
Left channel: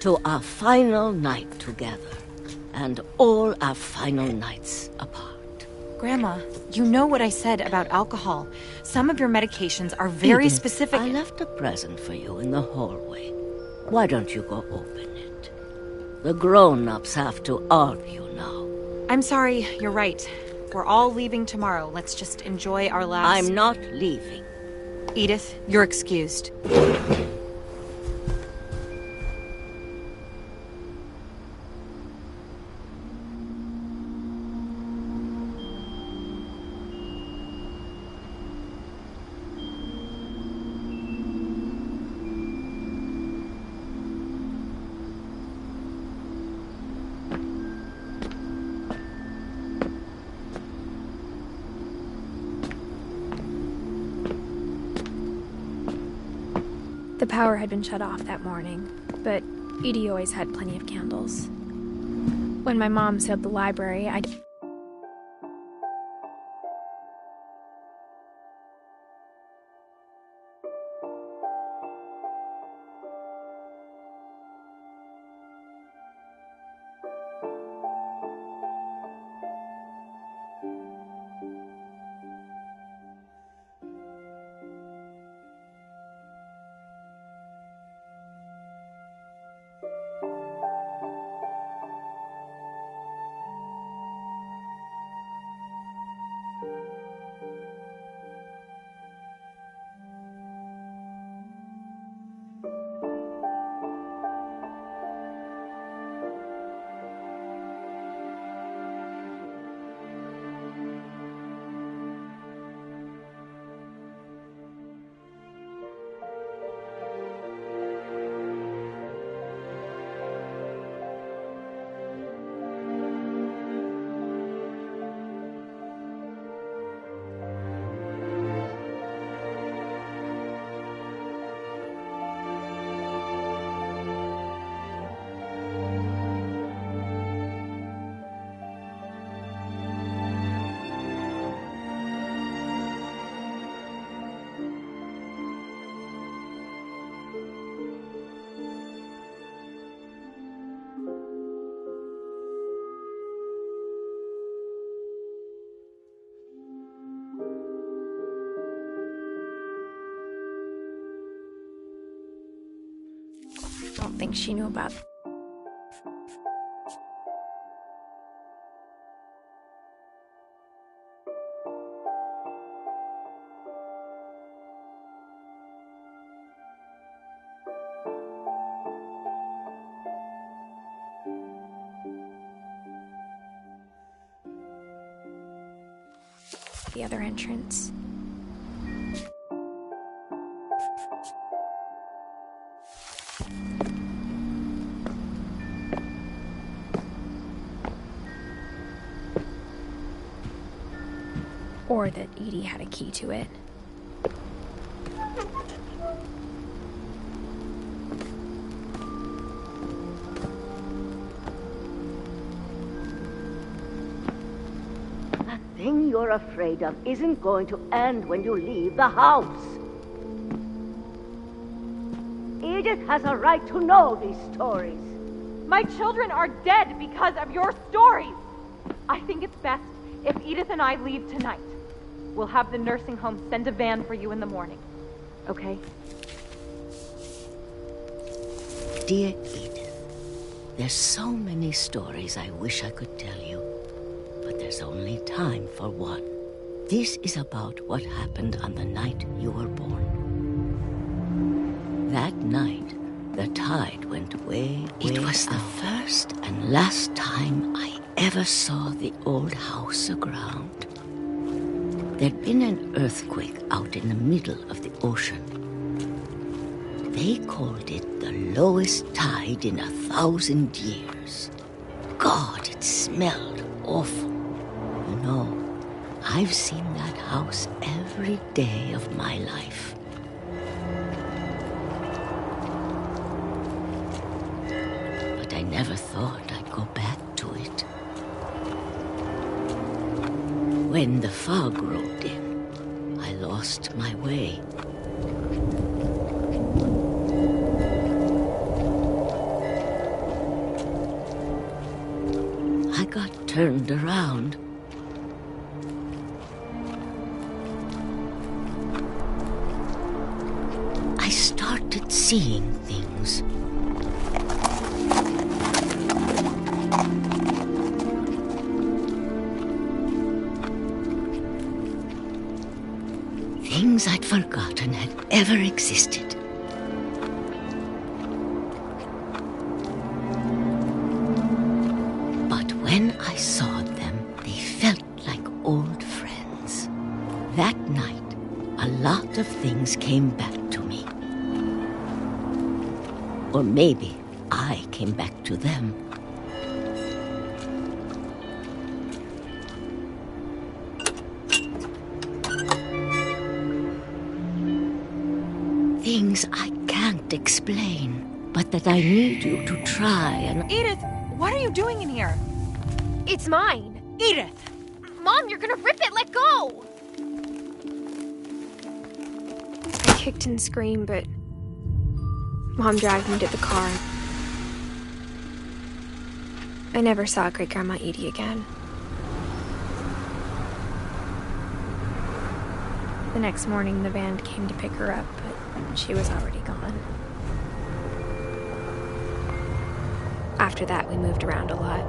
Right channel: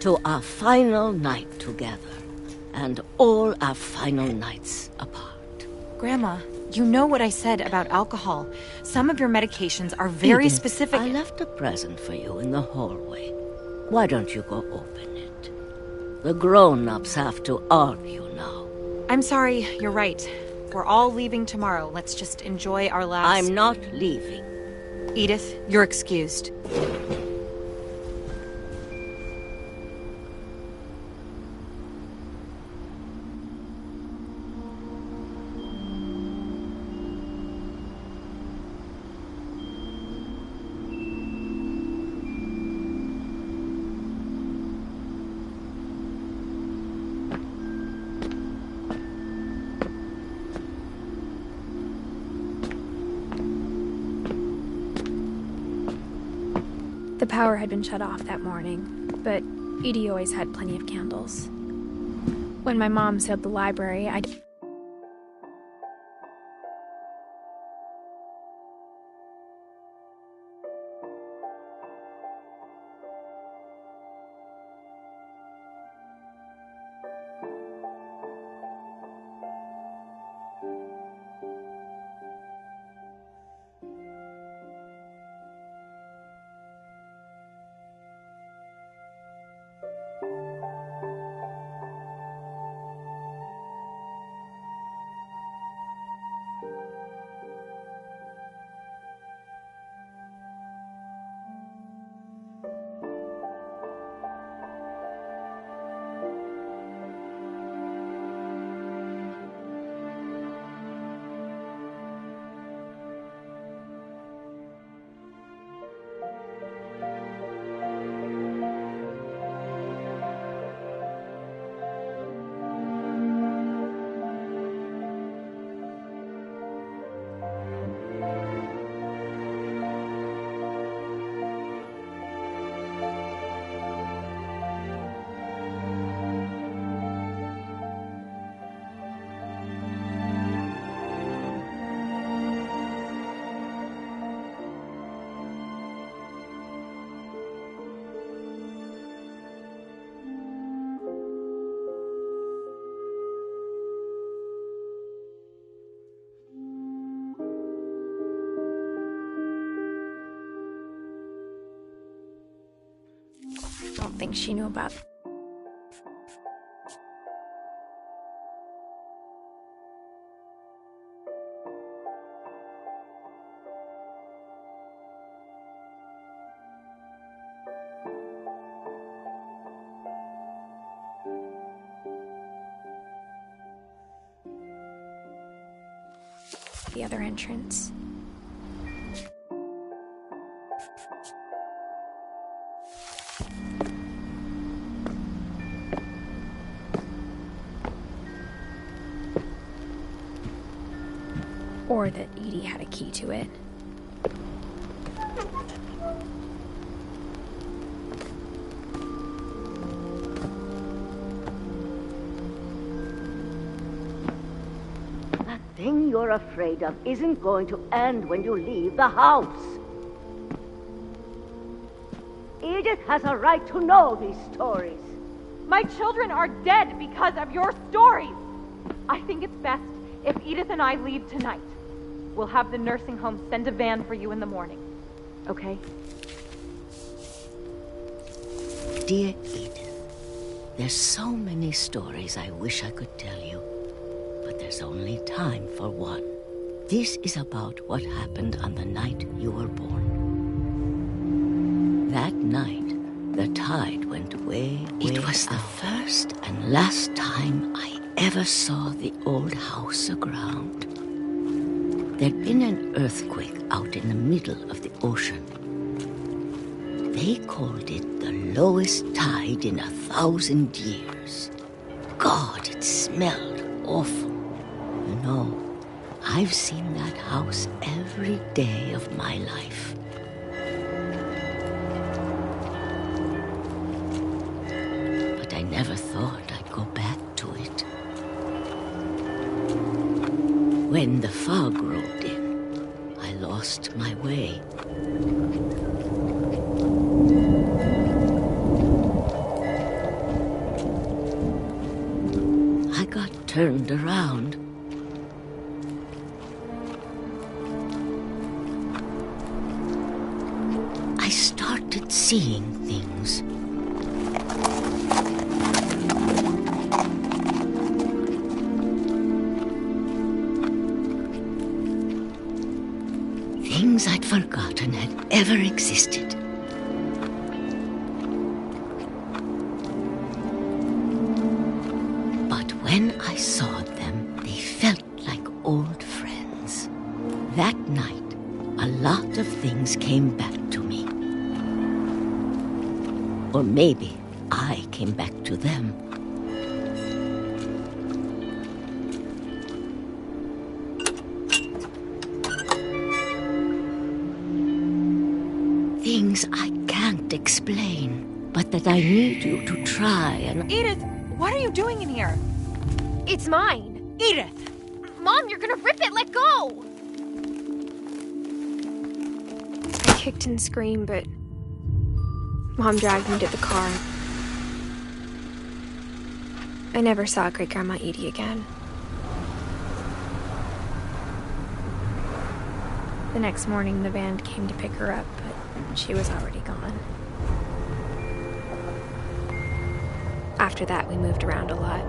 "To our final night together, and all our final nights apart." Grandma, you know what I said about alcohol. Some of your medications are very Edith, specific. I left a present for you in the hallway. Why don't you go open it? The grown-ups have to argue now. I'm sorry, you're right. We're all leaving tomorrow. Let's just enjoy our last... I'm not leaving. Edith, you're excused. The power had been shut off that morning, but Edie always had plenty of candles. When my mom sailed the library, I don't think she knew about it. The other entrance. Or that Edie had a key to it. That thing you're afraid of isn't going to end when you leave the house. Edith has a right to know these stories. My children are dead because of your stories. I think it's best if Edith and I leave tonight. We'll have the nursing home send a van for you in the morning. Okay? Dear Edith, there's so many stories I wish I could tell you, but there's only time for one. This is about what happened on the night you were born. That night, the tide went way It was the first and last time I ever saw the old house aground. There'd been an earthquake out in the middle of the ocean. They called it the lowest tide in 1,000 years. God, it smelled awful. You know, I've seen that house every day of my life. But I never thought I'd go back to it. When the fog rolled in, I lost my way. I got turned around. I started seeing things. Things I'd forgotten had ever existed. But when I saw them, they felt like old friends. That night, a lot of things came back to me. Or maybe I came back to them. Things I can't explain, but that I need you to try and... Edith, what are you doing in here? It's mine. Edith! Mom, you're gonna rip it! Let go! I kicked and screamed, but Mom dragged me to the car. I never saw Great-Grandma Edie again. The next morning, the band came to pick her up, but she was already gone. After that, we moved around a lot.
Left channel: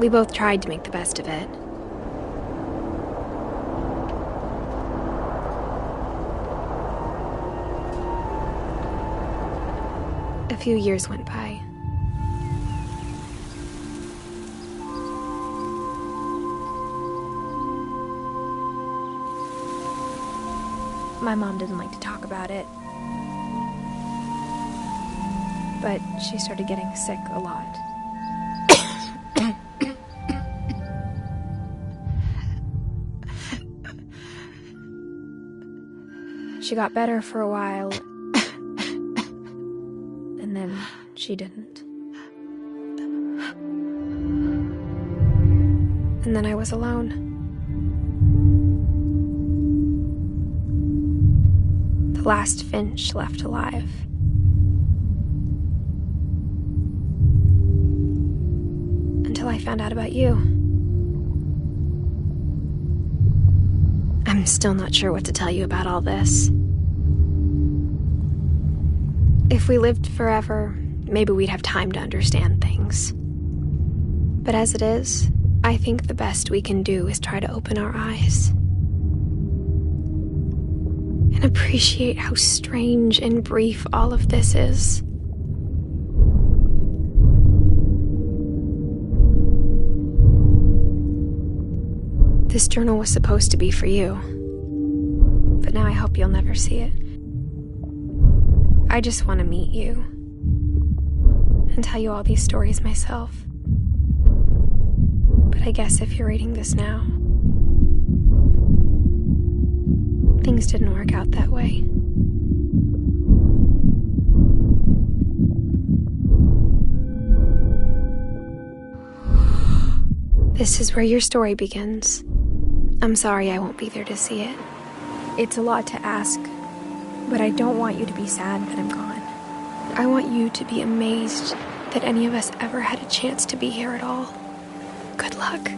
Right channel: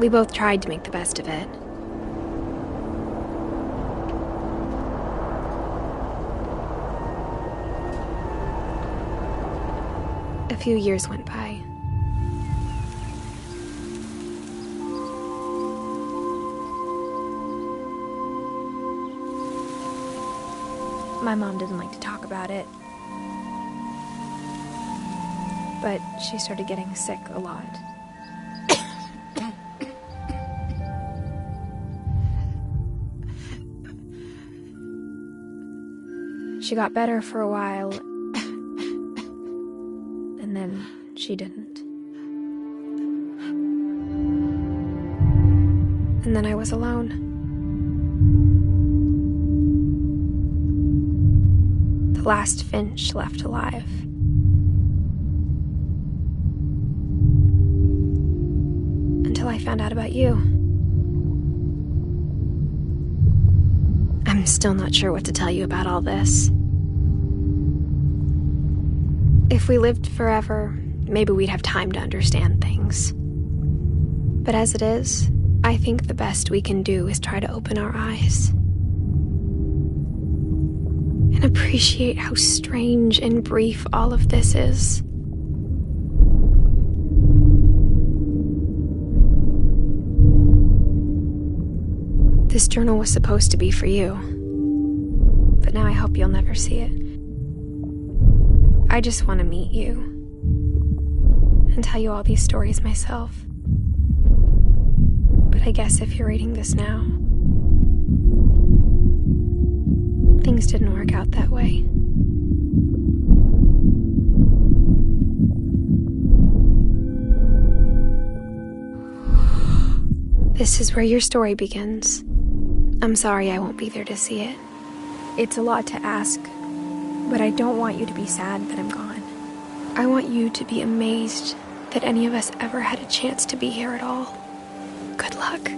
We both tried to make the best of it. A few years went by. My mom didn't like to talk about it, but she started getting sick a lot. She got better for a while, and then she didn't. And then I was alone. The last Finch left alive. Until I found out about you. I'm still not sure what to tell you about all this. If we lived forever, maybe we'd have time to understand things. But as it is, I think the best we can do is try to open our eyes. And appreciate how strange and brief all of this is. This journal was supposed to be for you, but now I hope you'll never see it. I just want to meet you and tell you all these stories myself. But I guess if you're reading this now, things didn't work out that way. This is where your story begins. I'm sorry I won't be there to see it. It's a lot to ask, but I don't want you to be sad that I'm gone. I want you to be amazed that any of us ever had a chance to be here at all. Good luck.